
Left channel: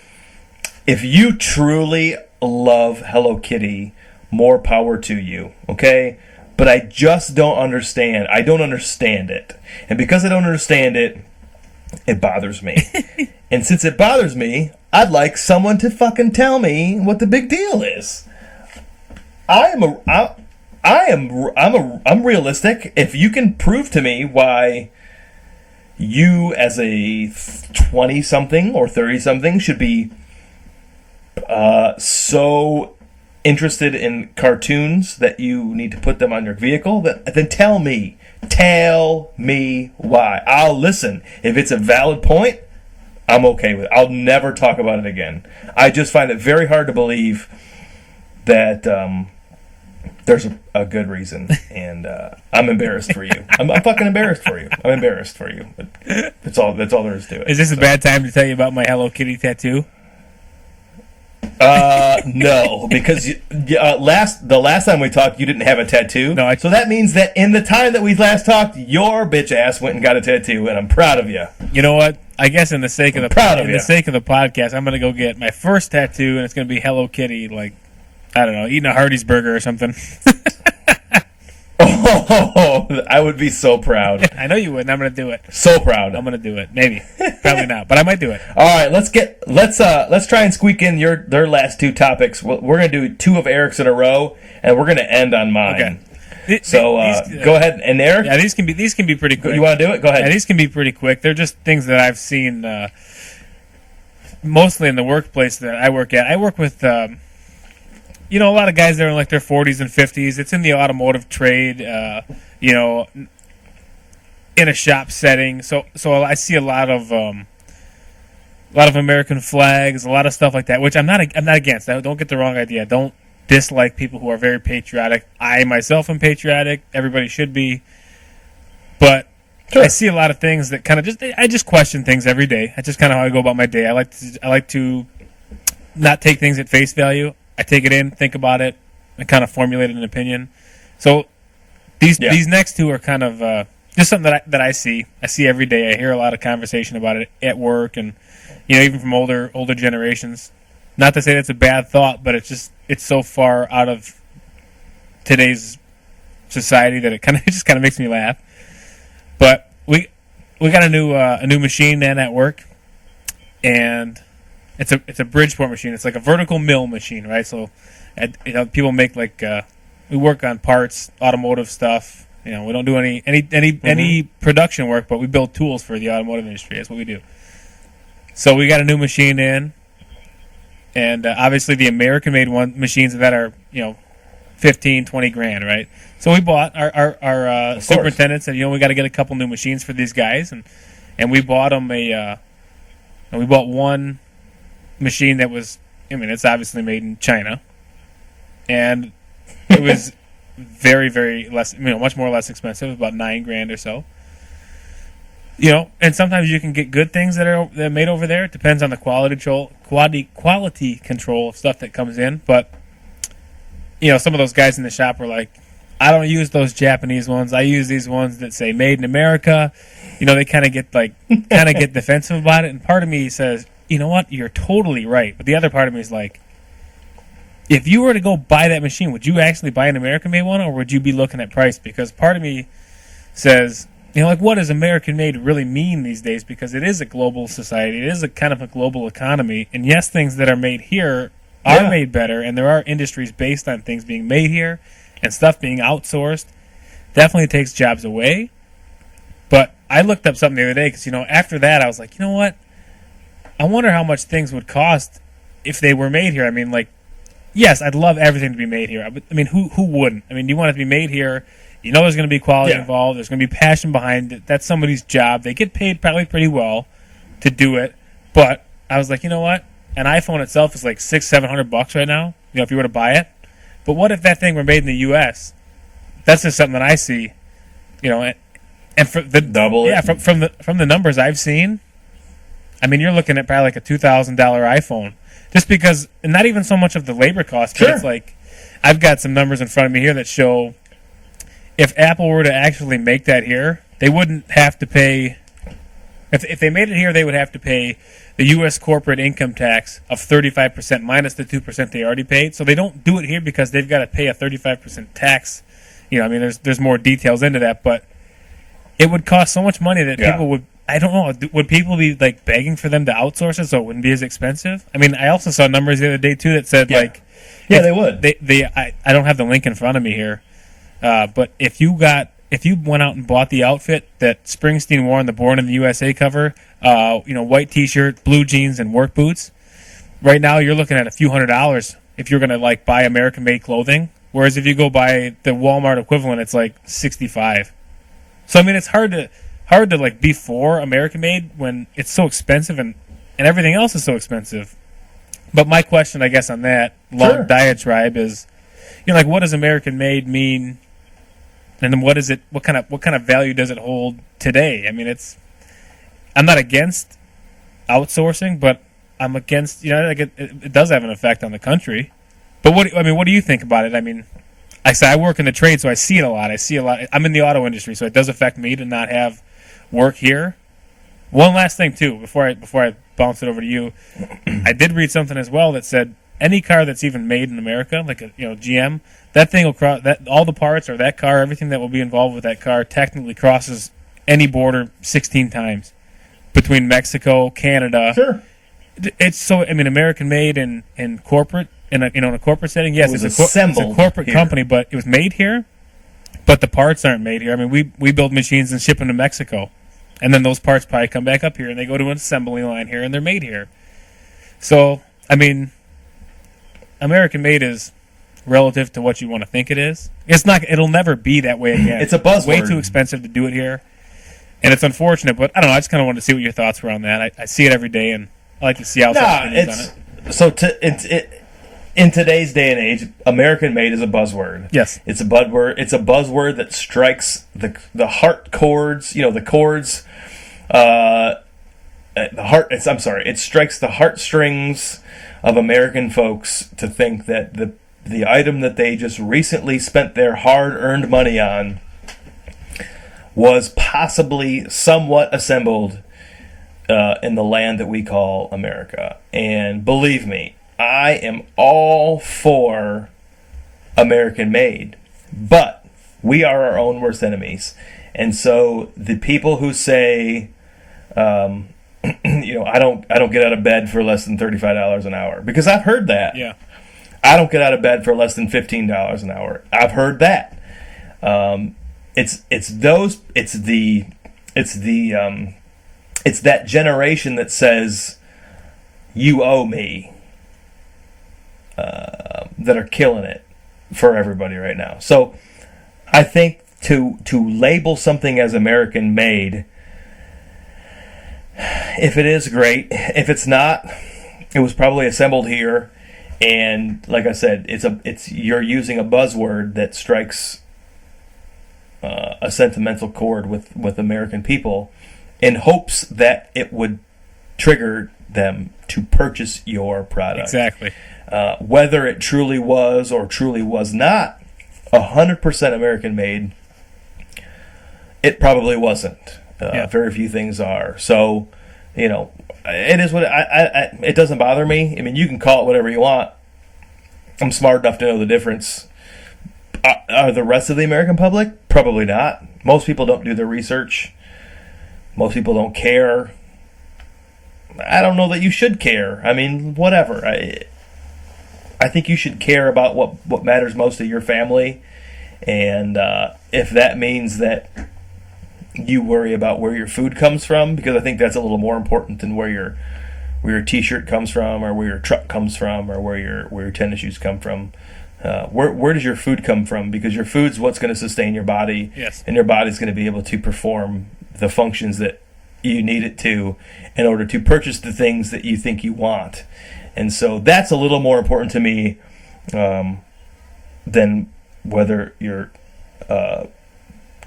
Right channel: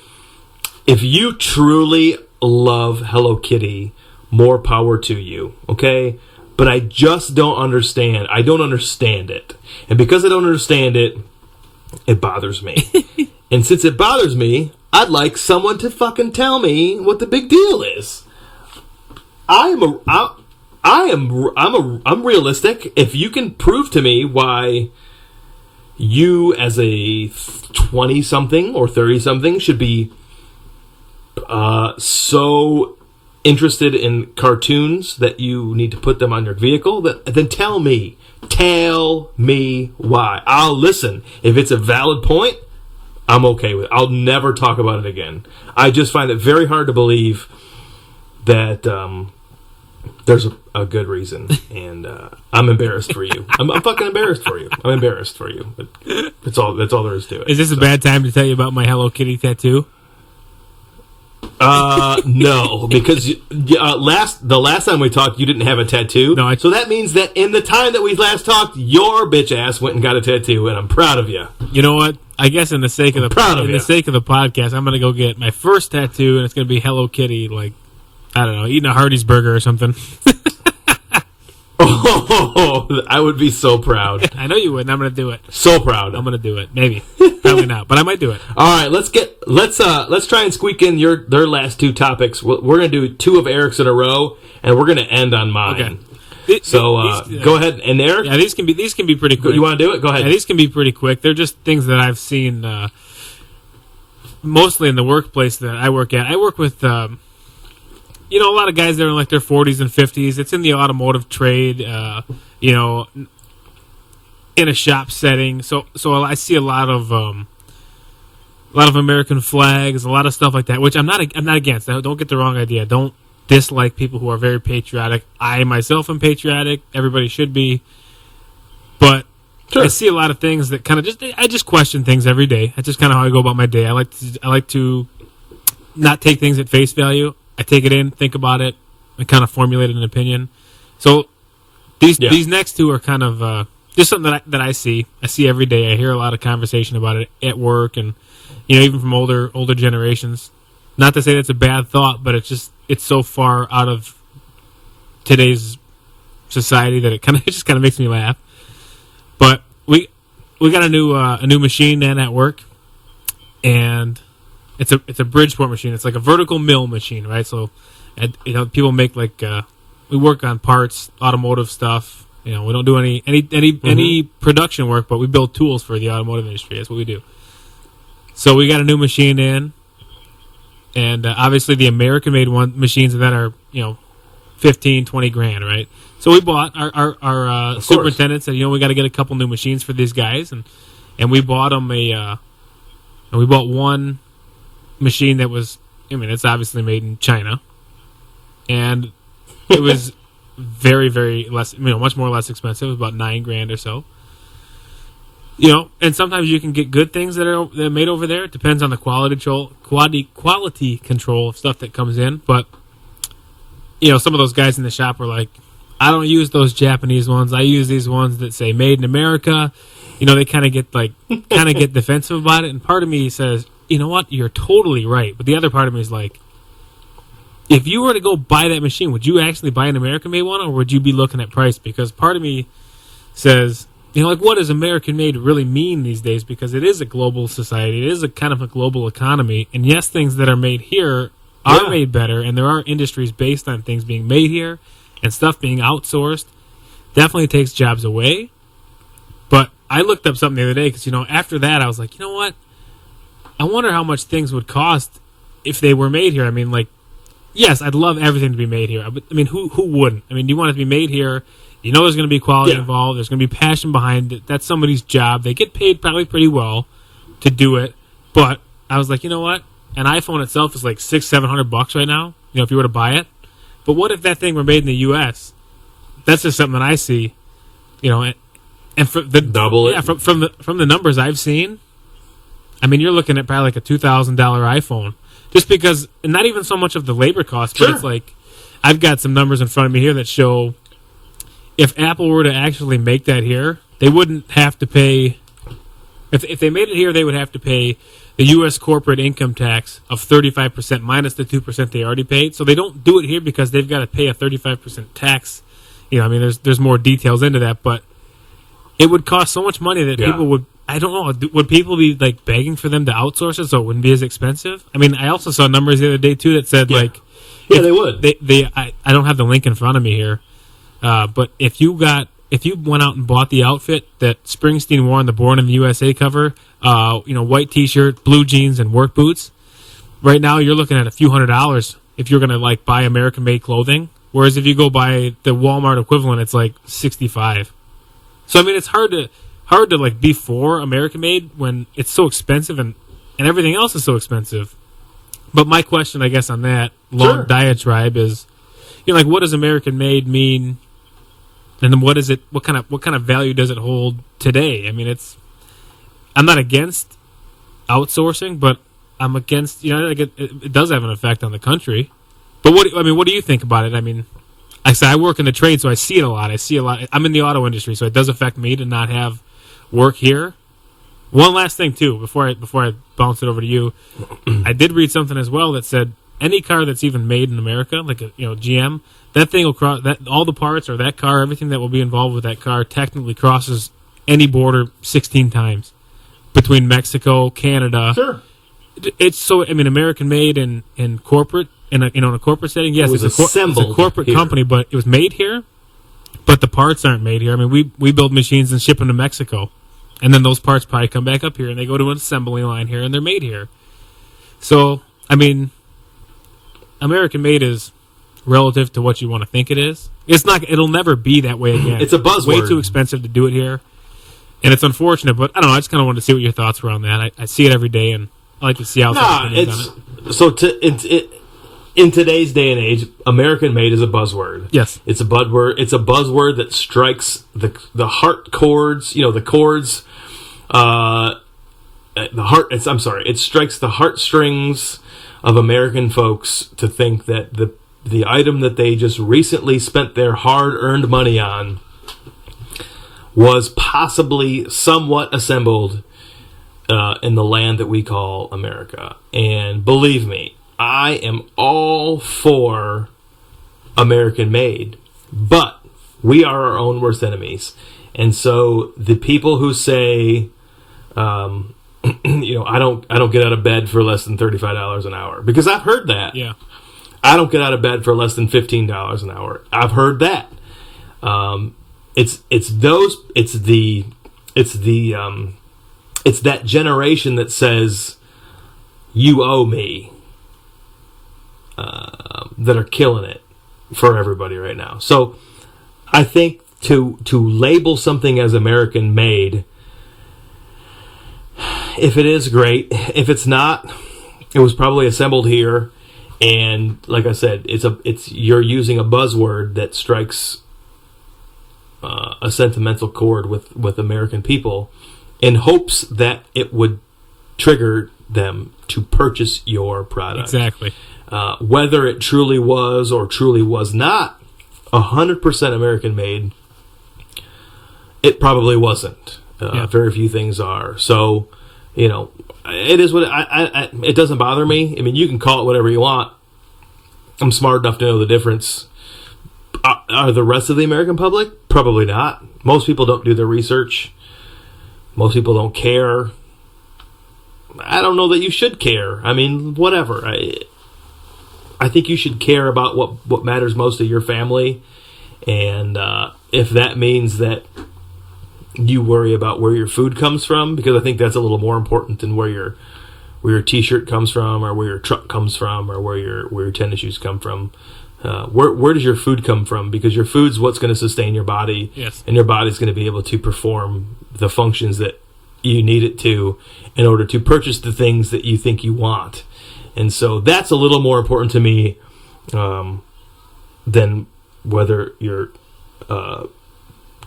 if you truly love Hello Kitty, more power to you. Okay. But I just don't understand. I don't understand it, and because I don't understand it, it bothers me. And since it bothers me, I'd like someone to fucking tell me what the big deal is. I'm realistic. If you can prove to me why you as a 20-something or 30-something should be so interested in cartoons that you need to put them on your vehicle, then tell me why. I'll listen. If it's a valid point, I'm okay with it. I'll never talk about it again. I just find it very hard to believe that there's a good reason, and I'm embarrassed for you. I'm fucking embarrassed for you. I'm embarrassed for you. But that's all there is to it. Is this a bad time to tell you about my Hello Kitty tattoo? No, because the last time we talked, you didn't have a tattoo. No, so that means that in the time that we last talked, your bitch ass went and got a tattoo, and I'm proud of you. You know what? I guess in the sake of the you. sake of the podcast, I'm gonna go get my first tattoo, and it's gonna be Hello Kitty, like, I don't know, eating a Hardee's burger or something. Oh, I would be so proud. I know you would, and I'm gonna do it. So proud. I'm gonna do it. Maybe, probably not, but I might do it. All right, let's try and squeak in their last 2 topics. We're gonna do 2 of Eric's in a row, and we're gonna end on mine. Okay. So go ahead, and Eric, Yeah, these can be pretty quick. you want to do it? Go ahead. Yeah, these can be pretty quick. They're just things that I've seen mostly in the workplace that I work at. I work with a lot of guys that are in like their 40s and 50s. It's in the automotive trade, in a shop setting. So I see a lot of American flags, a lot of stuff like that, which I'm not against. Don't get the wrong idea. Don't dislike people who are very patriotic. I myself am patriotic. Everybody should be. But Sure. I see a lot of things that kind of I just question things every day. That's just kind of how I go about my day. I like to not take things at face value. I take it in, think about it, and kind of formulate an opinion. So these next two are kind of just something that I see. I see every day. I hear a lot of conversation about it at work, and even from older generations. Not to say that's a bad thought, but it's so far out of today's society that it just kind of makes me laugh. But we got a new machine in at work, and it's a Bridgeport machine. It's like a vertical mill machine, right? So, people make we work on parts, automotive stuff. We don't do any production work, but we build tools for the automotive industry. That's what we do. So we got a new machine in, and obviously the American-made machines that are 15, 20 grand, right? So we bought our superintendent said, we got to get a couple new machines for these guys, and we bought them we bought one machine that was, it's obviously made in China, and it was very, very less, much more or less expensive, about $9 grand or so. And sometimes you can get good things that are made over there. It depends on the quality control of stuff that comes in. But some of those guys in the shop are like, I don't use those Japanese ones. I use these ones that say "Made in America." They kind of get defensive about it. And part of me says, you know what, you're totally right. But the other part of me is like, if you were to go buy that machine, would you actually buy an American-made one, or would you be looking at price? Because part of me says, what does American-made really mean these days? Because it is a global society. It is a kind of a global economy. And yes, things that are made here are made better, and there are industries based on things being made here and stuff being outsourced. Definitely takes jobs away. But I looked up something the other day because, after that I was like, what? I wonder how much things would cost if they were made here. Yes, I'd love everything to be made here. But, who wouldn't? You want it to be made here. There's going to be quality involved. There's going to be passion behind it. That's somebody's job. They get paid probably pretty well to do it. But I was like, you know what? An iPhone itself is like $600-700 right now, if you were to buy it. But what if that thing were made in the U.S.? That's just something that I see, and for the double it. Yeah, from the numbers I've seen, you're looking at probably like a $2,000 iPhone, just because, and not even so much of the labor cost, but it's like, I've got some numbers in front of me here that show if Apple were to actually make that here, they wouldn't have to pay. If they made it here, they would have to pay the U.S. corporate income tax of 35% minus the 2% they already paid. So they don't do it here because they've got to pay a 35% tax. There's more details into that, but it would cost so much money that people would. I don't know. Would people be like begging for them to outsource it so it wouldn't be as expensive? I also saw numbers the other day too that said they would. I don't have the link in front of me here, but if you went out and bought the outfit that Springsteen wore on the Born in the USA cover, white T-shirt, blue jeans, and work boots, right now you're looking at a few $100s if you're going to buy American-made clothing. Whereas if you go buy the Walmart equivalent, it's like $65. So it's hard to be for American-made when it's so expensive and everything else is so expensive. But my question, I guess, on that long diatribe is, what does American-made mean? And then what is it? What kind of value does it hold today? I'm not against outsourcing, but I'm against. It does have an effect on the country. But what do you think about it? I work in the trade, so I see it a lot. I'm in the auto industry, so it does affect me to not have work here. One last thing too, before I bounce it over to you, I did read something as well that said any car that's even made in America, like GM, that thing will cross that all the parts or that car, everything that will be involved with that car technically crosses any border 16 times between Mexico, Canada. Sure. It's so American made in corporate in a corporate setting. Yes, it's a corporate here. company, but it was made here. but the parts aren't made here. I mean, we build machines and ship them to Mexico, and then those parts probably come back up here, and they go to an assembly line here, and they're made here. So, I mean, American made is relative to what you want to think it is. It's not. It'll never be that way again. It's a buzzword. Way too expensive to do it here, and it's unfortunate. But I don't know. I just kind of wanted to see what your thoughts were on that. I see it every day, and I like to see outside opinions on it. So in today's day and age, American made is a buzzword. Yes, it's a buzzword. It's a buzzword that strikes the heart chords. You know, the chords. The heart. I'm sorry. It strikes the heartstrings of American folks to think that the item that they just recently spent their hard-earned money on was possibly somewhat assembled in the land that we call America. And believe me, I am all for American made, but we are our own worst enemies. And so the people who say, you know, I don't get out of bed for less than $35 an hour, because I've heard that. Yeah. I don't get out of bed for less than $15 an hour. I've heard that. It's that generation that says you owe me, that are killing it for everybody right now. So I think to label something as American made, if it is great, if it's not, it was probably assembled here. And like I said, you're using a buzzword that strikes a sentimental chord with American people in hopes that it would trigger them to purchase your product. Exactly. Whether it truly was or truly was not 100% American made, it probably wasn't. Very few things are. So, you know, it is what it doesn't bother me. I mean, you can call it whatever you want. I'm smart enough to know the difference. Are the rest of the American public? Probably not. Most people don't do their research. Most people don't care. I don't know that you should care. I mean, whatever. I think you should care about what matters most to your family. And if that means that you worry about where your food comes from, because I think that's a little more important than where your t-shirt comes from, or where your truck comes from, or where your tennis shoes come from. Where does your food come from? Because your food's what's going to sustain your body. Yes. And your body's going to be able to perform the functions that you need it to in order to purchase the things that you think you want. And so that's a little more important to me than whether your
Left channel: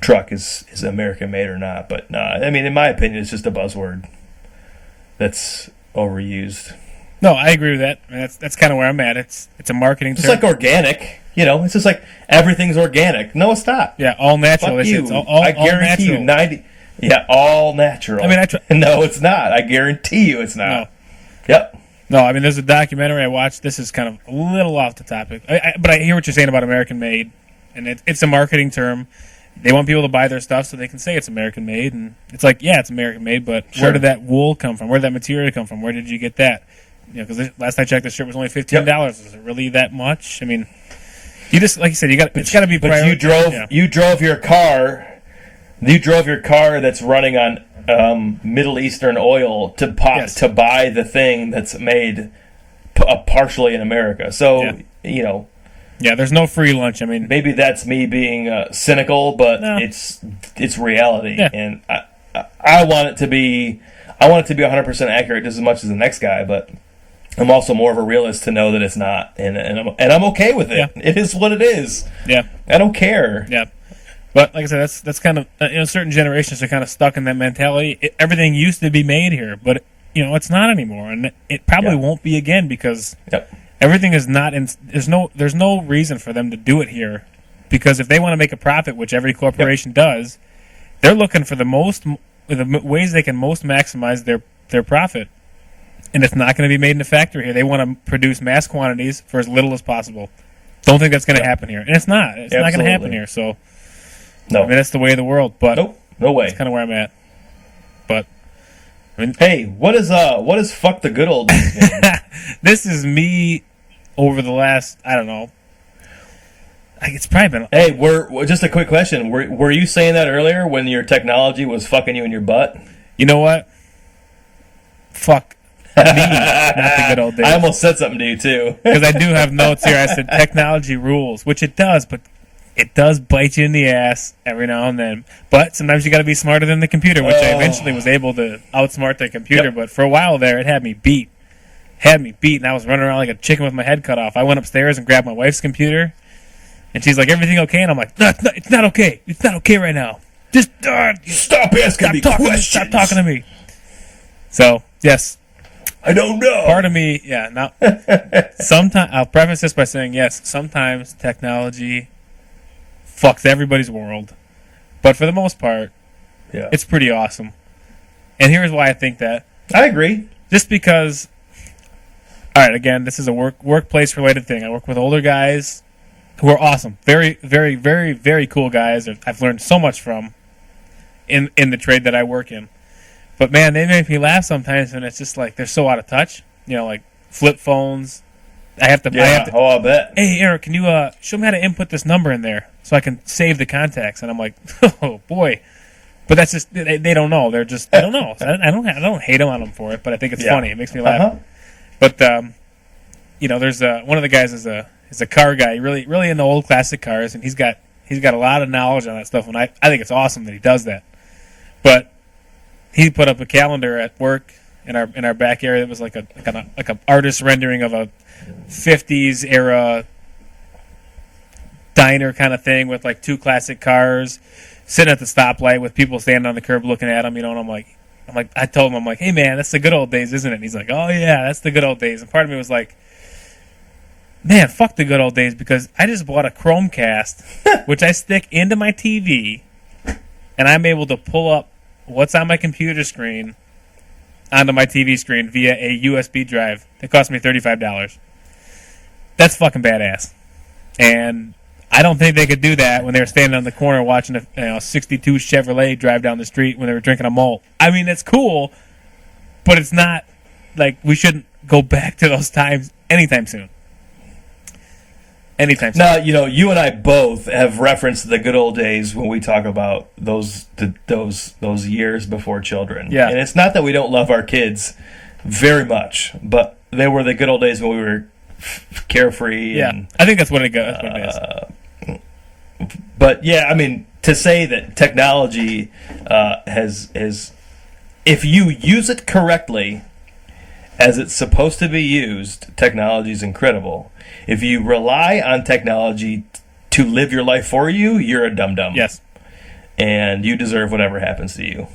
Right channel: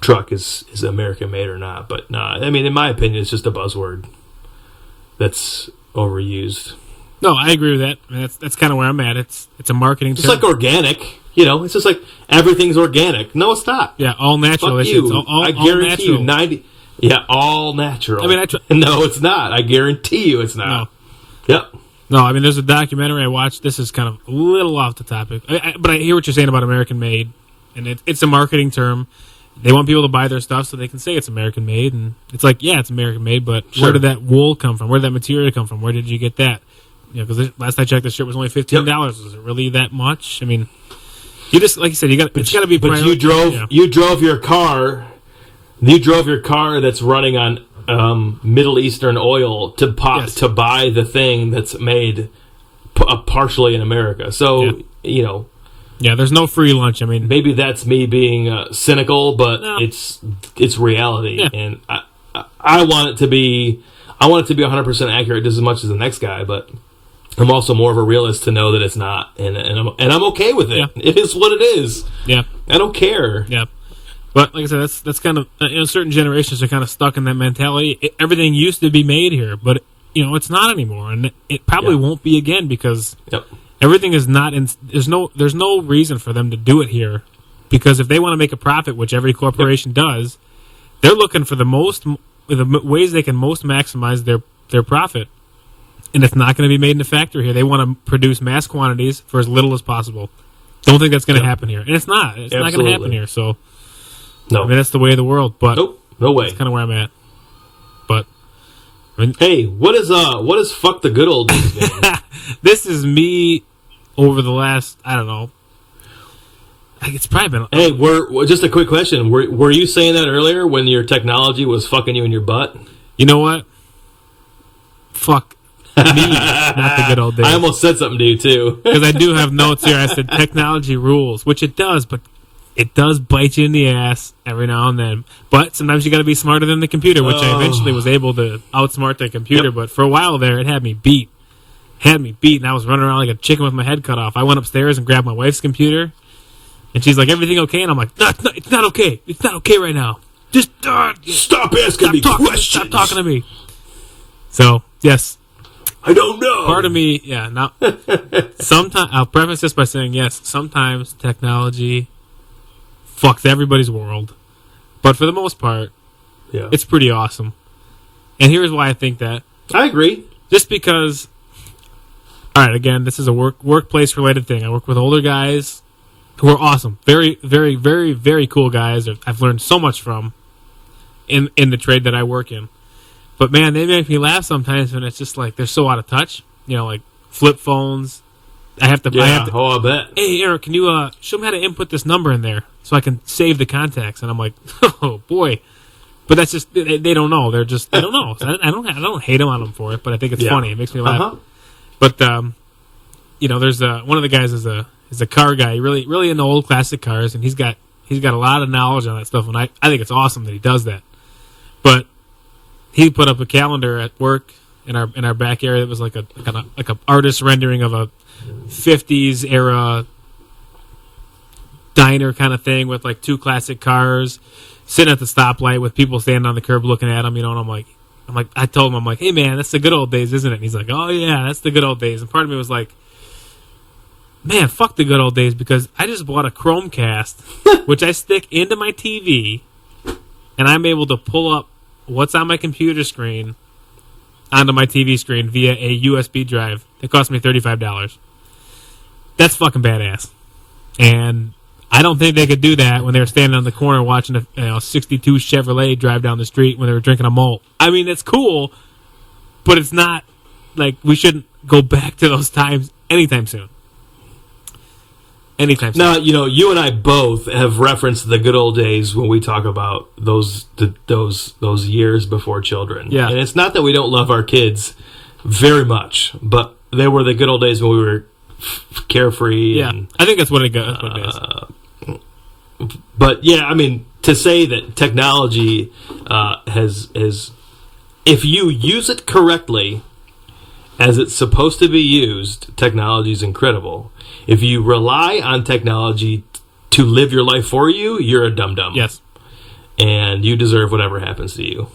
truck is American made or not. But no, I mean, in my opinion, it's just a buzzword that's overused. No, I agree with that. I mean, that's kind of where I'm at. It's a marketing Just term. like organic. You know, it's just like everything's organic. No, it's not. Yeah, all natural. Fuck you. It's all I guarantee all natural. you, Yeah, all natural. I mean, no, it's not. I guarantee you, it's not. No. Yep. No, I mean, there's a documentary I watched. This is kind of a little off the topic, but I hear what you're saying about American made, and it's a marketing term. They want people to buy their stuff so they can say it's American made, and it's like, yeah, it's American made, but where did that wool come from? Where did that material come from? Where did you get that? You know, because last I checked, the shirt was only $15. Yep. Was it really that much? I mean, you just, like you said, it's got to be. But you drove your car. You drove your car that's running on Middle Eastern oil to buy the thing that's made partially in America. So you know. Yeah, there's no free lunch. I mean, maybe that's me being cynical, but no. it's reality, yeah. And I want it to be 100% accurate just as much as the next guy, but I'm also more of a realist to know that it's not, and I'm okay with it. Yeah. It is what it is. Yeah, I don't care. Yeah, but like I said, that's kind of certain generations are kind of stuck in that mentality. Everything used to be made here, but it's not anymore, and it probably won't be again because everything is not in. There's no reason for them to do it here, because if they want to make a profit, which every corporation does, they're looking for the ways they can most maximize their profit. And it's not going to be made in a factory here. They want to produce mass quantities for as little as possible. Don't think that's going to happen here. And it's not. It's not going to happen here. So, no. I mean, that's the way of the world. But nope, no way. That's kind of where I'm at. But, I mean, hey, what is fuck the good old days mean? This is me over the last, I don't know, Like, it's probably been. Hey, just a quick question. Were you saying that earlier when your technology was fucking you in your butt? You know what? Fuck me, not the good old days. I almost said something to you too. Because I do have notes here. I said technology rules, which it does, but it does bite you in the ass every now and then. But sometimes you got to be smarter than the computer, which I eventually was able to outsmart the computer. Yep. But for a while there, it had me beat. And I was running around like a chicken with my head cut off. I went upstairs and grabbed my wife's computer, and she's like, "Everything okay?" And I'm like, "No, it's not okay. It's not okay right now. Just Stop asking me questions. Stop talking to me." So yes. I don't know. Part of me, yeah. Now, sometimes I'll preface this by saying yes. Sometimes technology fucks everybody's world, but for the most part, Yeah, it's pretty awesome. And here's why I think that. I agree. Just because. All right, again, this is a workplace related thing. I work with older guys who are awesome, very, very, very, very cool guys. I've learned so much from in the trade that I work in. But man, they make me laugh sometimes when it's just like they're so out of touch. You know, like flip phones. I have to. Oh, I bet. Hey, Eric, can you show me how to input this number in there so I can save the contacts? And I'm like, oh boy. But that's just they don't know. They don't know. So I don't hate them on them for it, but I think it's funny. It makes me laugh. But you know, there's one of the guys is a car guy, really into old classic cars, and he's got a lot of knowledge on that stuff, and I think it's awesome that he does that. But he put up a calendar at work in our back area that was like a artist rendering of a 50s era diner kind of thing with like two classic cars sitting at the stoplight with people standing on the curb looking at him, you know, and I'm like I told him, I'm like, hey man, that's the good old days, isn't it? And he's like, oh yeah, that's the good old days. And part of me was like, man, fuck the good old days, because I just bought a Chromecast which I stick into my TV and I'm able to pull up what's on my computer screen onto my TV screen via a USB drive. It cost me $35. That's fucking badass. And I don't think they could do that when they were standing on the corner watching a 62 Chevrolet drive down the street when they were drinking a malt. I mean, it's cool, but it's not like we shouldn't go back to those times anytime soon. Anytime soon. Now, you know, you and I both have referenced the good old days when we talk about those years before children. Yeah. And it's not that we don't love our kids very much, but they were the good old days when we were carefree. Yeah, and, I think that's what it is. But yeah, I mean, to say that technology has if you use it correctly as it's supposed to be used, technology is incredible. If you rely on technology to live your life for you, you're a dum-dum. Yes. And you deserve whatever happens to you.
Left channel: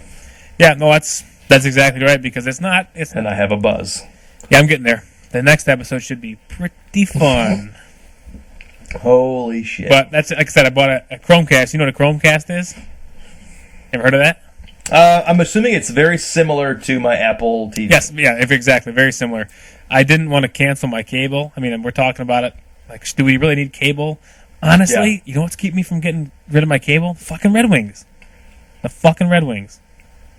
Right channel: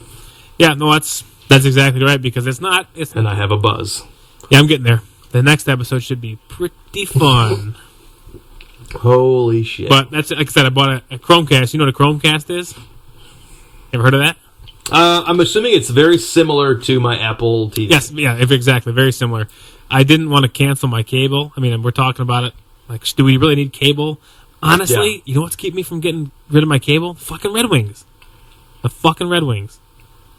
Yeah, no, that's exactly right, because it's not. And I have a buzz. Yeah, I'm getting there. The next episode should be pretty fun. Holy shit. But that's, like I said, I bought a Chromecast. You know what a Chromecast is? Ever heard of that? I'm assuming it's very similar to my Apple TV. Yes, yeah, exactly. Very similar. I didn't want to cancel my cable. I mean, we're talking about it. Like, do we really need cable? Honestly, You know what's keeping me from getting rid of my cable? Fucking Red Wings. The fucking Red Wings.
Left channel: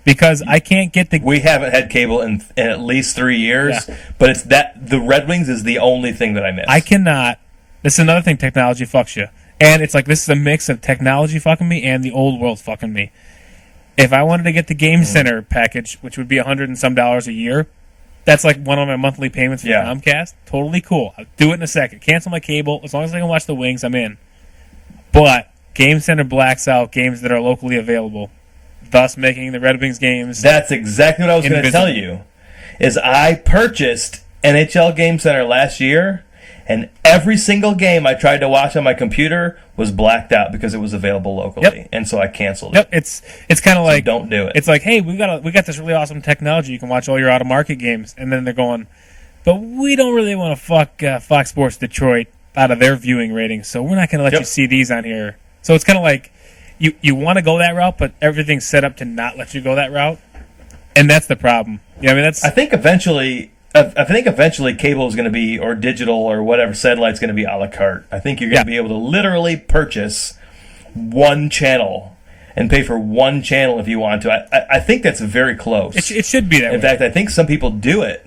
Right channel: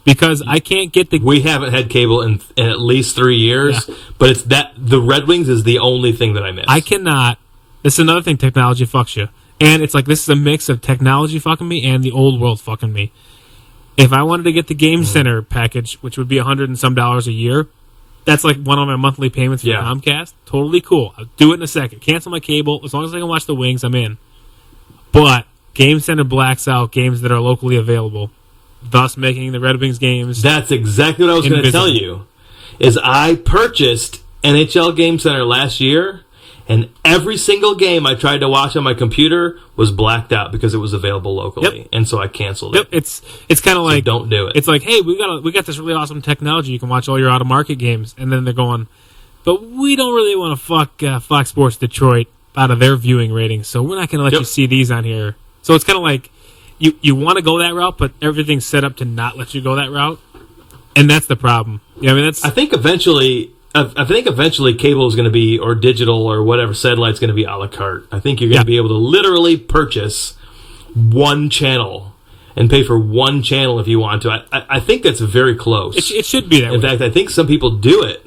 Because I can't get the... We haven't had cable in at least 3 years, but it's that the Red Wings is the only thing that I miss. I cannot... This is another thing, technology fucks you. And it's like, this is a mix of technology fucking me and the old world fucking me. If I wanted to get the Game Center package, which would be $100 and some a year, that's like one of my monthly payments for Comcast. Totally cool. I'll do it in a second. Cancel my cable. As long as I can watch the Wings, I'm in. But Game Center blacks out games that are locally available, thus making the Red Wings games... That's exactly what I was going to tell you. Is I purchased NHL Game Center last year, and every single game I tried to watch on my computer was blacked out because it was available locally, and so I canceled it. Yep, it's kind of like, don't do it. It's like, hey, we got this really awesome technology. You can watch all your out of market games, and then they're going, but we don't really want to fuck Fox Sports Detroit out of their viewing ratings, so we're not going to let you see these on here. So it's kind of like you want to go that route, but everything's set up to not let you go that route, and that's the problem. Yeah, I mean I think eventually cable is going to be, or digital or whatever, satellite's going to be a la carte. I think you're going to be able to literally purchase one channel and pay for one channel if you want to. I think that's very close. It should be that way. In fact, I think some people do it.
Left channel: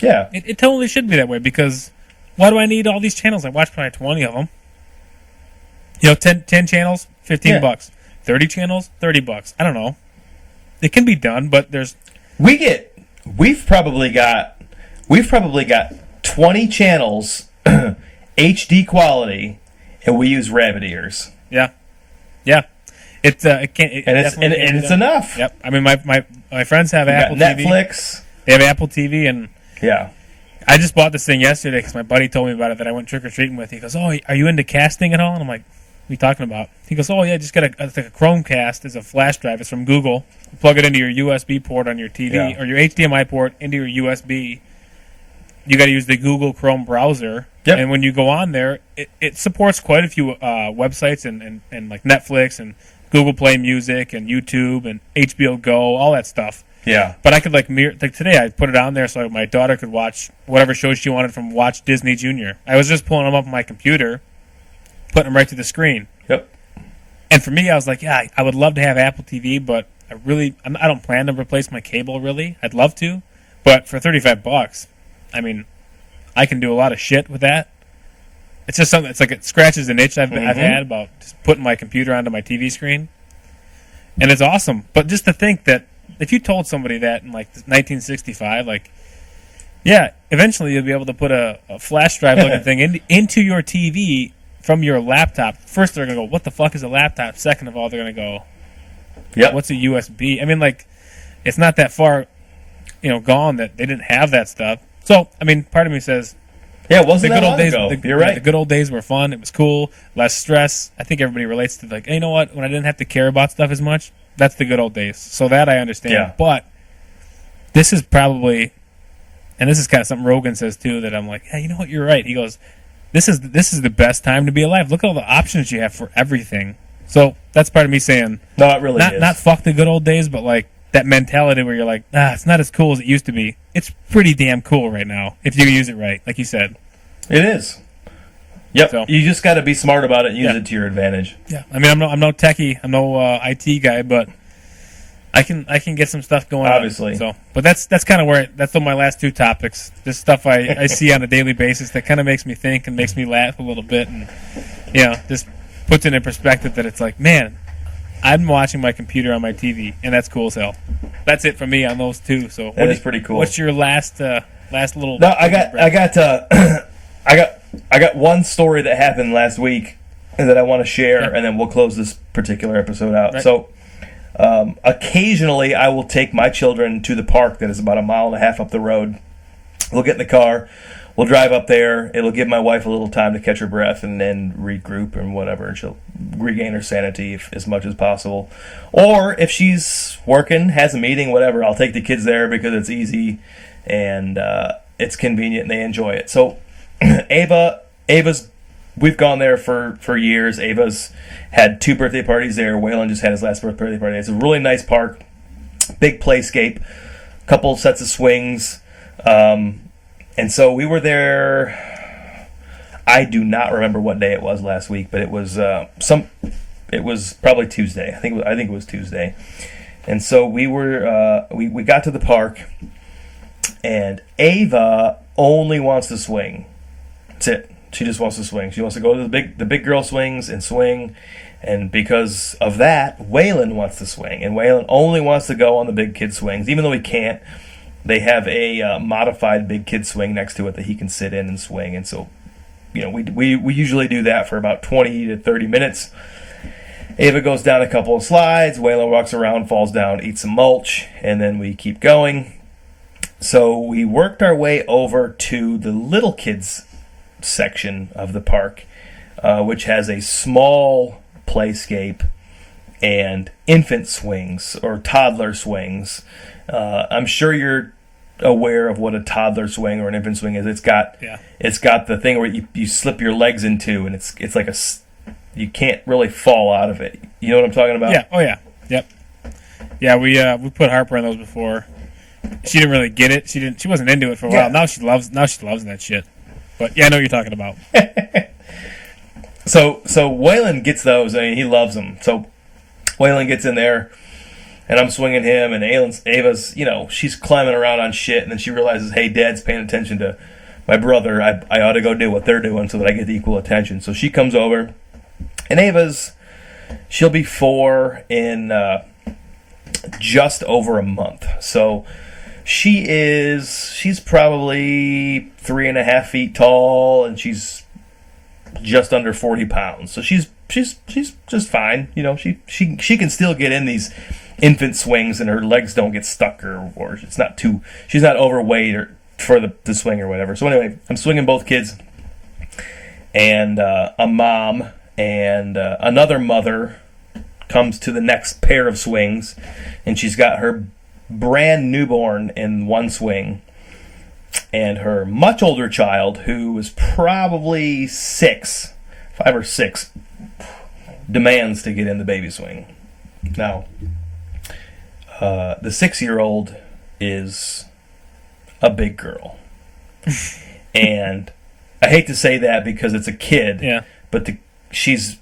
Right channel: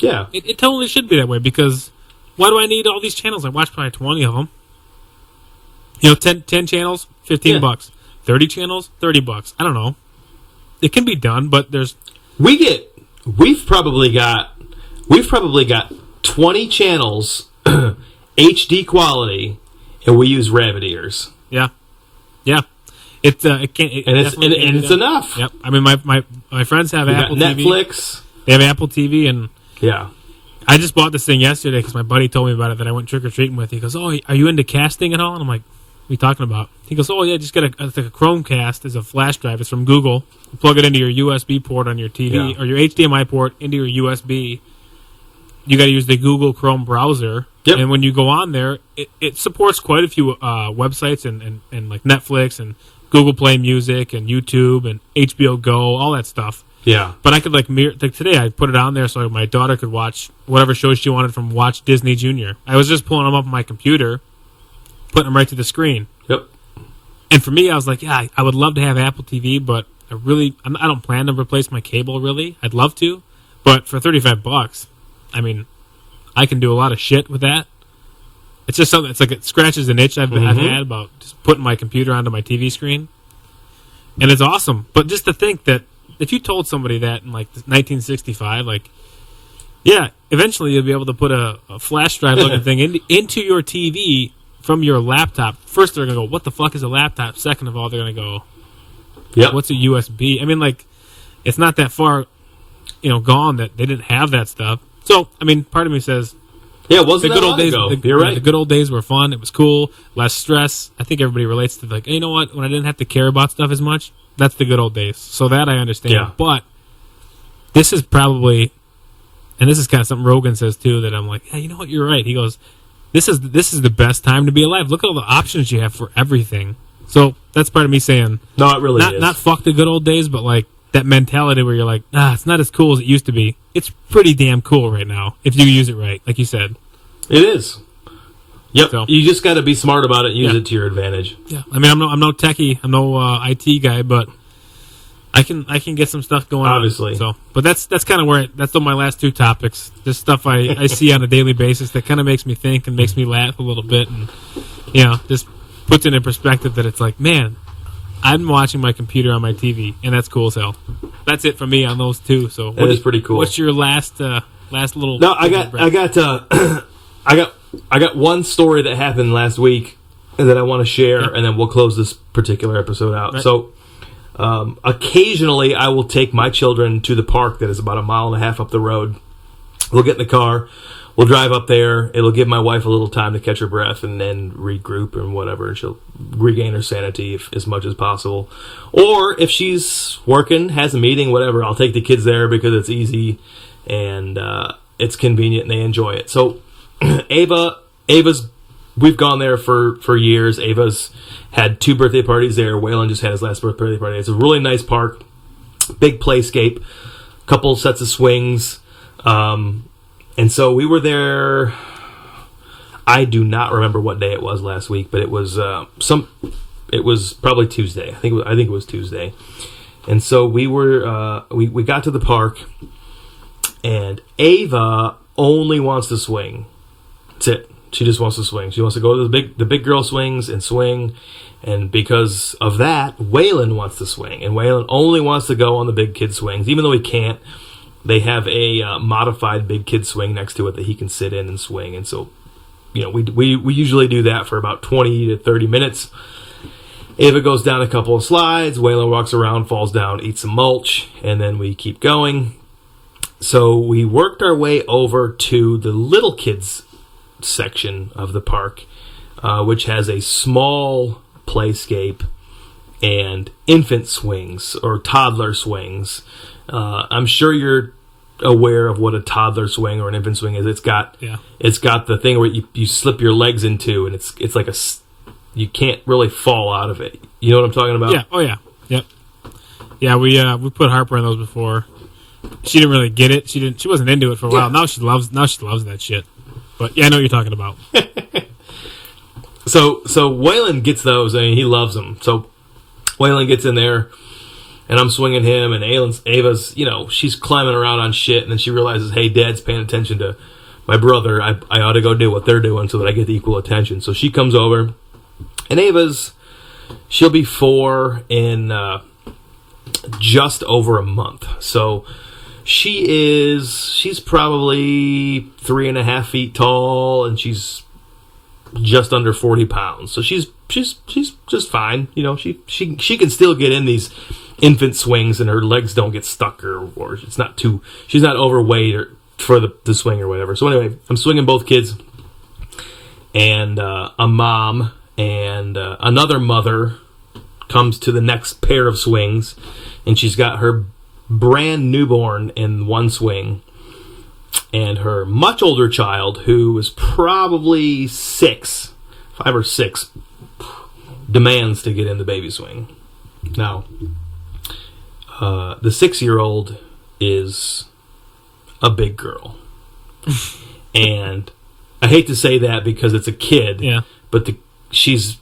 Yeah. It totally should be that way, because why do I need all these channels? I watch probably 20 of them. 10 channels, $15. Yeah. 30 channels, $30. I don't know. It can be done, but there's We've probably got 20 channels HD quality, and we use rabbit ears. yeah. It can't, And definitely can't be it's done. enough. Yep. I mean, my friends have We got Apple TV. Netflix. They have Apple TV, and Yeah. I just bought this thing yesterday because my buddy told me about it that I went trick-or-treating with. He goes, "Oh, are you into casting at all?" And I'm like, "What are you talking about?" He goes, "Oh, yeah, just get it's like a Chromecast. It's a flash drive. It's from Google. You plug it into your USB port on your TV, Yeah. or your HDMI port into your USB. You got to use the Google Chrome browser. Yep. And when you go on there, it supports quite a few websites and like Netflix and Google Play Music and YouTube and HBO Go, all that stuff. Yeah. But I could like today I put it on there so my daughter could watch whatever shows she wanted from Watch Disney Junior. I was just pulling them up on my computer, putting them right to the screen. Yep. And for me, I was like, yeah, I would love to have Apple TV, but I don't plan to replace my cable really. I'd love to, but for $35, I mean, I can do a lot of shit with that. It's just something. It's like it scratches an itch I've had about just putting my computer onto my TV screen, and it's awesome. But just to think that if you told somebody that in like 1965, like, yeah, eventually you'll be able to put a flash drive looking thing into your TV from your laptop. First, they're gonna go, "What the fuck is a laptop?" Second of all, they're gonna go, Yep. "What's a USB?" I mean, like, it's not that far, gone that they didn't have that stuff. So, I mean, part of me says, Yeah, it wasn't the good that old long days. ago. The, You're yeah, right. the good old days were fun. It was cool, less stress. I think everybody relates to like, hey, you know what? When I didn't have to care about stuff as much, that's the good old days. So that I understand. Yeah. But this is probably, and this is kind of something Rogan says too. That I'm like, hey, you know what? You're right. He goes, this is the best time to be alive. Look at all the options you have for everything. So that's part of me saying, No, it really is. not fuck the good old days, but like that mentality where you're like, it's not as cool as it used to be. It's pretty damn cool right now if you use it right, like you said. It is. Yep. So- You just got to be smart about it and use Yeah. it to your advantage. Yeah, I mean, I'm no techie, I'm no IT guy, but I can get some stuff going Obviously. on. So, but that's kind of where that's my last two topics. Just stuff I see on a daily basis that kind of makes me think and makes me laugh a little bit, and just puts it in perspective that it's like, man, I'm watching my computer on my TV, and that's cool as hell. That's it for me on those two. So That is pretty cool. What's your last little? No, I got one story that happened last week that I want to share, Yep. and then we'll close this particular episode out. Right. So, occasionally I will take my children to the park that is about 1.5 miles up the road. We'll get in the car, we'll drive up there. It'll give my wife a little time to catch her breath and then regroup and whatever, and she'll regain her sanity as much as possible. Or if she's working, has a meeting, whatever, I'll take the kids there because it's easy and it's convenient and they enjoy it. So Ava's, we've gone there for years. Ava's had 2 birthday parties there. Waylon just had his last birthday party. It's a really nice park, big playscape, couple sets of swings. And so we were there. I do not remember what day it was last week, but it was it was probably Tuesday. I think it was Tuesday. And so we were we got to the park, and Ava only wants to swing. That's it. She just wants to swing. She wants to go to the big girl swings and swing. And because of that, Waylon wants to swing. And Waylon only wants to go on the big kid swings, even though he can't. They have a modified big kid swing next to it that he can sit in and swing. And so, we usually do that for about 20 to 30 minutes. Ava goes down a couple of slides. Waylon walks around, falls down, eats some mulch, and then we keep going. So we worked our way over to the little kids section of the park, which has a small playscape and infant swings or toddler swings. I'm sure you're aware of what a toddler swing or an infant swing is. It's got the thing where you slip your legs into, and it's like you can't really fall out of it. You know what I'm talking about? Yeah. Oh yeah. Yep. Yeah, we put Harper in those before. She didn't really get it. She wasn't into it for a while. Yeah. Now she loves that shit. But yeah, I know what you're talking about. So Waylon gets those. I mean, he loves them. So Waylon gets in there, and I'm swinging him, and Ava's, she's climbing around on shit, and then she realizes, hey, Dad's paying attention to my brother. I ought to go do what they're doing so that I get the equal attention. So she comes over, And she'll be 4 in just over a month. So she's probably 3.5 feet tall, and she's just under 40 pounds. So she's just fine. You know, she can still get in these infant swings, and her legs don't get stuck, or she's not overweight or for the swing or whatever. So anyway, I'm swinging both kids, and a mom and another mother comes to the next pair of swings, and she's got her brand newborn in one swing, and her much older child, who was probably 5 or 6, demands to get in the baby swing. Now, the 6-year-old is a big girl, and I hate to say that because it's a kid, Yeah. but she's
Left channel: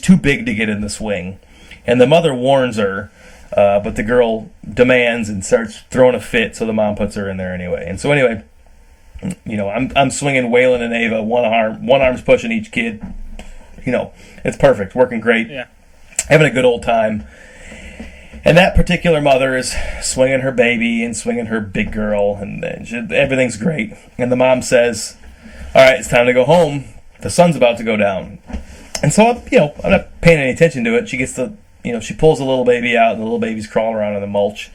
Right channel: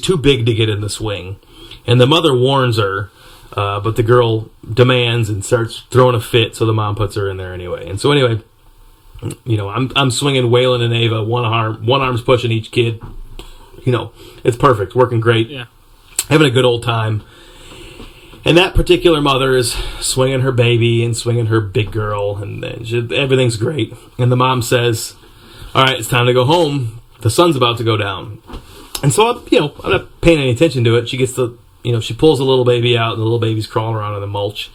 too big to get in the swing, and the mother warns her, but the girl demands and starts throwing a fit, so the mom puts her in there anyway. And so anyway, you know, I'm swinging Waylon and Ava, one arm's pushing each kid. You know, it's perfect, working great, Yeah. having a good old time. And that particular mother is swinging her baby and swinging her big girl, and everything's great. And the mom says, "All right, it's time to go home. The sun's about to go down." And so I'm not paying any attention to it. She gets she pulls the little baby out, and the little baby's crawling around in the mulch.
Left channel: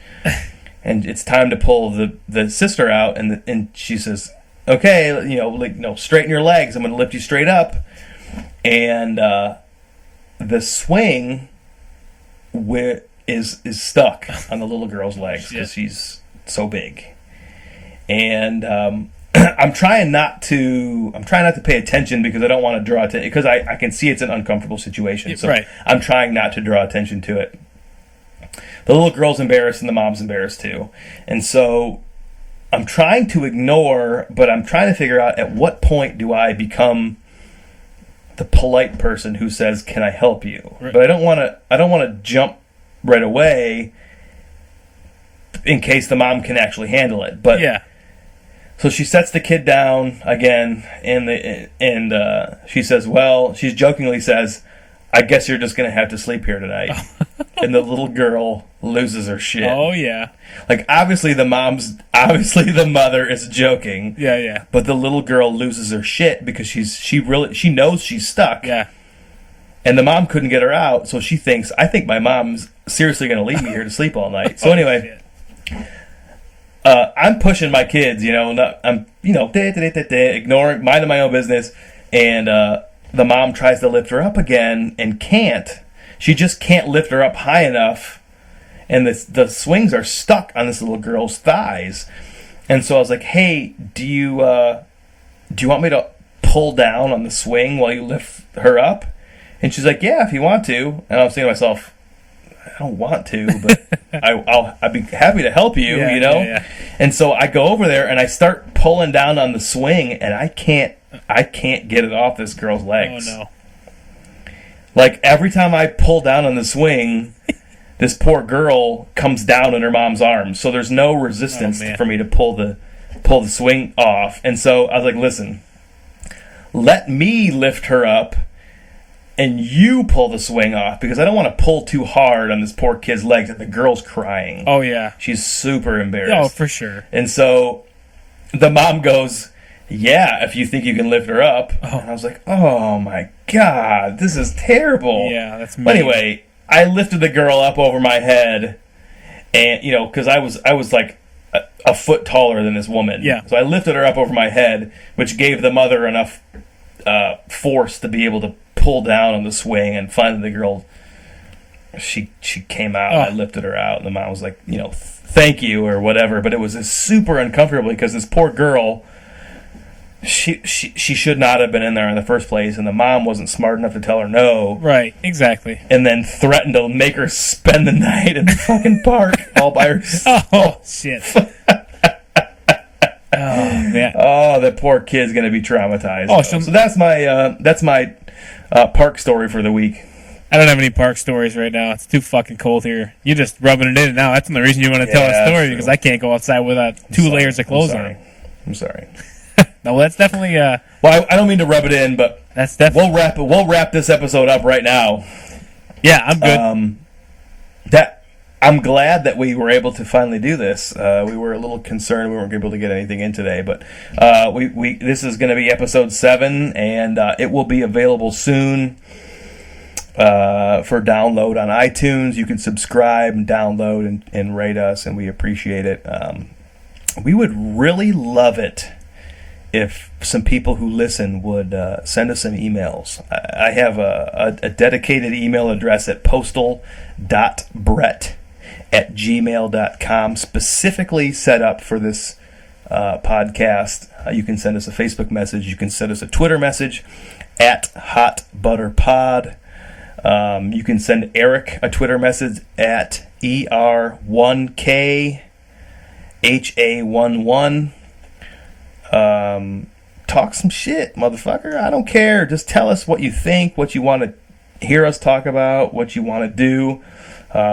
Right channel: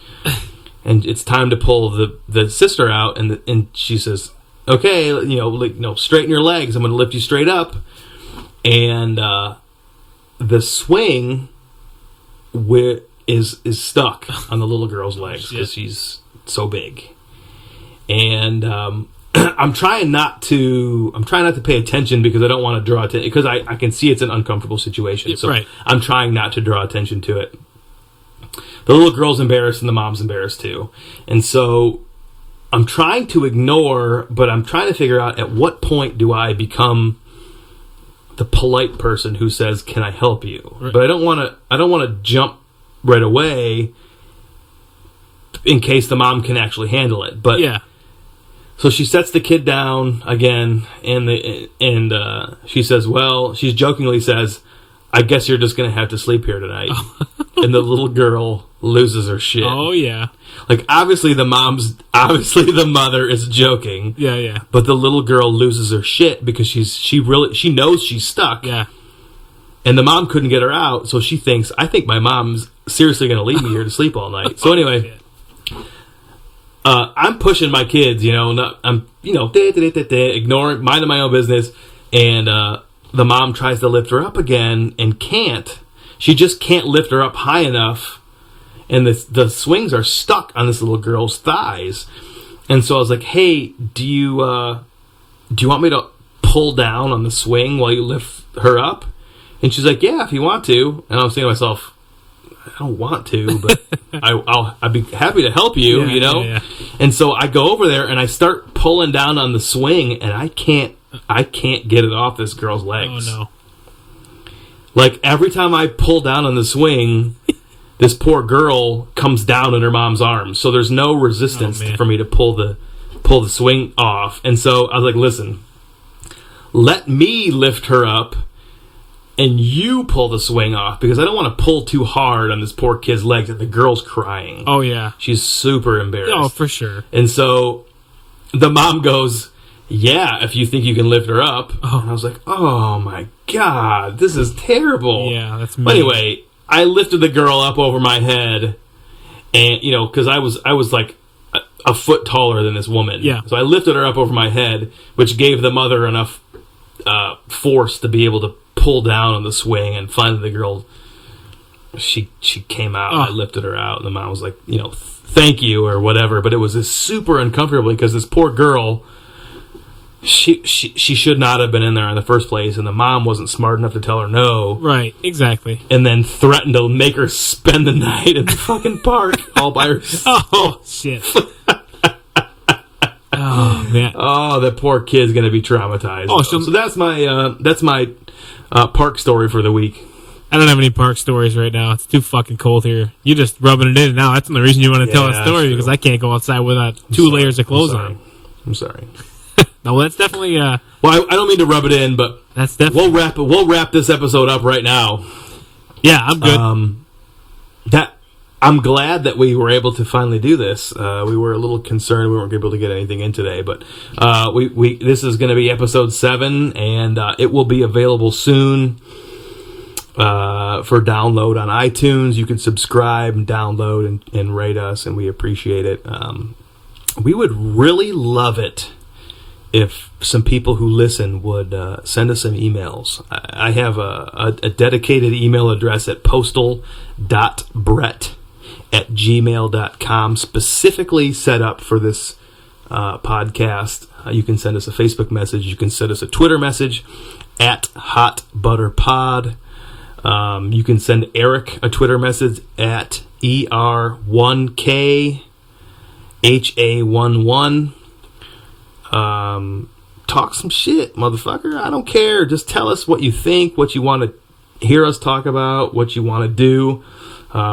And it's time to pull the sister out, and she says, "Okay, straighten your legs. I'm going to lift you straight up." And the swing is stuck on the little girl's legs because she's so big. And I'm trying not to pay attention because I don't want to draw attention, because I can see it's an uncomfortable situation. So right. I'm trying not to draw attention to it. The little girl's embarrassed and the mom's embarrassed too. And so I'm trying to ignore, but I'm trying to figure out at what point do I become the polite person who says, "Can I help you?" Right. But I don't want to jump right away in case the mom can actually handle it. But Yeah. so she sets the kid down again, and she says, "Well," she jokingly says, "I guess you're just going to have to sleep here tonight." And the little girl loses her shit. Oh yeah. Like, obviously the mother is joking. Yeah. But the little girl loses her shit because she knows she's stuck. Yeah. And the mom couldn't get her out, so she thinks, "I think my mom's seriously going to leave me here to sleep all night." So anyway, I'm pushing my kids, I'm ignoring, minding my own business, and the mom tries to lift her up again and can't. She just can't lift her up high enough, and the swings are stuck on this little girl's thighs. And so I was like, "Hey, do you want me to pull down on the swing while you lift her up?" And she's like, "Yeah, if you want to." And I was thinking to myself, I don't want to, but I'd be happy to help you, Yeah. And so I go over there and I start pulling down on the swing, and I can't get it off this girl's legs. Oh no. Like, every time I pull down on the swing, this poor girl comes down in her mom's arms. So there's no resistance for me to pull the swing off. And so I was like, "Listen, let me lift her up and you pull the swing off, because I don't want to pull too hard on this poor kid's legs." And the girl's crying. Oh yeah. She's super embarrassed. Oh, for sure. And so the mom goes, "Yeah, if you think you can lift her up." Oh. And I was like, "Oh my God, this is terrible." Yeah, that's But mean. anyway, I lifted the girl up over my head, and because I was like a foot taller than this woman. Yeah. So I lifted her up over my head, which gave the mother enough force to be able to pull down on the swing. And finally the girl, she came out. Oh. I lifted her out, and the mom was like, "Thank you," or whatever. But it was just super uncomfortable because this poor girl, she should not have been in there in the first place, and the mom wasn't smart enough to tell her no. Right, exactly. And then threatened to make her spend the night in the fucking park all by herself. Oh shit. Oh man. Oh, that poor kid's gonna be traumatized. Oh, So that's my park story for the week. I don't have any park stories right now. It's too fucking cold here. You're just rubbing it in now. That's the only reason you want to tell Yeah, a story, that's because true. I can't go outside without two layers of clothes on. I'm sorry. No, that's definitely Well, I don't mean to rub it in, but that's definitely we'll wrap this episode up right now. yeah. I'm good. I'm glad that we were able to finally do this. We were a little concerned we weren't able to get anything in today, but this is going to be episode 7, and it will be available soon for download on iTunes. You can subscribe and download and rate us, and we appreciate it. We would really love it if some people who listen would send us some emails. I have a dedicated email address at postal.brett@gmail.com, specifically set up for this podcast. You can send us a Facebook message. You can send us a Twitter message at HotButterPod. You can send Eric a Twitter message at ER1KHA11. Talk some shit, motherfucker. I don't care. Just tell us what you think, what you want to hear us talk about, what you want to do.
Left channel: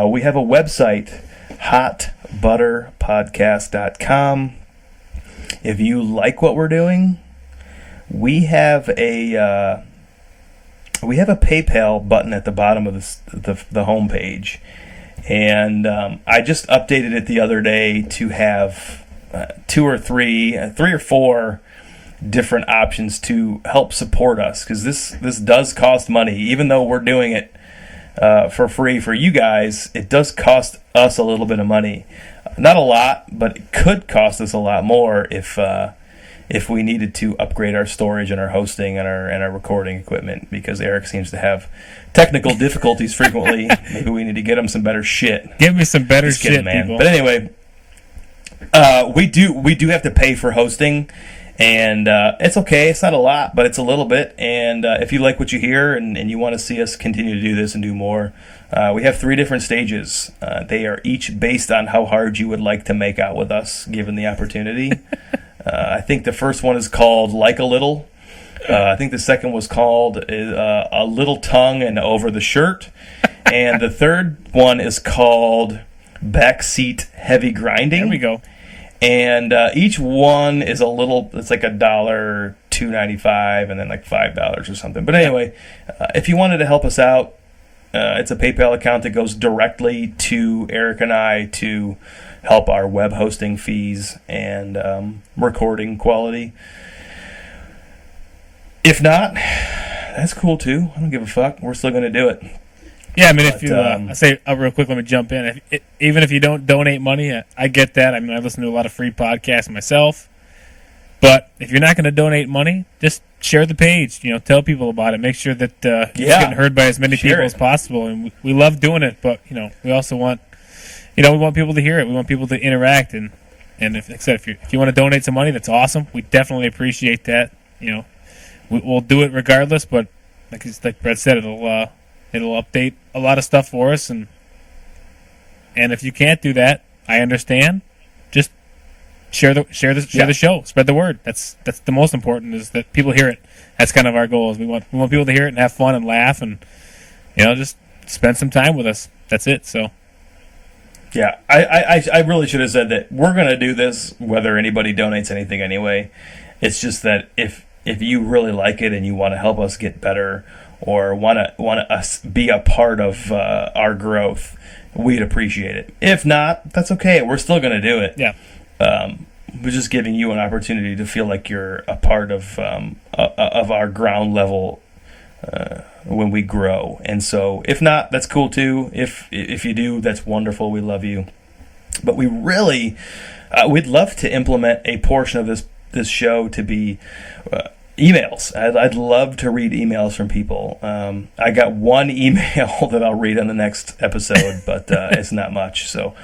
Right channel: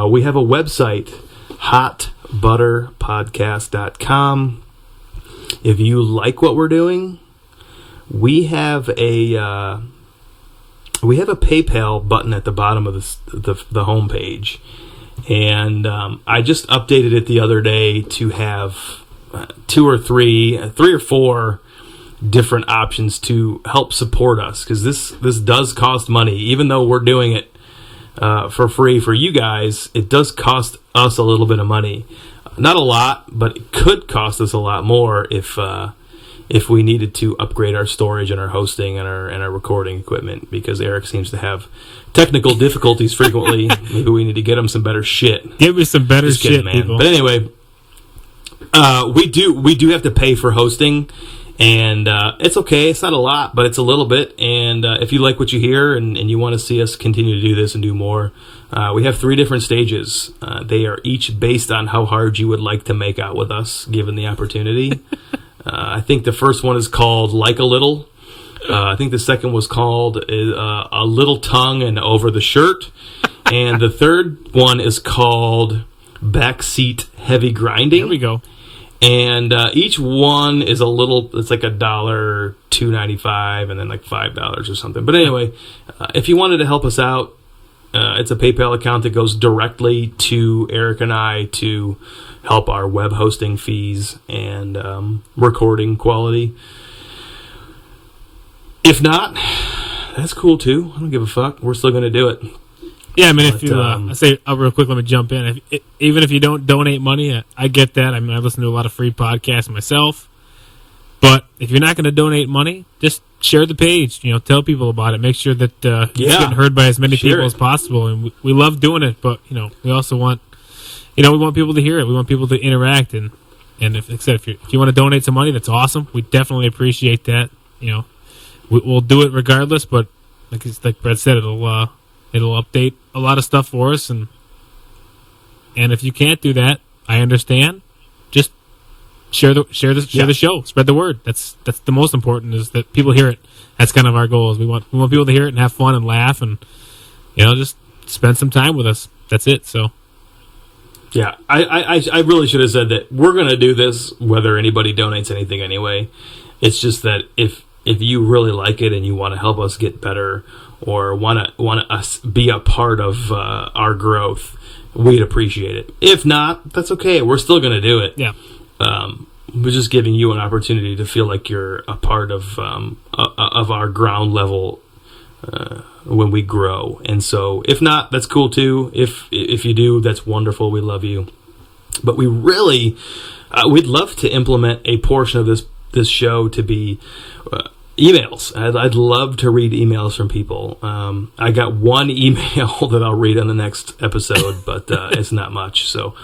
We have a website, hotbutterpodcast.com. If you like what we're doing, we have a PayPal button at the bottom of the homepage, and I just updated it the other day to have three or four different options to help support us, because this does cost money. Even though we're doing it for free for you guys, it does cost us a little bit of money. Not a lot, but it could cost us a lot more if we needed to upgrade our storage and our hosting and our recording equipment, because Eric seems to have technical difficulties frequently. Maybe we need to get him some better shit. Give me some better Just kidding, shit, man. people. But anyway, we do have to pay for hosting, and it's okay. It's not a lot, but it's a little bit. And if you like what you hear and you want to see us continue to do this and do more, we have 3 different stages. They are each based on how hard you would like to make out with us, given the opportunity. I think the first one is called Like a Little. I think the second was called A Little Tongue and Over the Shirt. And the third one is called Backseat Heavy Grinding. There we go. And each one is a little, it's like $1, $2.95, and then like $5 or something. But anyway, if you wanted to help us out, it's a PayPal account that goes directly to Eric and I to help our web hosting fees and recording quality. If not, that's cool too. I don't give a fuck. We're still going to do it. Yeah, I mean, But, if you, I say real quick, let me jump in. Even if you don't donate money, I get that. I mean, I listen to a lot of free podcasts myself. But if you're not going to donate money, just share the page. Tell people about it. Make sure that it's getting heard by as many Share people it. as possible. And we love doing it, but we also want, we want people to hear it. We want people to interact. And if, like I said, if you want to donate some money, that's awesome. We definitely appreciate that. We'll do it regardless. But like Brett said, it'll update a lot of stuff for us, and if you can't do that, I understand. Just share the show, spread the word. That's the most important, is that people hear it. That's kind of our goal. Is we want people to hear it and have fun and laugh, and just spend some time with us. That's it. So yeah, I really should have said that we're gonna do this whether anybody donates anything anyway. It's just that if you really like it and you want to help us get better, or want us be a part of our growth, we'd appreciate it. If not, that's okay. We're still going to do it. yeah, We're just giving you an opportunity to feel like you're a part of our ground level when we grow. And so, if not, that's cool too. If you do, that's wonderful. We love you. But we really, we'd love to implement a portion of this show to be emails. I'd love to read emails from people. I got one email that I'll read on the next episode, but it's not much. So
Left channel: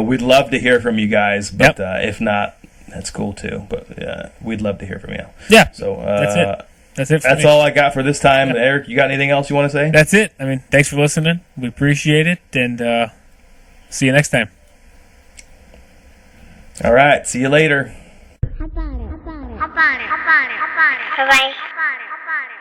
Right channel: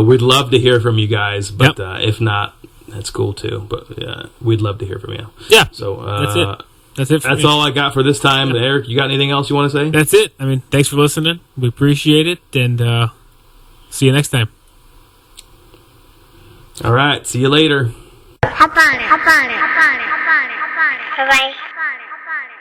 we'd love to hear from you guys, but if not, that's cool too. But we'd love to hear from you. Yeah. So that's it. That's all I got for this time. Yep. Eric, you got anything else you want to say? That's it. I mean, thanks for listening. We appreciate it, and see you next time. All right. See you later. Hop on it. Hop on it. Hop on it. Hop on it. Hop on it. Bye-bye. Hop on it. Hop on it.